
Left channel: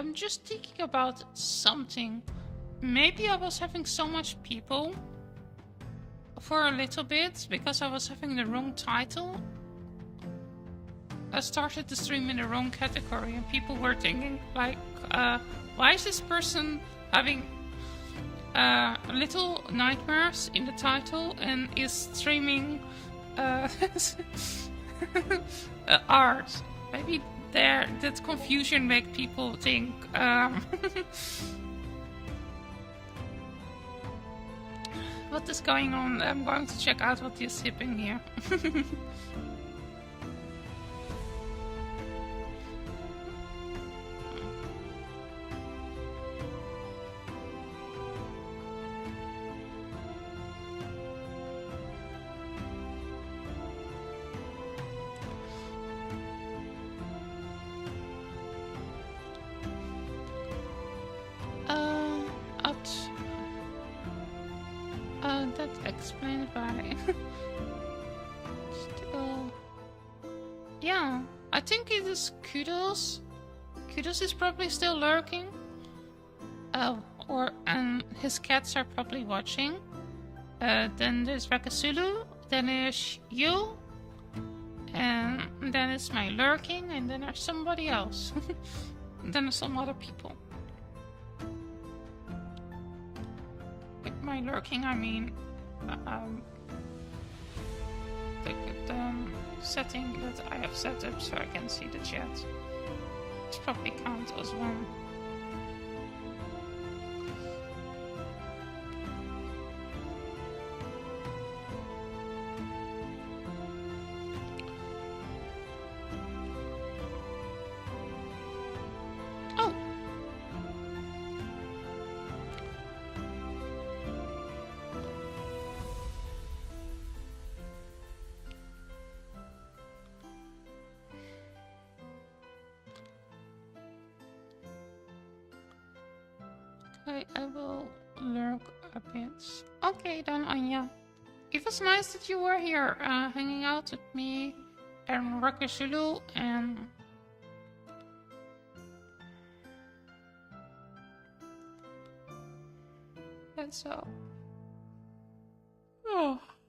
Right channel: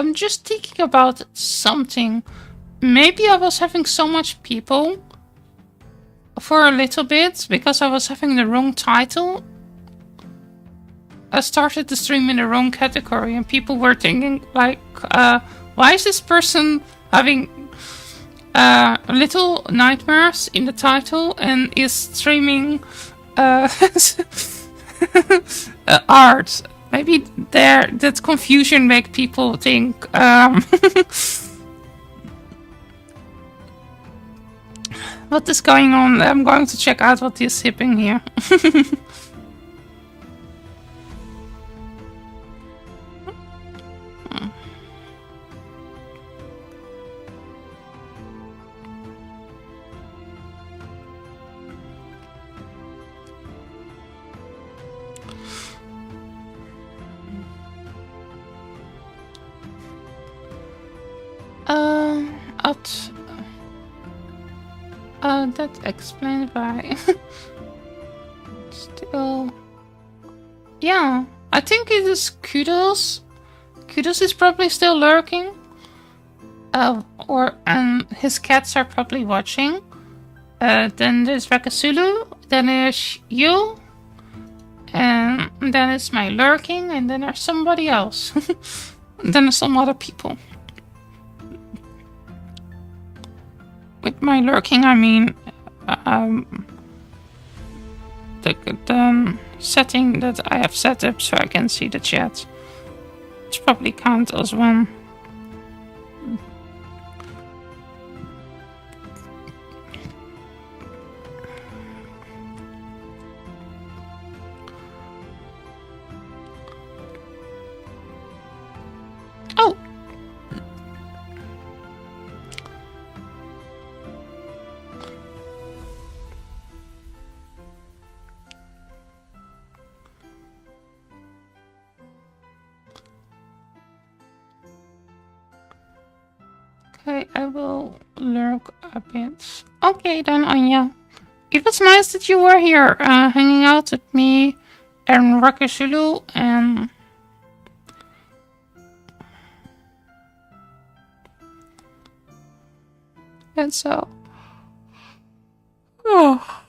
I'm just thinking about something. Maybe I was having so much people for a little bit because I was having the wrong title. I started the stream in the wrong category and people were thinking like, why is this person having little nightmares in the title and is streaming art? Maybe that confusion make people think what is going on? I'm going to check out what is happening here. That explains why. Still, yeah, I think it is Kudos. Kudos is probably still lurking. And his cats are probably watching. Then there's Rakasulu. Then there's you. And then it's my lurking, and then there's somebody else. And then there's some other people. With my lurking, I mean the setting that I have set up so I can see the chat. It's probably count as one. Oh! Okay, I will lurk a bit. Okay then, Anya. It was nice that you were here, hanging out with me and Rakashulu and so. Oh.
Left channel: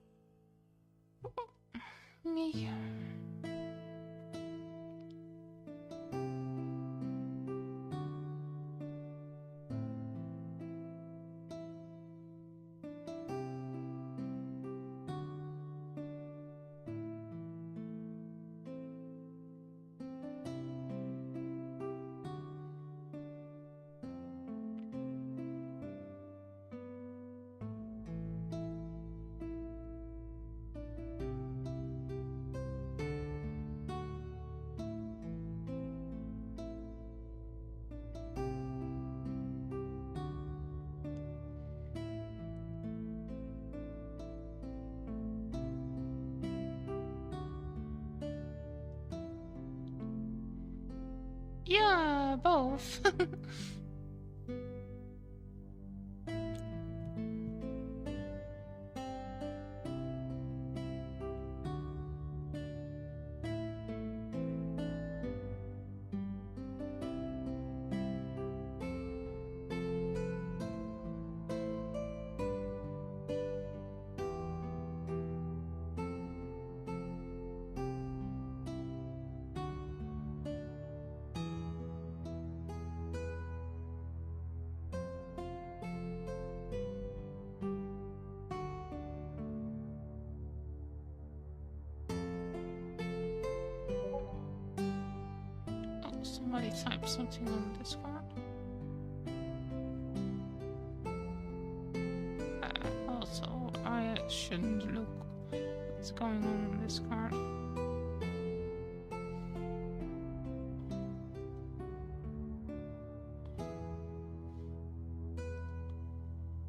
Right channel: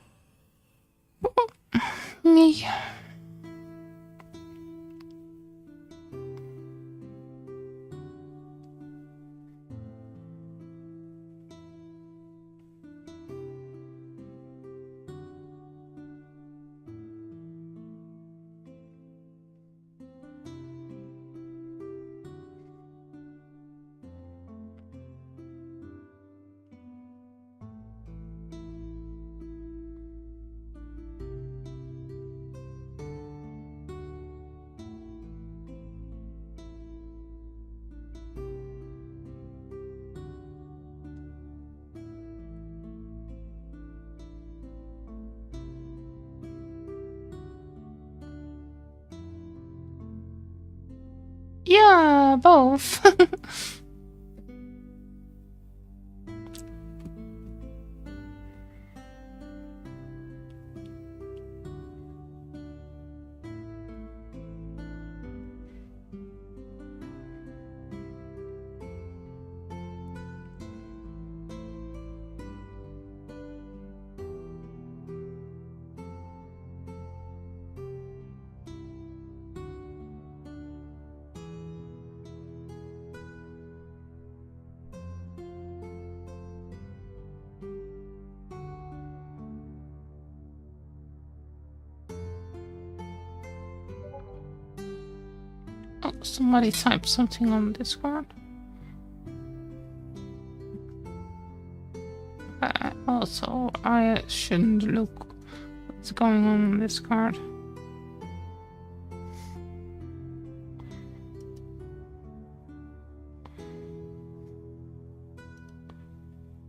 Me. Yeah, both. Oh, somebody typed something on Discord. Also, I shouldn't look what's going on Discord.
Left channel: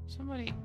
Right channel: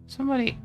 Somebody.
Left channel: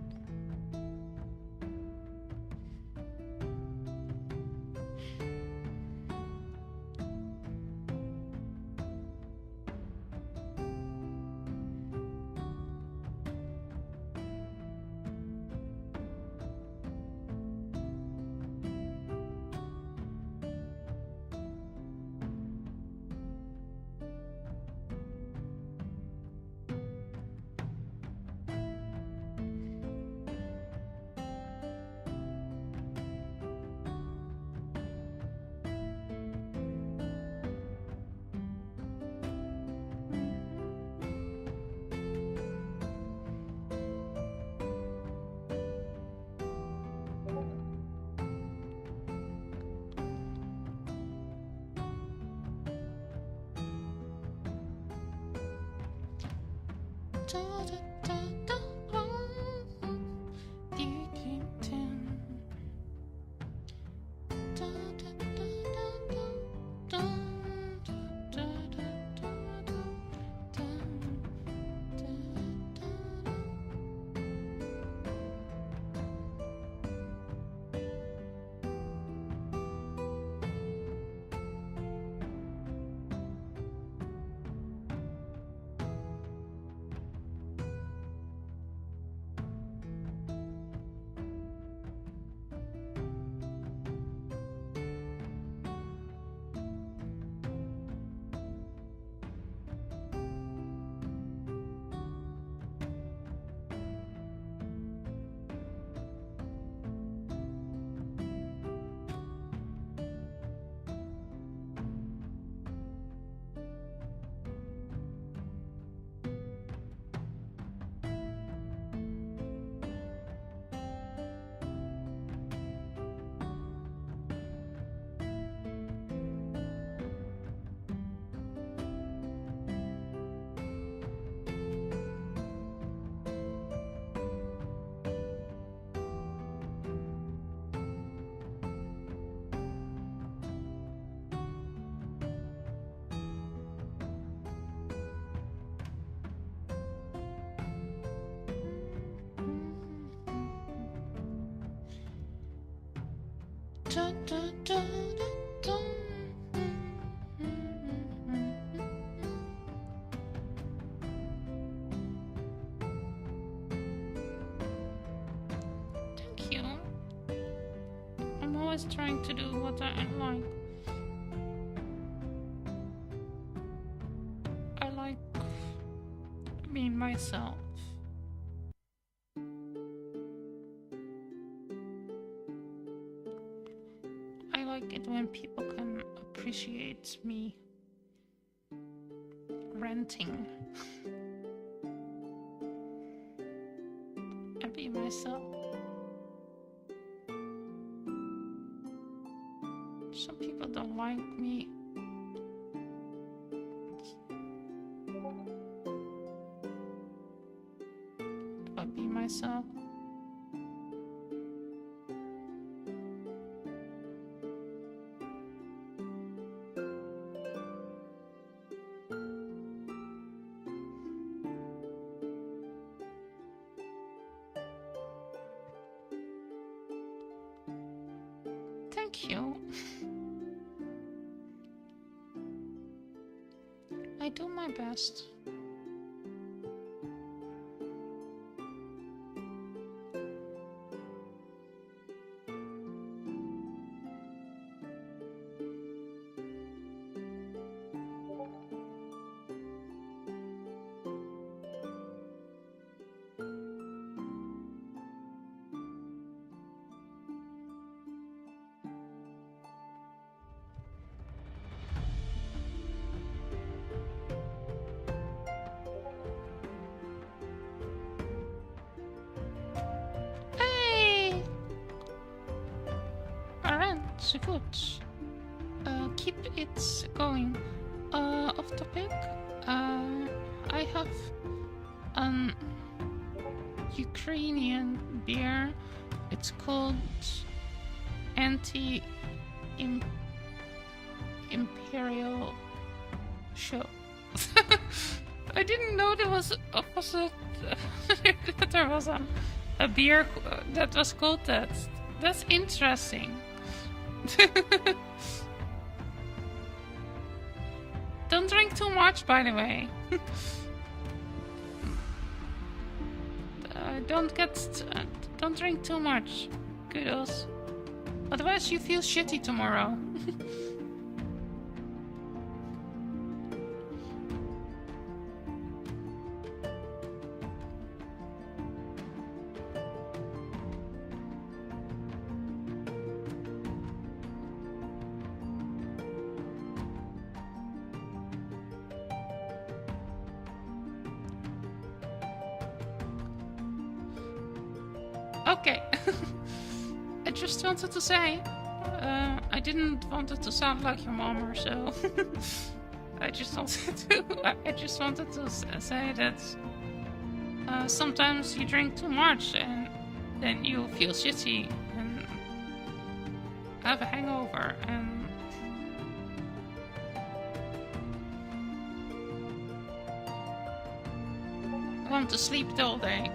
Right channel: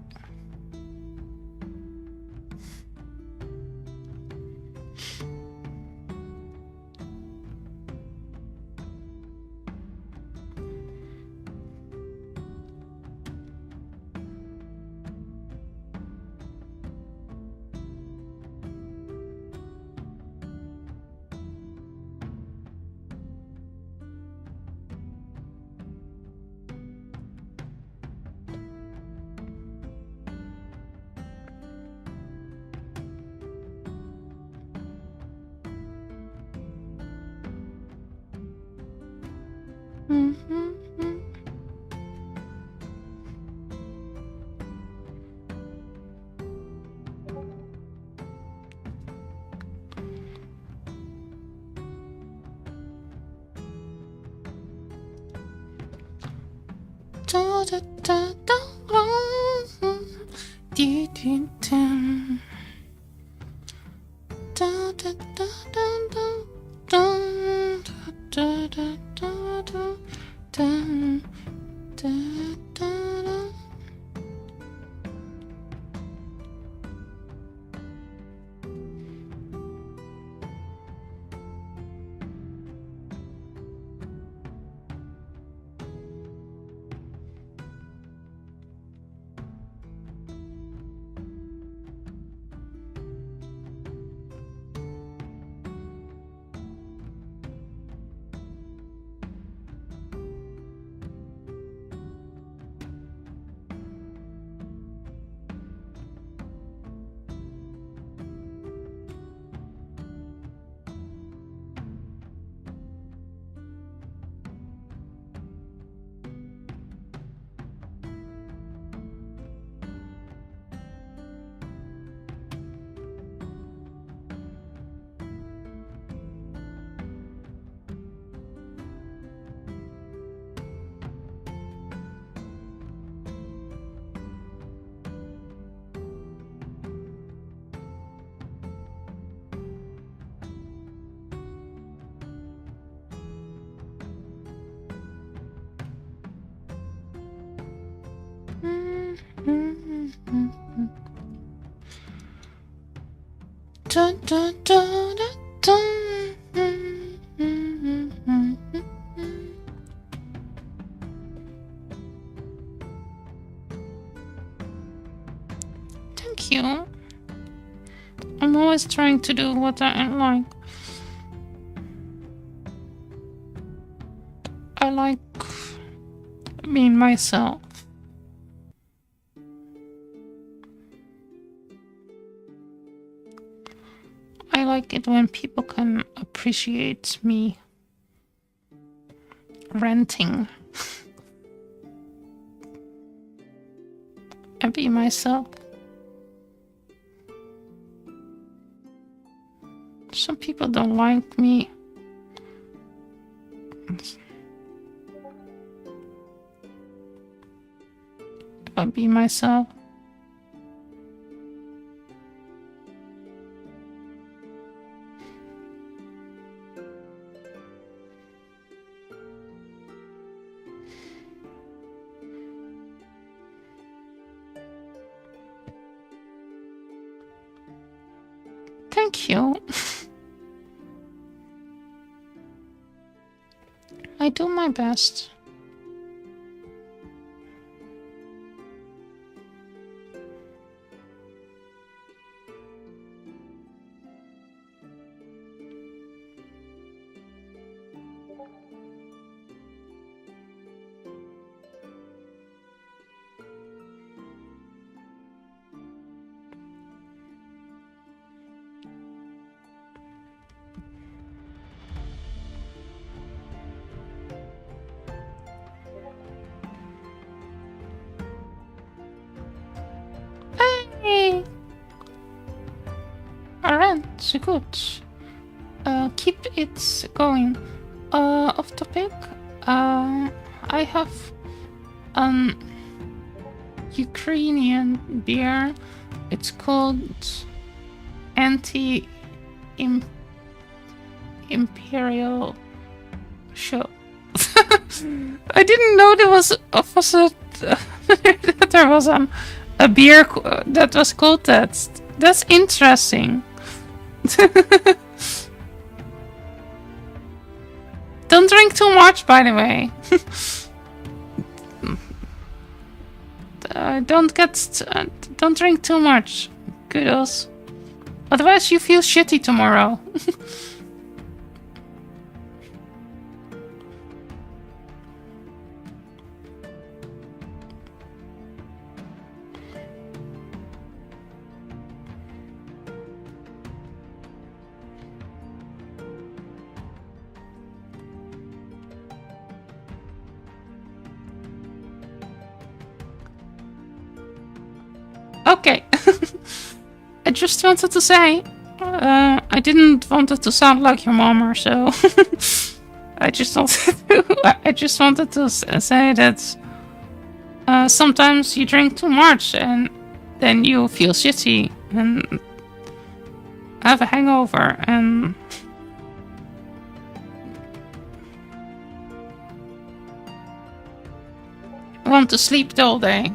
Thank you. I'm always trying to do what I like. I like being myself. I like it when people can appreciate me ranting and be myself. Some people don't like me. If I be myself. Thank you. I do my best. Hey! Alright, good. Keep it going. Off topic. I have Ukrainian beer. It's called Imperial Show. I didn't know there was opposite. That there was a beer that was called that. That's interesting. Don't drink too much, by the way. Don't drink too much. Kudos. Otherwise you feel shitty tomorrow. Okay. I just wanted to say, I didn't want it to sound like your mom or so. I just wanted to say that sometimes you drink too much and then you feel shitty and have a hangover and want to sleep the whole day.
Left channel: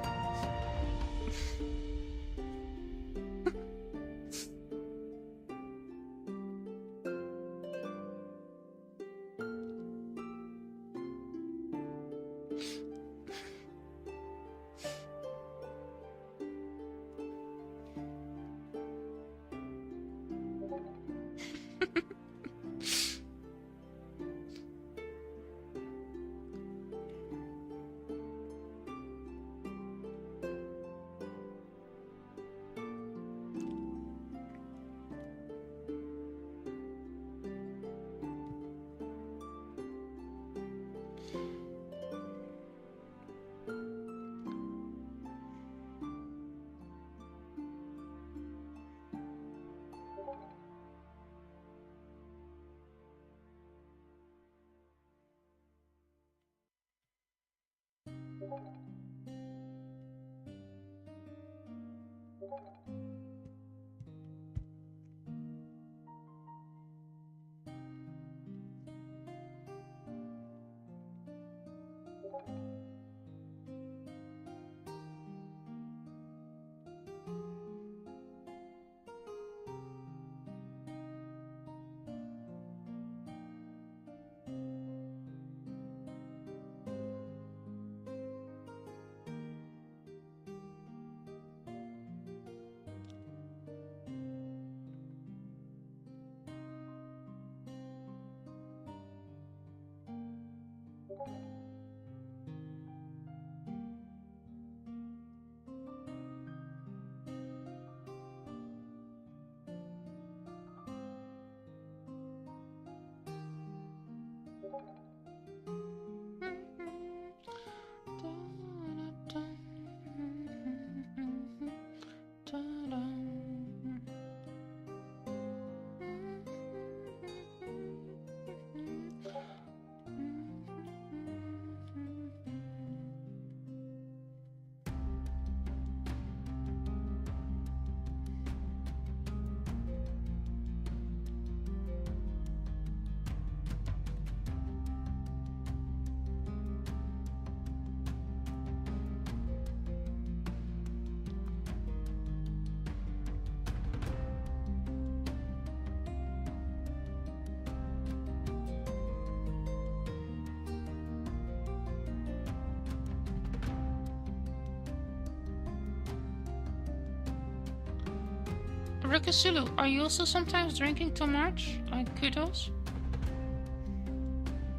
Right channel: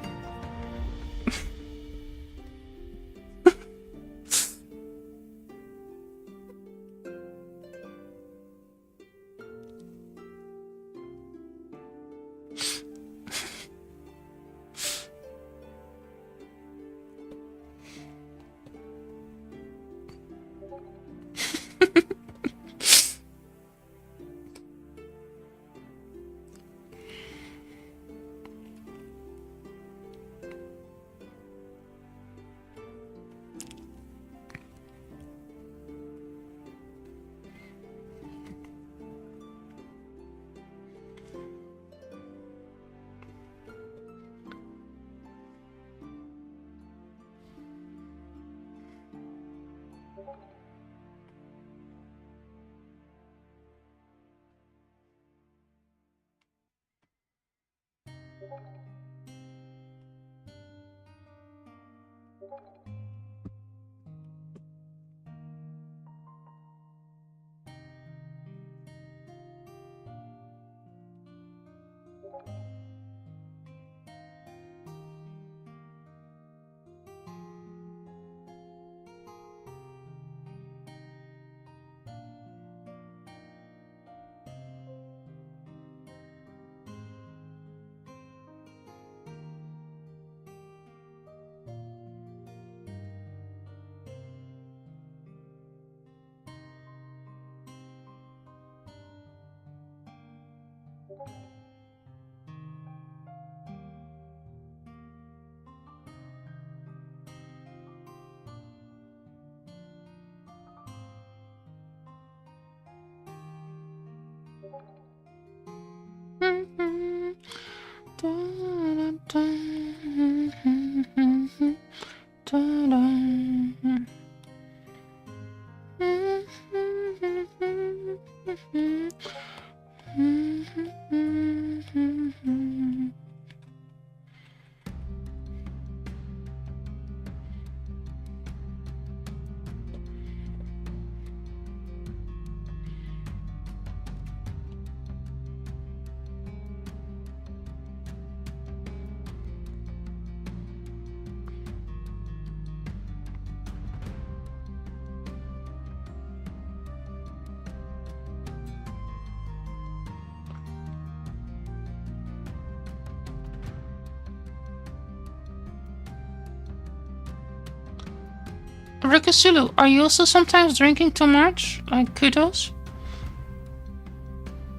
Rikasulu, are you also sometimes drinking too much? Like kudos?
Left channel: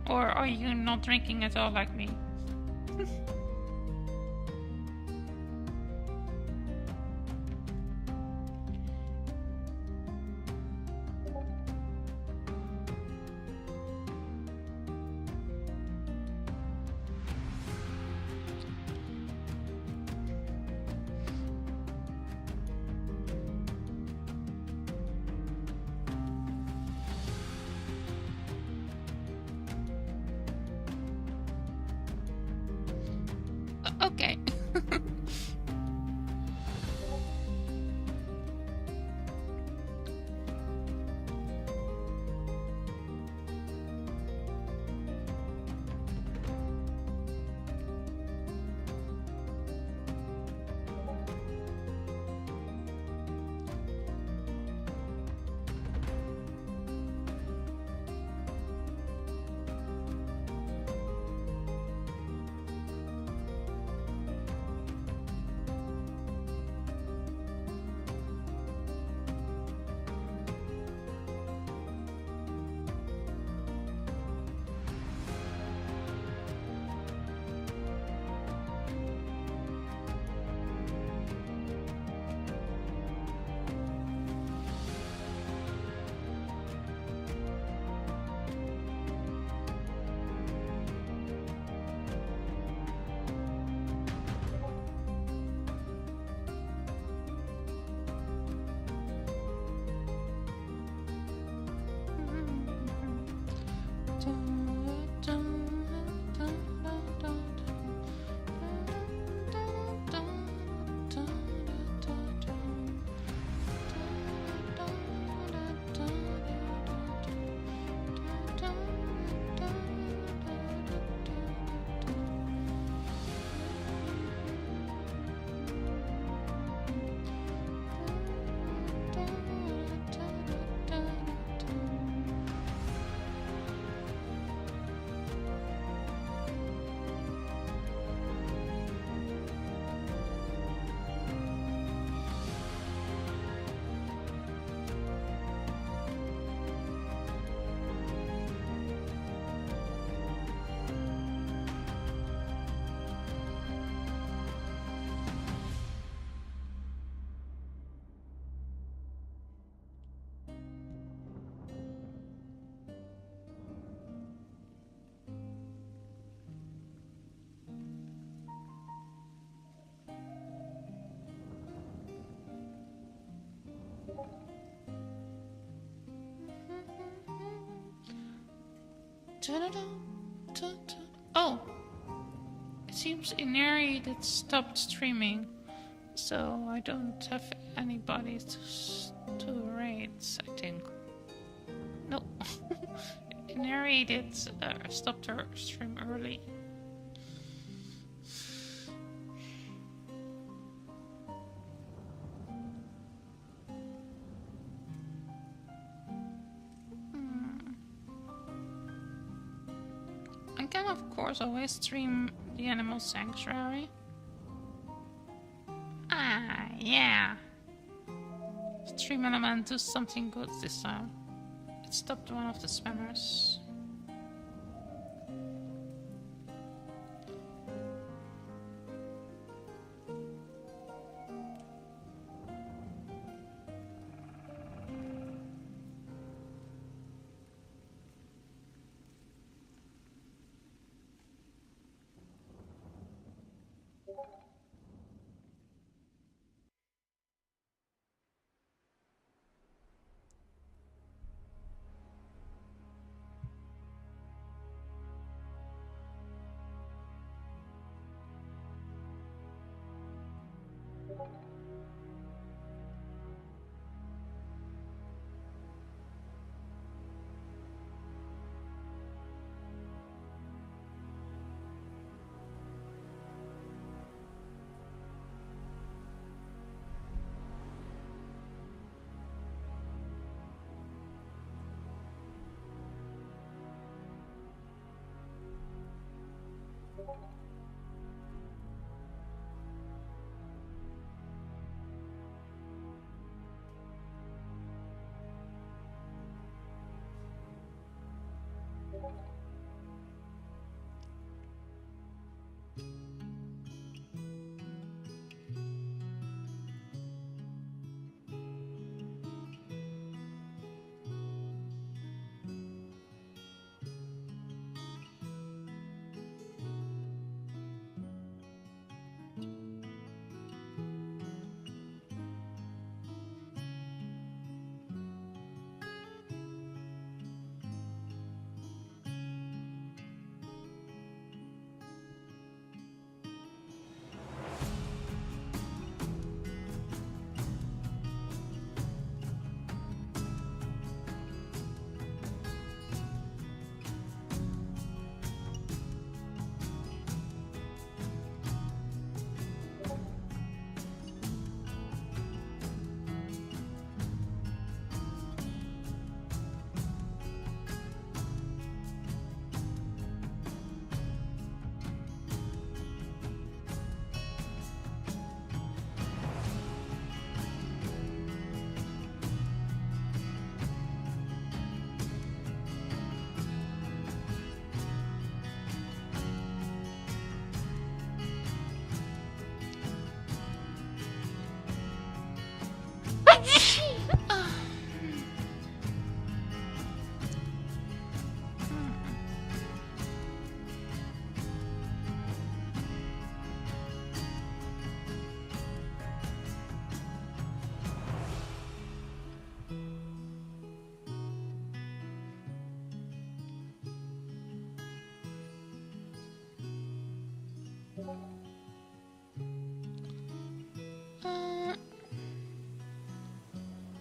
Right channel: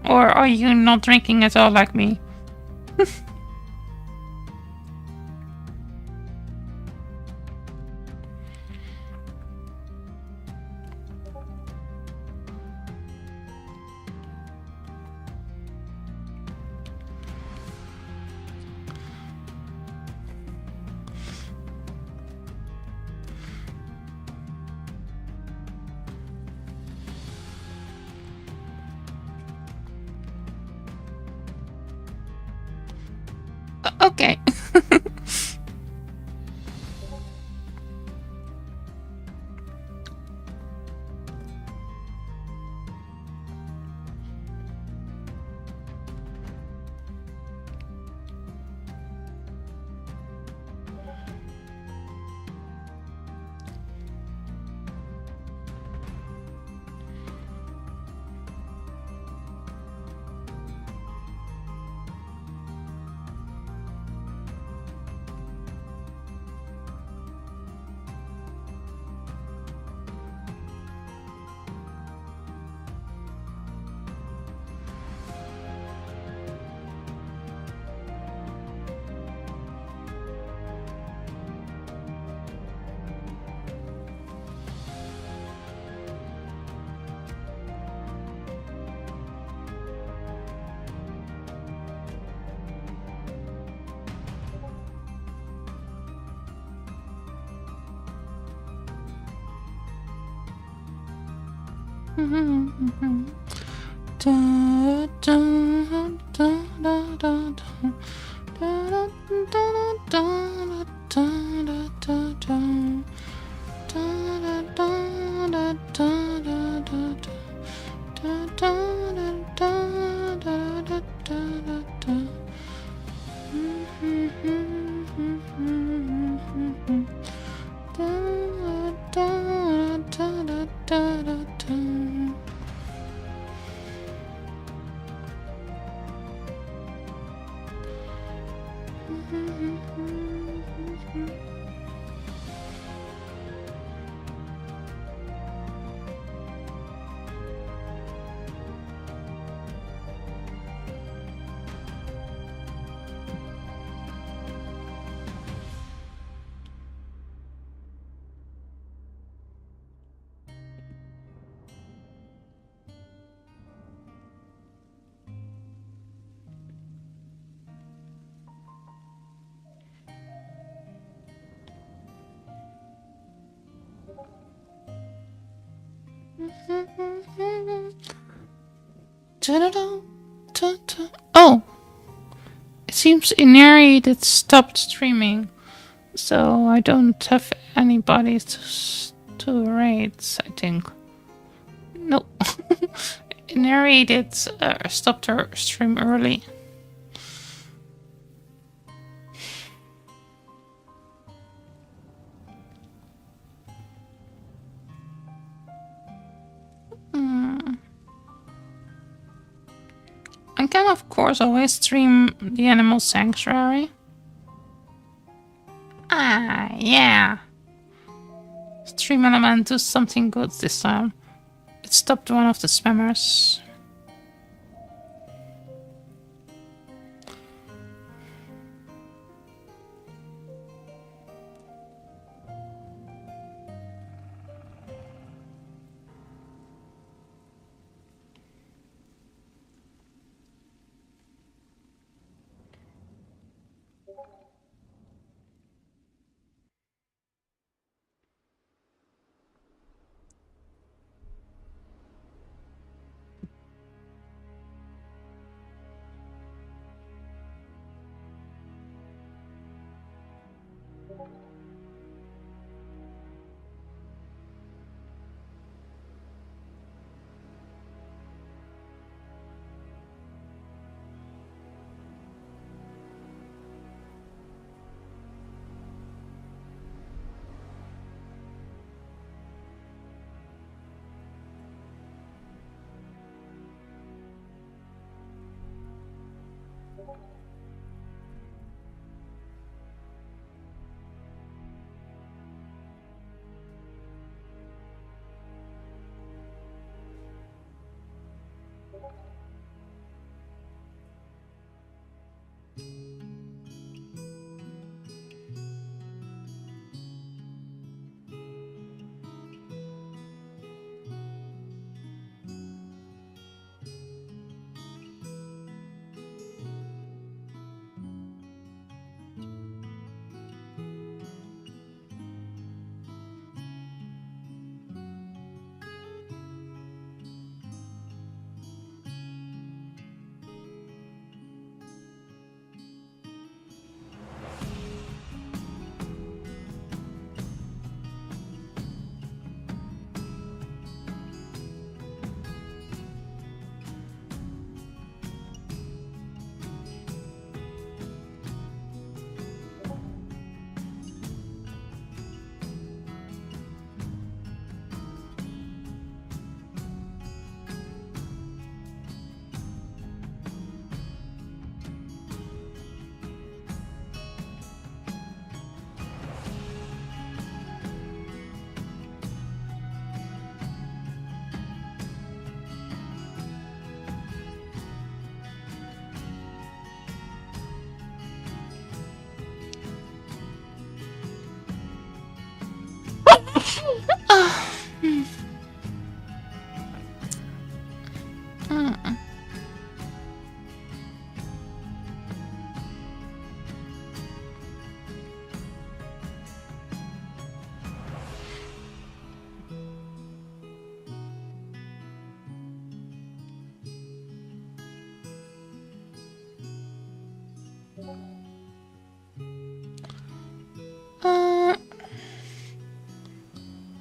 Or are you not drinking at all like me? Okay. Oh, it seems Inari that stopped streaming, so I don't have anybody to raid. I think no. Inari did stopped her stream early. I can, of course, always stream the Animal Sanctuary. Ah, yeah. Stream Element do something good this time. It stopped one of the spammers.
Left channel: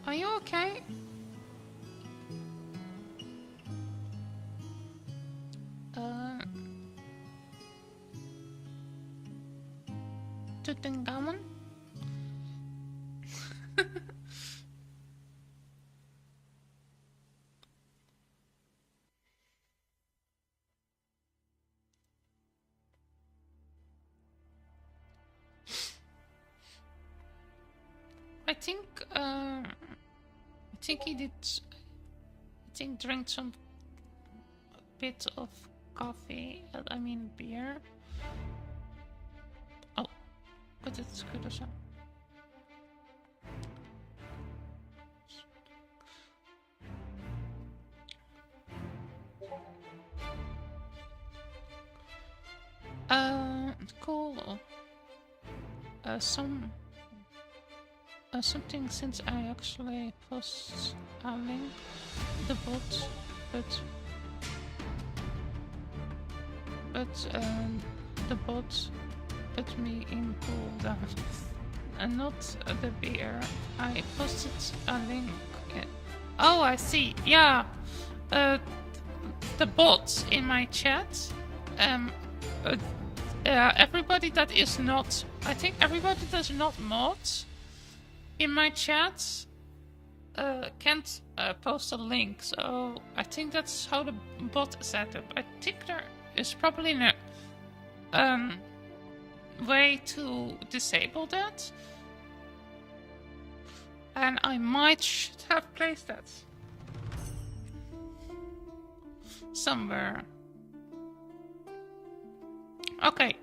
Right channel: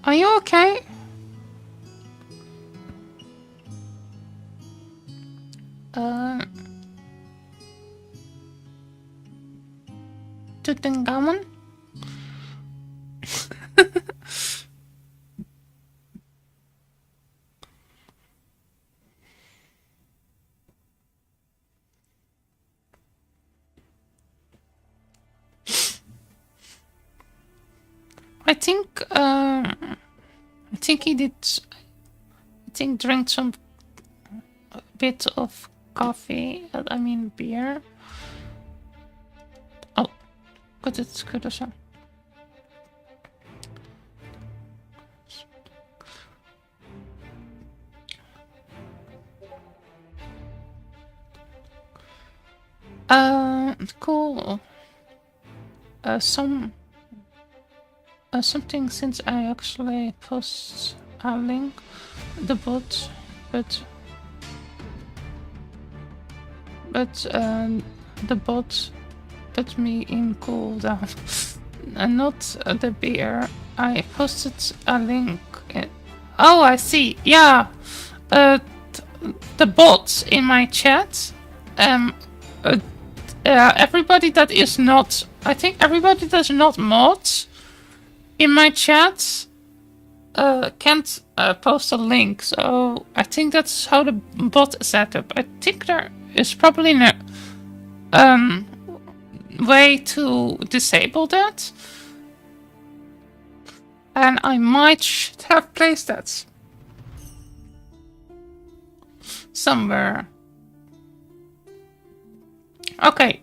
Are you okay? Tutankhamun? I think he did. I think drink some bit of coffee. I mean beer. Oh, but it's good or so. Cool. Something since I actually post a link, the bot, but the bot put me in cooldown, and not the beer. I posted a link. Oh, I see. Yeah, the bots in my chat. Everybody that is not, I think everybody that's not mods in my chat can't post a link. So I think that's how the bot is set up. I think there is probably no way to disable that. And I might have placed that somewhere. Okay,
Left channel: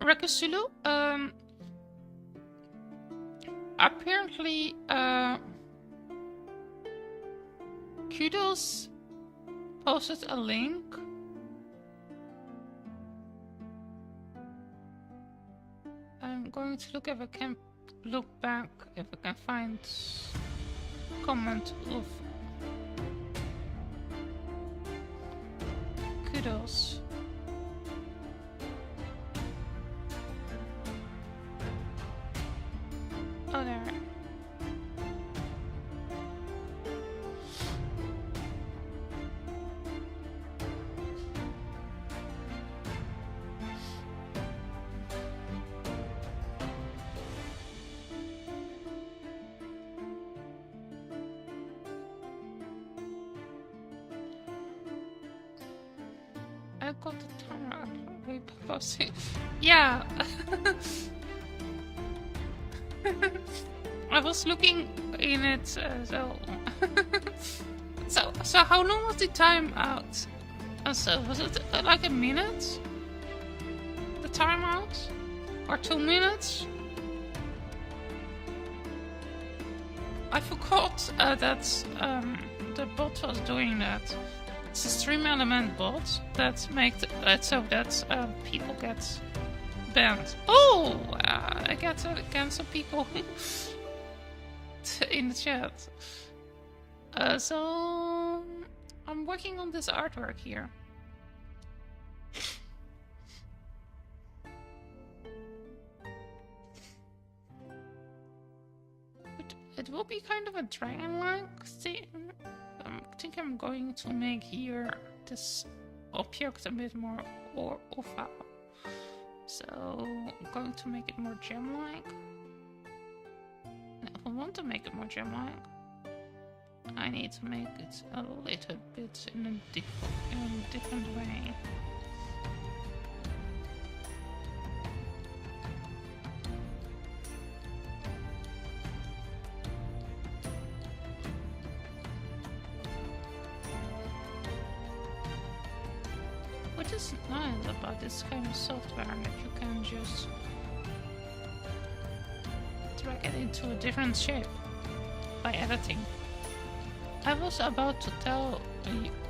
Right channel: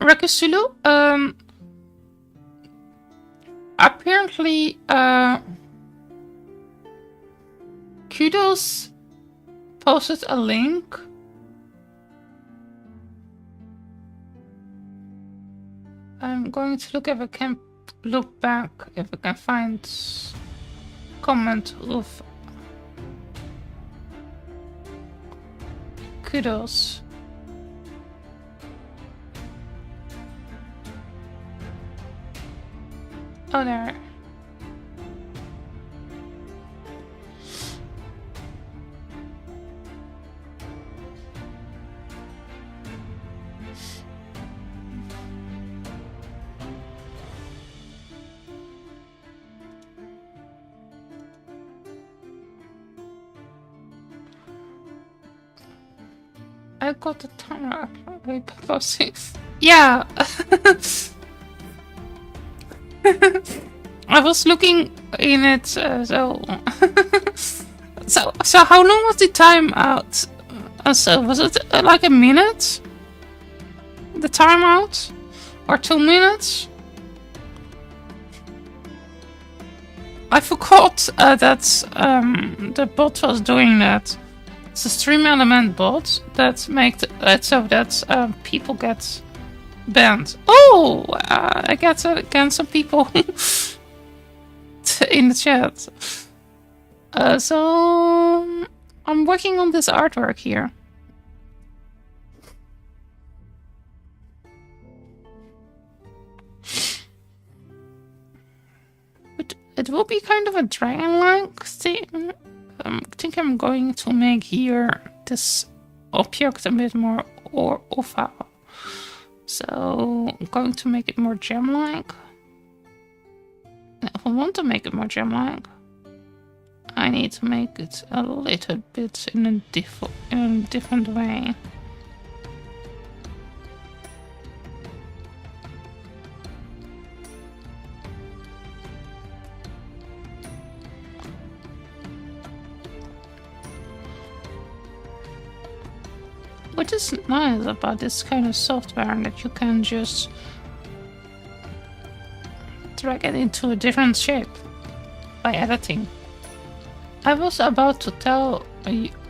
Rakasulu, apparently, Kudos posted a link. I'm going to look if I can look back, if I can find comment of Kudos. Oh, there. I got the timer posting. Yeah. I was looking in it, so So how long was the time out? So was it like a minute? The timeout? Or 2 minutes? I forgot that the bot was doing that. It's a stream element bot that makes it so that people get banned. Oh, I get again some people in the chat. So I'm working on this artwork here. It will be kind of a dragon-like thing. I think I'm going to make here this object a bit more oval. So I'm going to make it more gem-like. If I want to make it more gem-like, I need to make it a little bit in a different way. Which is nice about this kind of software, that you can just drag it into a different shape by editing. I was about to tell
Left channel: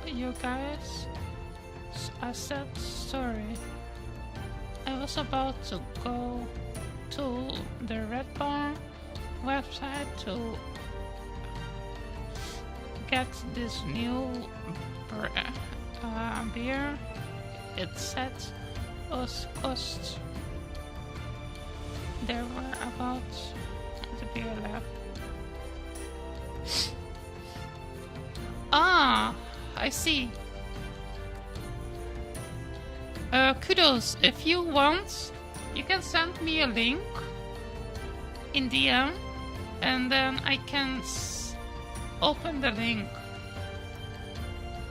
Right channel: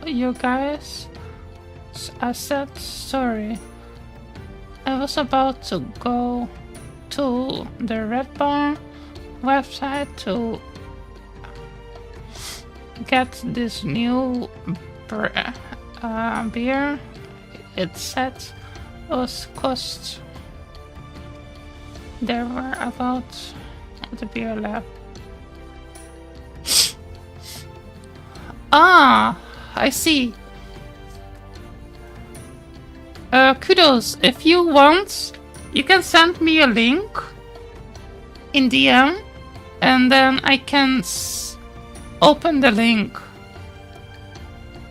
you guys a sad story. I was about to go to the Red Bar website to get this new beer. It said was cost. There were about the beer left. Ah, I see. Kudos. If you want, you can send me a link in DM, and then I can open the link.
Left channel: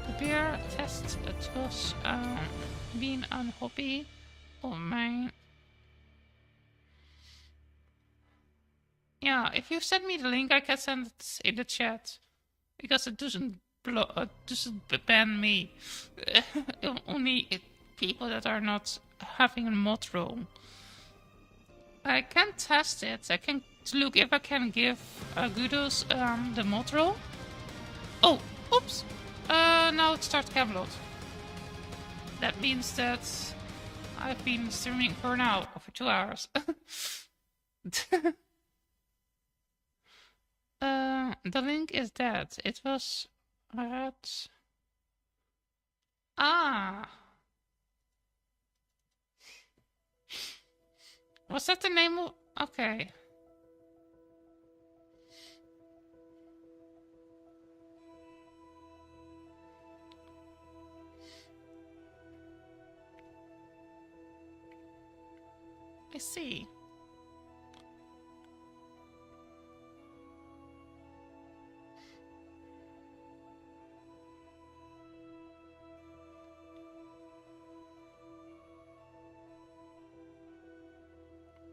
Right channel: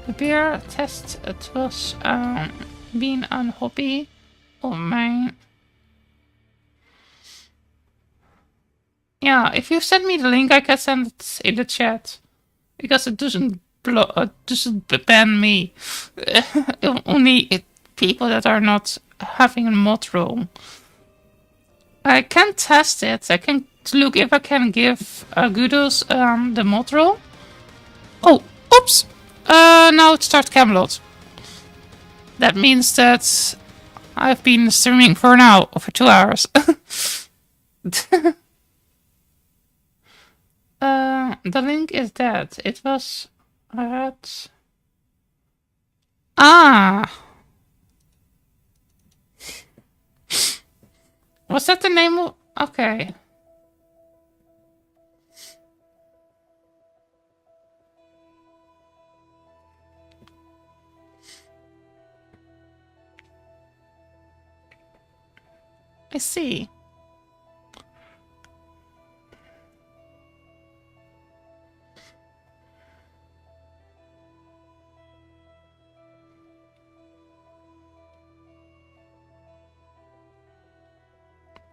The beer test, it was been a hobby of mine. Yeah, if you send me the link, I can send it in the chat, because it doesn't ban me. Only people that are not having a mod role. I can test it. I can look if I can give Gudos the mod role. Oh, oops! Now it starts Camelot. That means that I've been streaming for 2 hours. The link is that. It was at... Ah! Was that the name of... Okay. I see.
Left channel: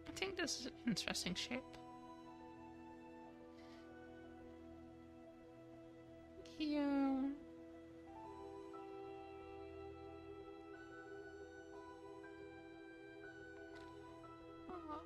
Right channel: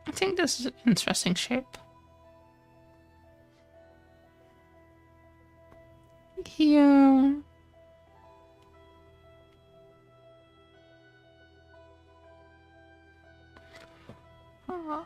I think this is an interesting shape. Here. Oh.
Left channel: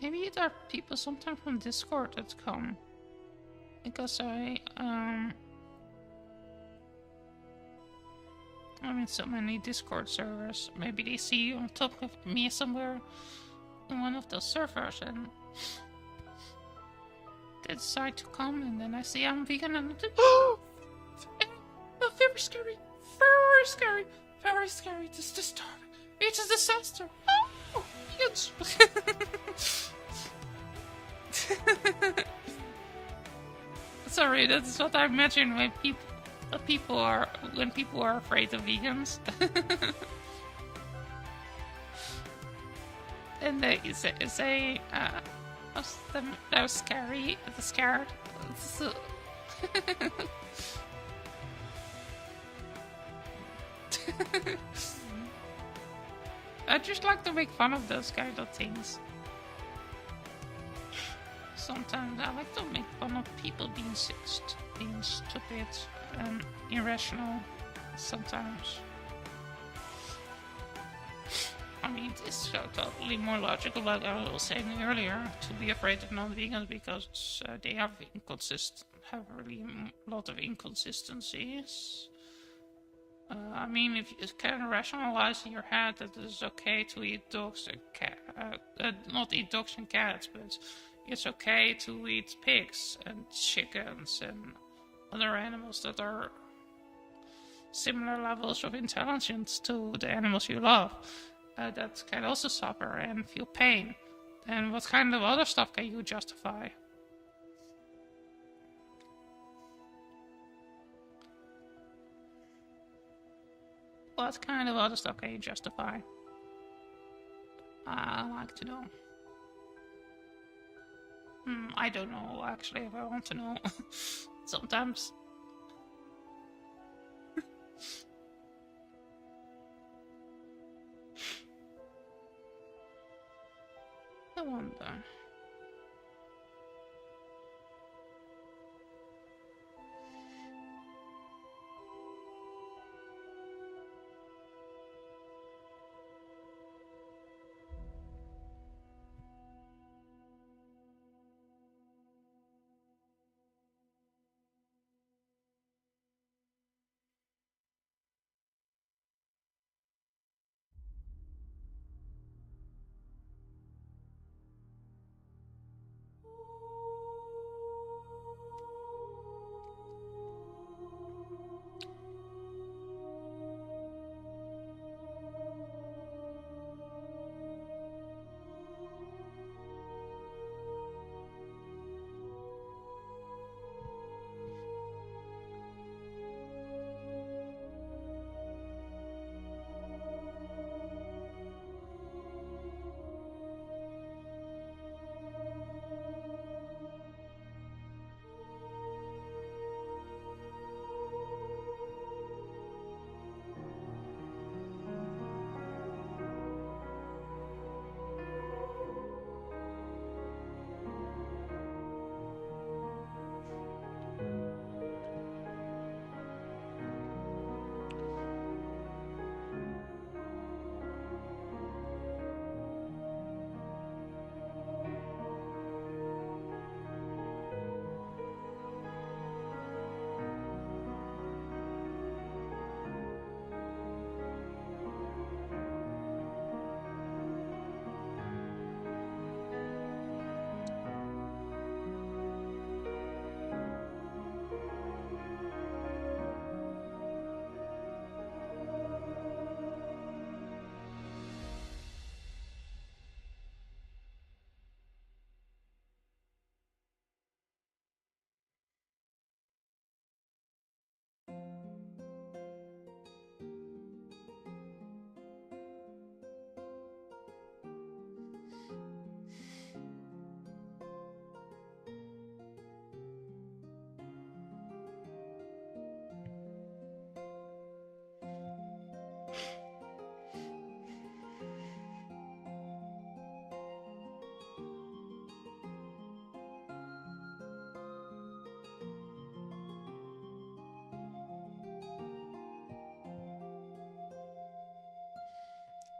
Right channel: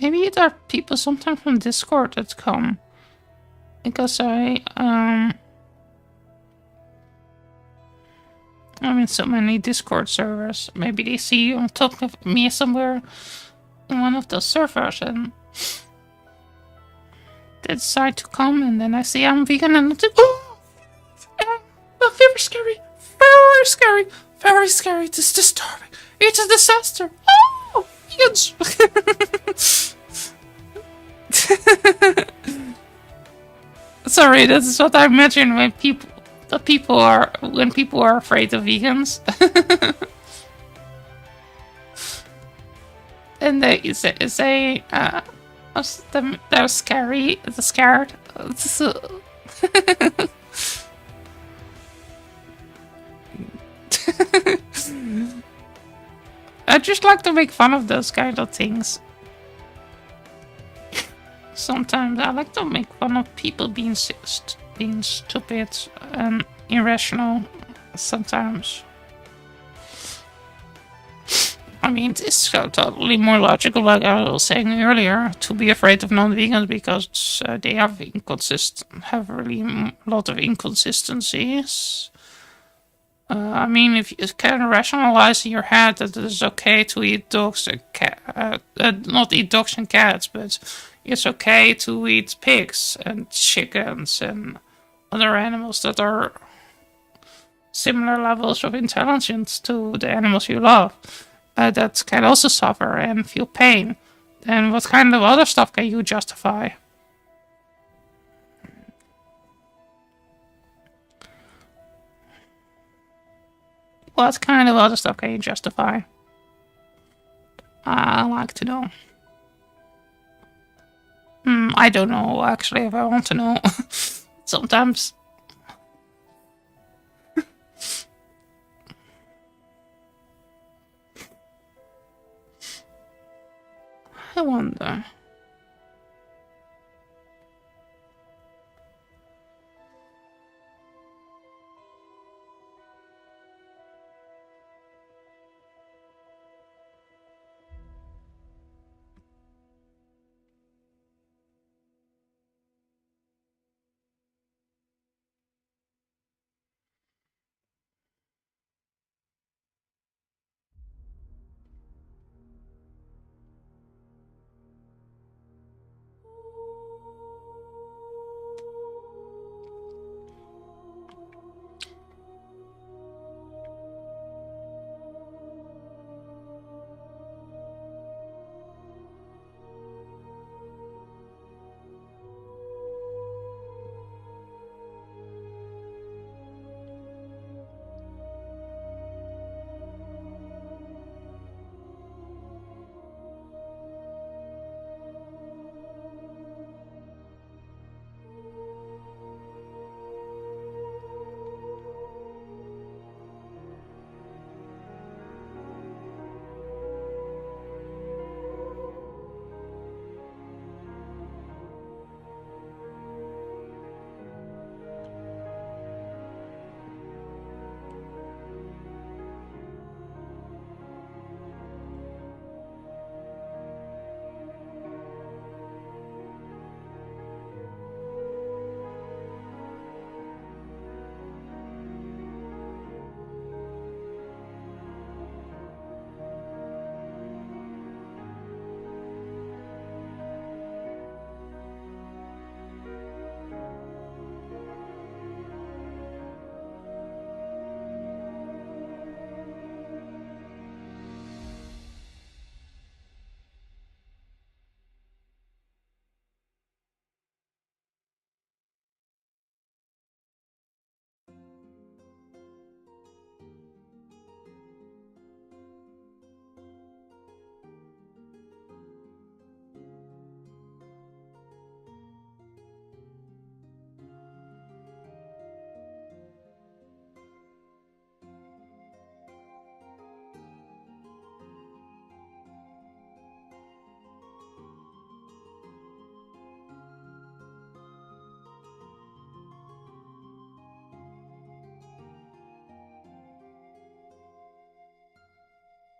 Maybe there are people sometimes from Discord that come. Because I'm in so many Discord servers. Maybe they see you on top of me somewhere in one of those servers and they decide to come, and then I say I'm vegan and I'm like, oh, very scary, very scary, very scary. It is disturbing. It's a disaster. Oh, vegans. Sorry, this is what I imagine when people are afraid of vegans. And they say they're scary, they're scared. I just like to make fun of those kind of things. Sometimes I like to make fun of people being stupid and irrational. Sometimes. I mean, it's totally more logical, like I was saying earlier, to be afraid of non-vegans because they have really a lot of inconsistencies. I mean, if you can rationalize in your head that it is okay to eat dogs and not eat dogs and cats, but it's okay to eat pigs and chickens and other animals that are similar levels of intelligence to the animals you love, that can also suffer and feel pain, then what kind of other stuff can you justify? What kind of other stuff can you justify? I like to know. I don't know, actually, if I want to know. Sometimes. I wonder.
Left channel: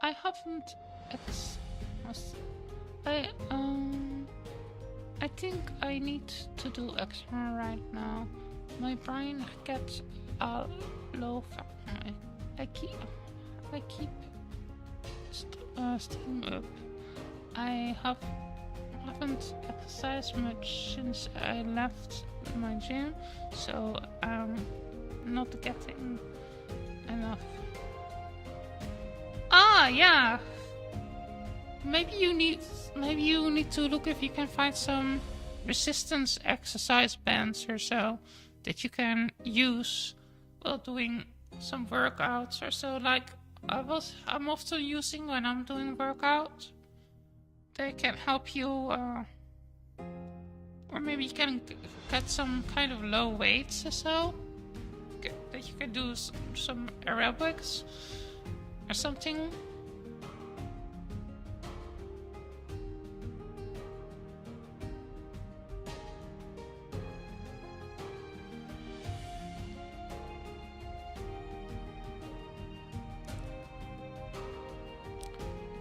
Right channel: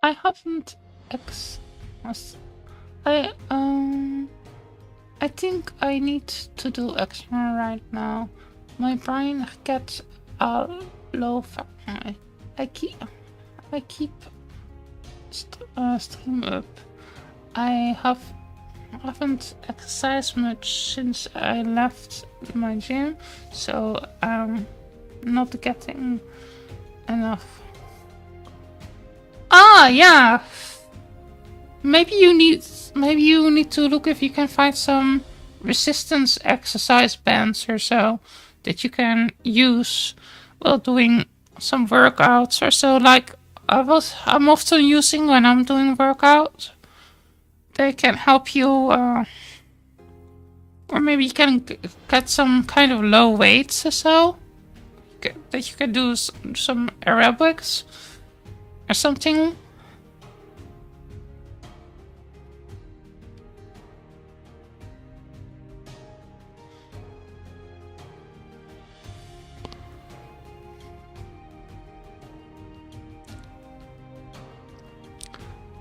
I haven't I think I need to do extra right now. My brain gets low. I keep stream up. I haven't exercised much since I left my gym, so I'm not getting enough. Ah, yeah. Maybe you need to look if you can find some resistance exercise bands or so that you can use while doing some workouts or so. Like I'm often using when I'm doing workouts. They can help you, or maybe you can get some kind of low weights or so that you can do some aerobics or something.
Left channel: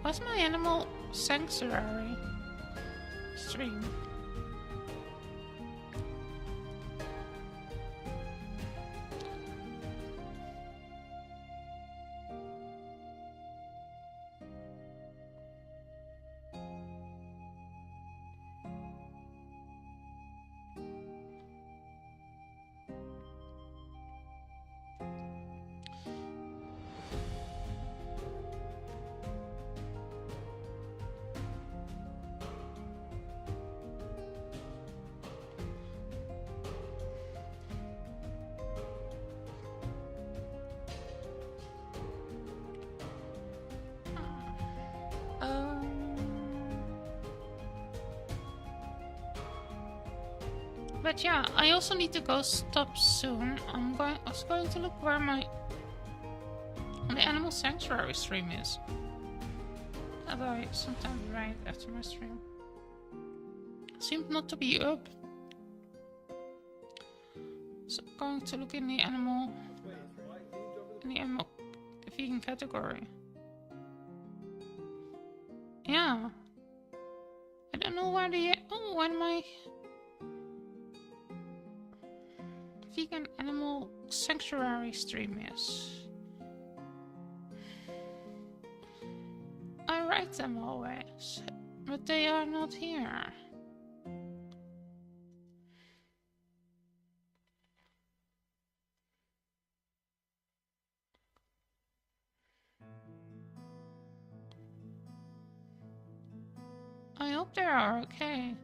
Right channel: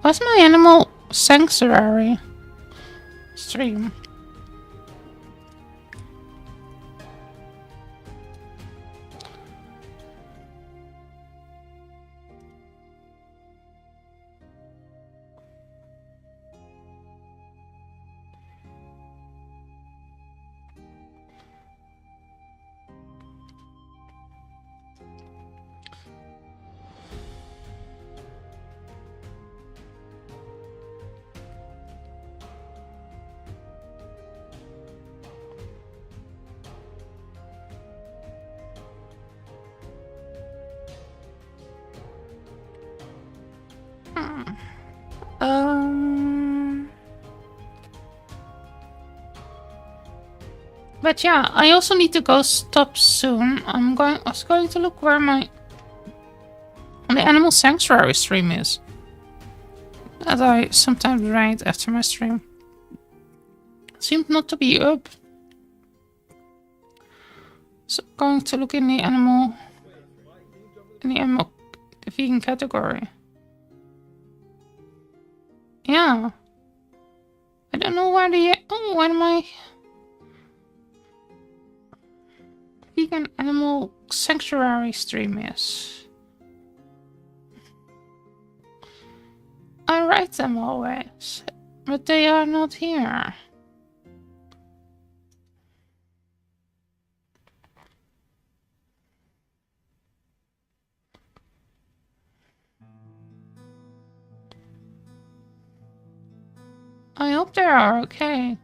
What's my animal sanctuary stream? But yeah, I also need to go stop soon. I was going to look where the animal sanctuary stream is. As I sometimes write after my stream. Seemed not to be up. So I'm going to look in the the vegan category. Yeah. I don't know where my vegan animal sanctuary stream is. I write them always, but they are not here. I hope they are okay.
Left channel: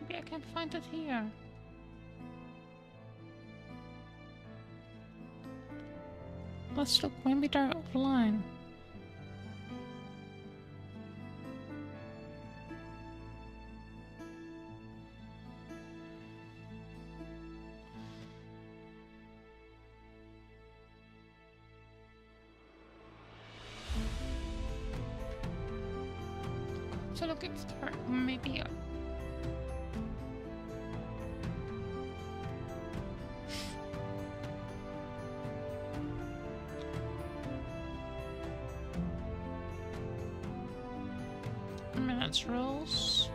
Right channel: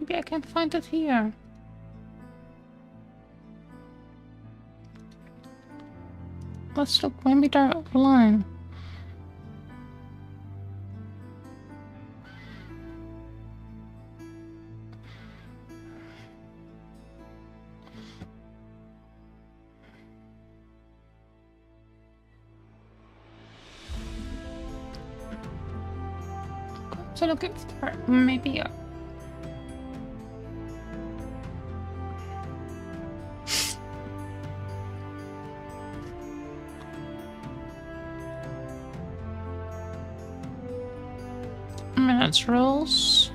Maybe I can find it here. Let's look, maybe they're offline. So look if they're maybe minutes rules.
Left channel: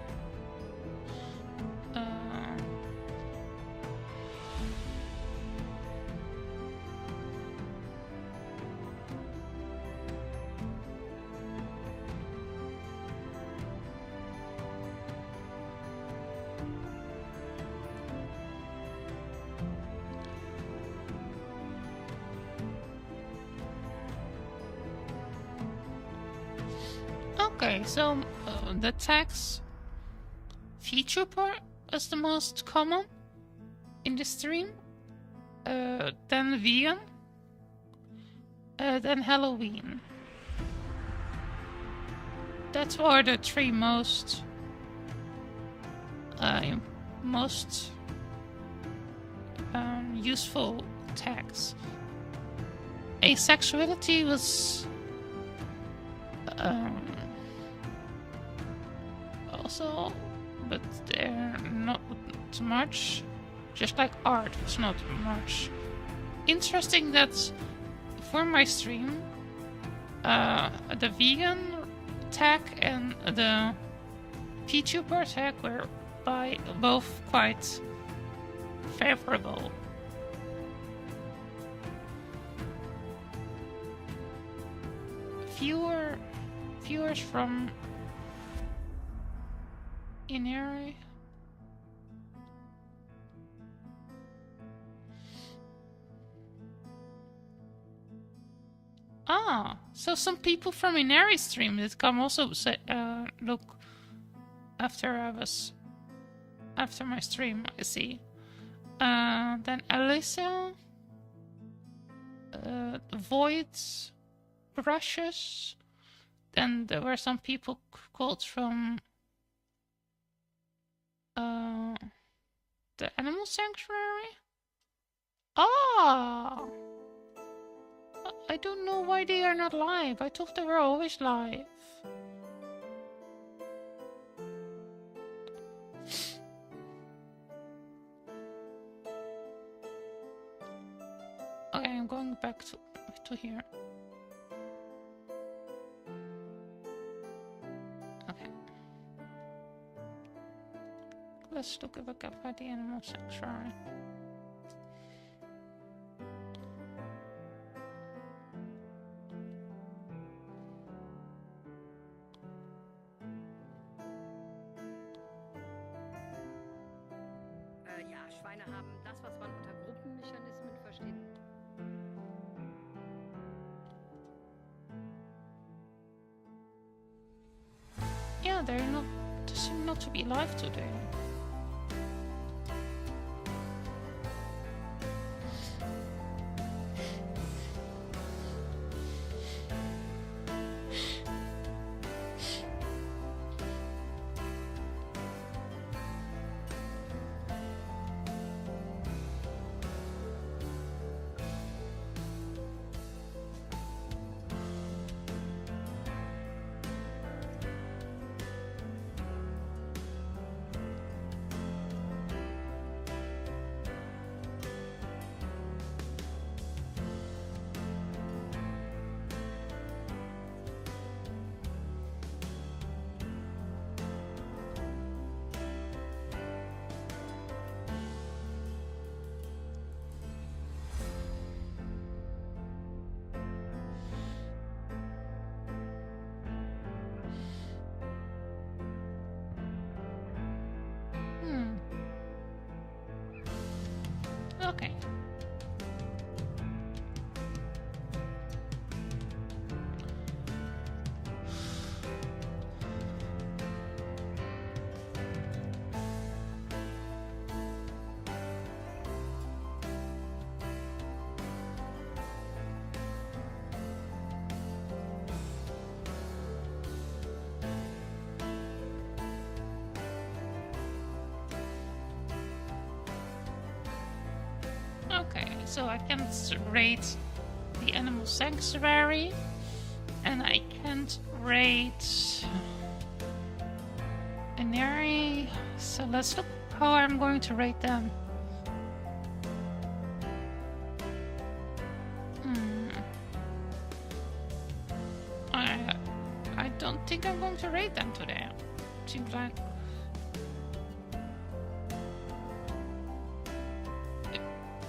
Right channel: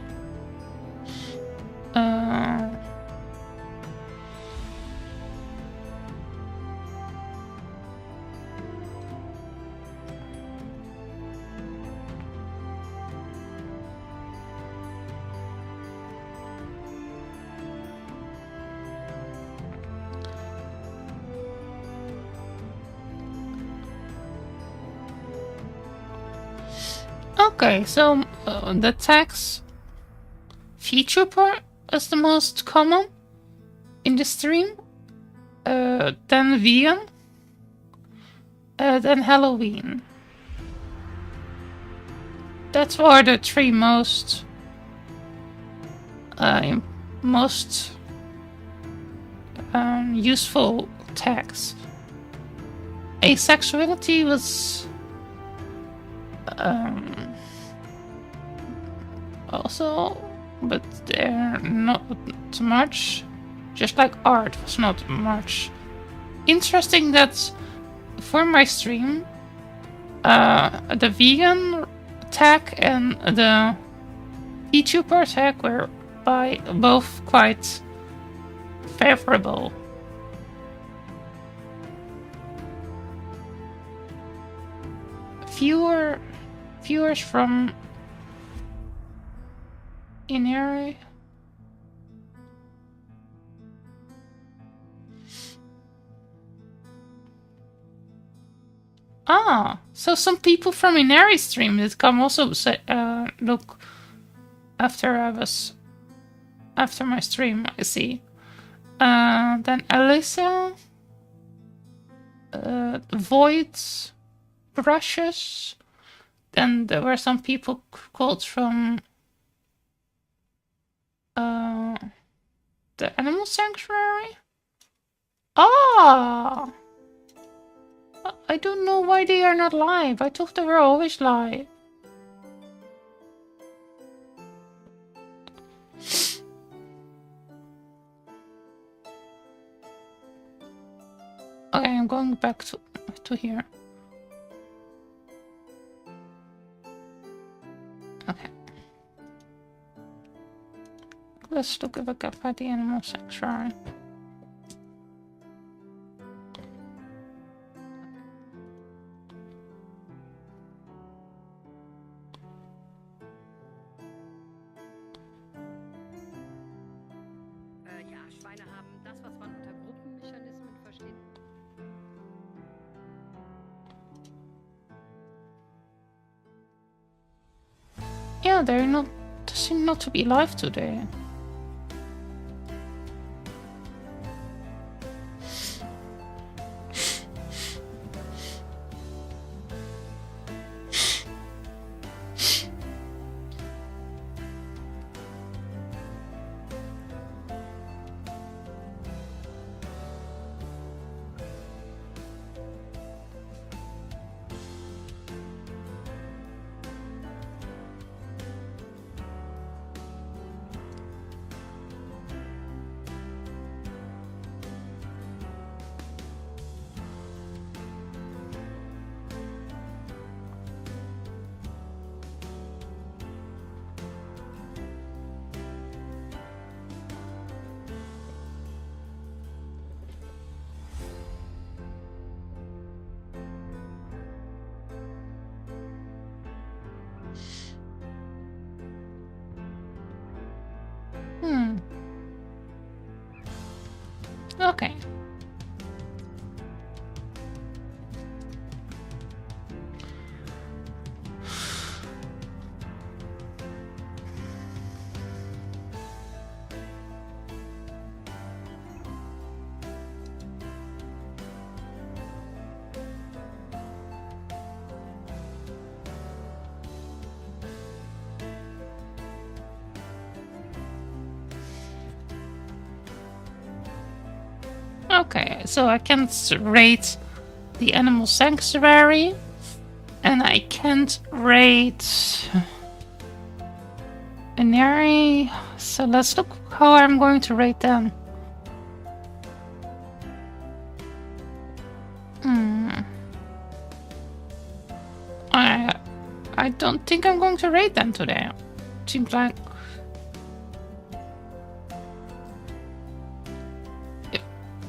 Okay, so the tags feature part is the most common in the stream. Then vegan. Then Halloween. That's are the three most useful tags. Asexuality was also, but not too much. Just like art was not much. Interesting that for my stream, the vegan tag and the VTuber tag were both quite favorable. Fewer viewers from Inari. Ah, so some people from Inari stream did come also say, look after my stream, I see. Then Alyssa, Voids, Brushes. Then there were some people called from the Animal Sanctuary. Ah! I don't know why they are not live. I thought they were always live. Okay, I'm going back to here. Okay. Let's look if I can find the Animal Sanctuary. Ja, Schweine haben das, was man unter Gruppenmechanismen versteht. Yeah, they seem not to be live today. Okay. Okay, so I can't rate the Animal Sanctuary, and I can't rate Inari, so let's look how I'm going to rate them. I don't think I'm going to rate them today. Seems like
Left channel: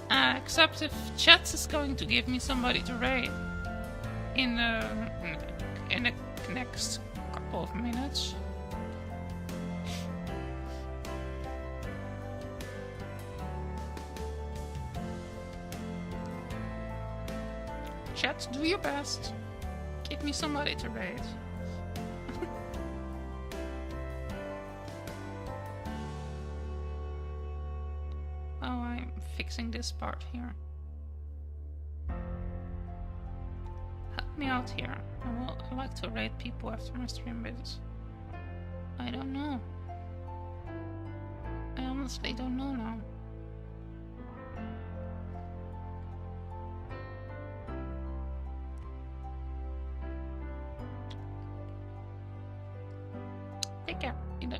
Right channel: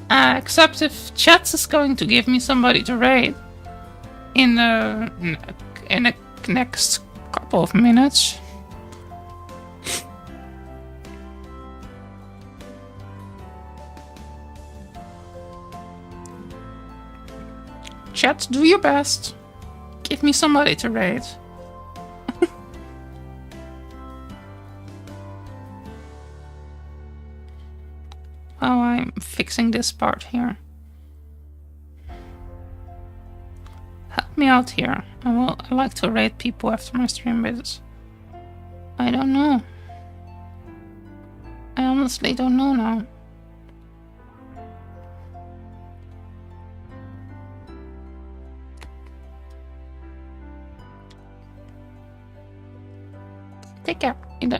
except if Chats is going to give me somebody to raid in the next couple of minutes. Chat, do your best. Give me somebody to raid. I'm fixing this part here. Help me out here. I like to rate people after my stream, but I don't know. I honestly don't know now. Take care in the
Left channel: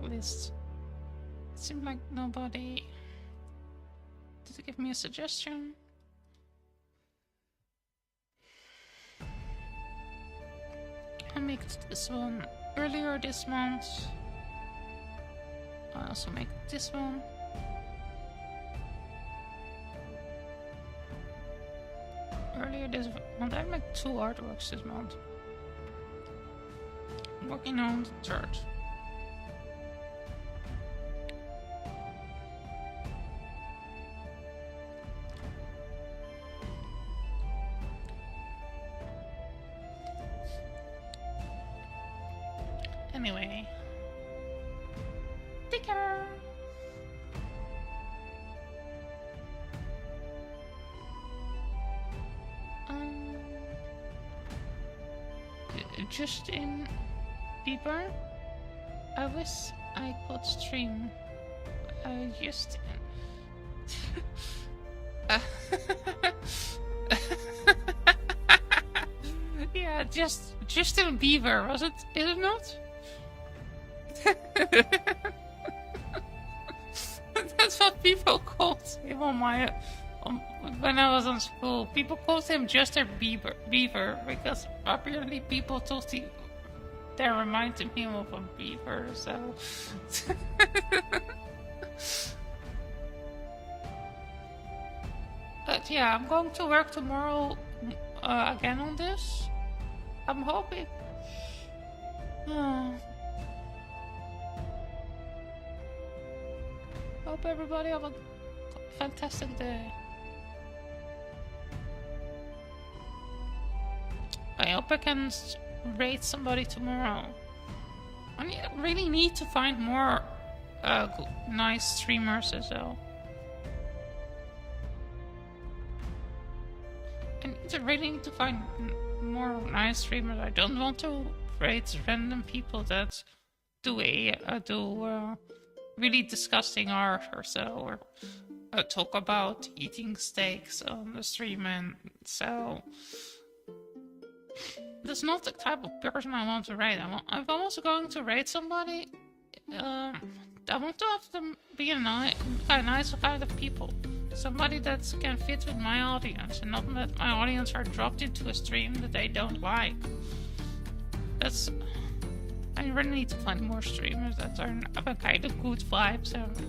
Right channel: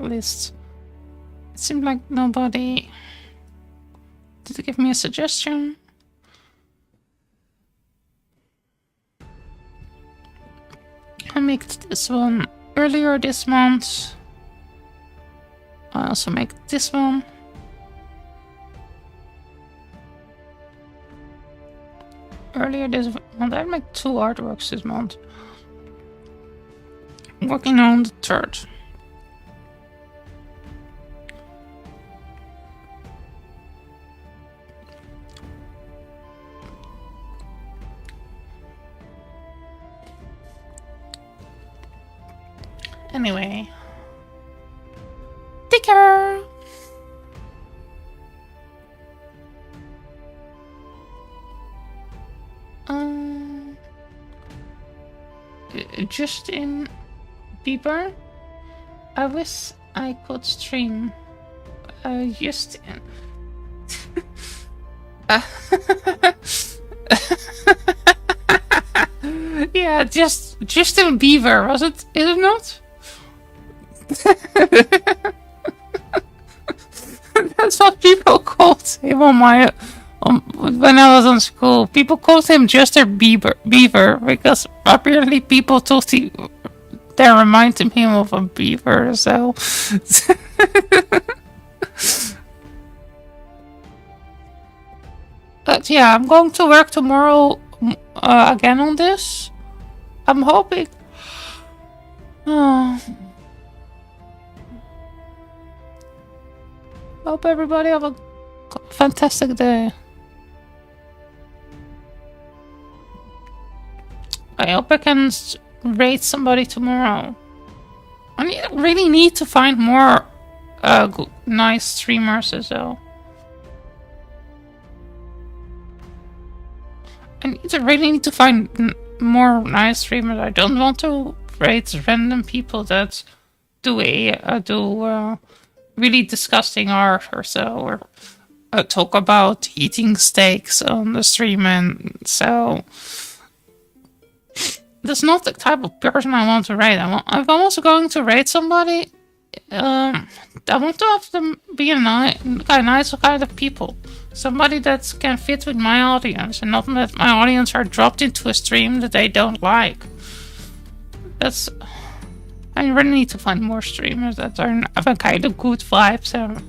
list. It seemed like nobody did give me a suggestion. I made this one earlier this month. I also make this one. Earlier this month, I made 2 artworks this month. I'm working on the 3rd. Anyway. Take care! Justin Bieber? I wish I could stream. Justin. Yeah, Justin Bieber, was it? Is it not? That's what people called him on my when I was in school. People called him Justin Beaver because apparently people thought they reminded him of a beaver. So but yeah, I'm going to work tomorrow again on this. I'm hoping. Hope everybody have a fantastic day. I hope I can rate somebody tomorrow. I really need to find more nice streamers as well. I really need to find more nice streamers. I don't want to rate random people that do really disgusting art or so, or talk about eating steaks on the stream, and so that's not the type of person I want to rate. If I'm also going to rate somebody, I want to have them be a nice kind of people. Somebody that can fit with my audience, and not that my audience are dropped into a stream that they don't like. I really need to find more streamers that have a kind of good vibes and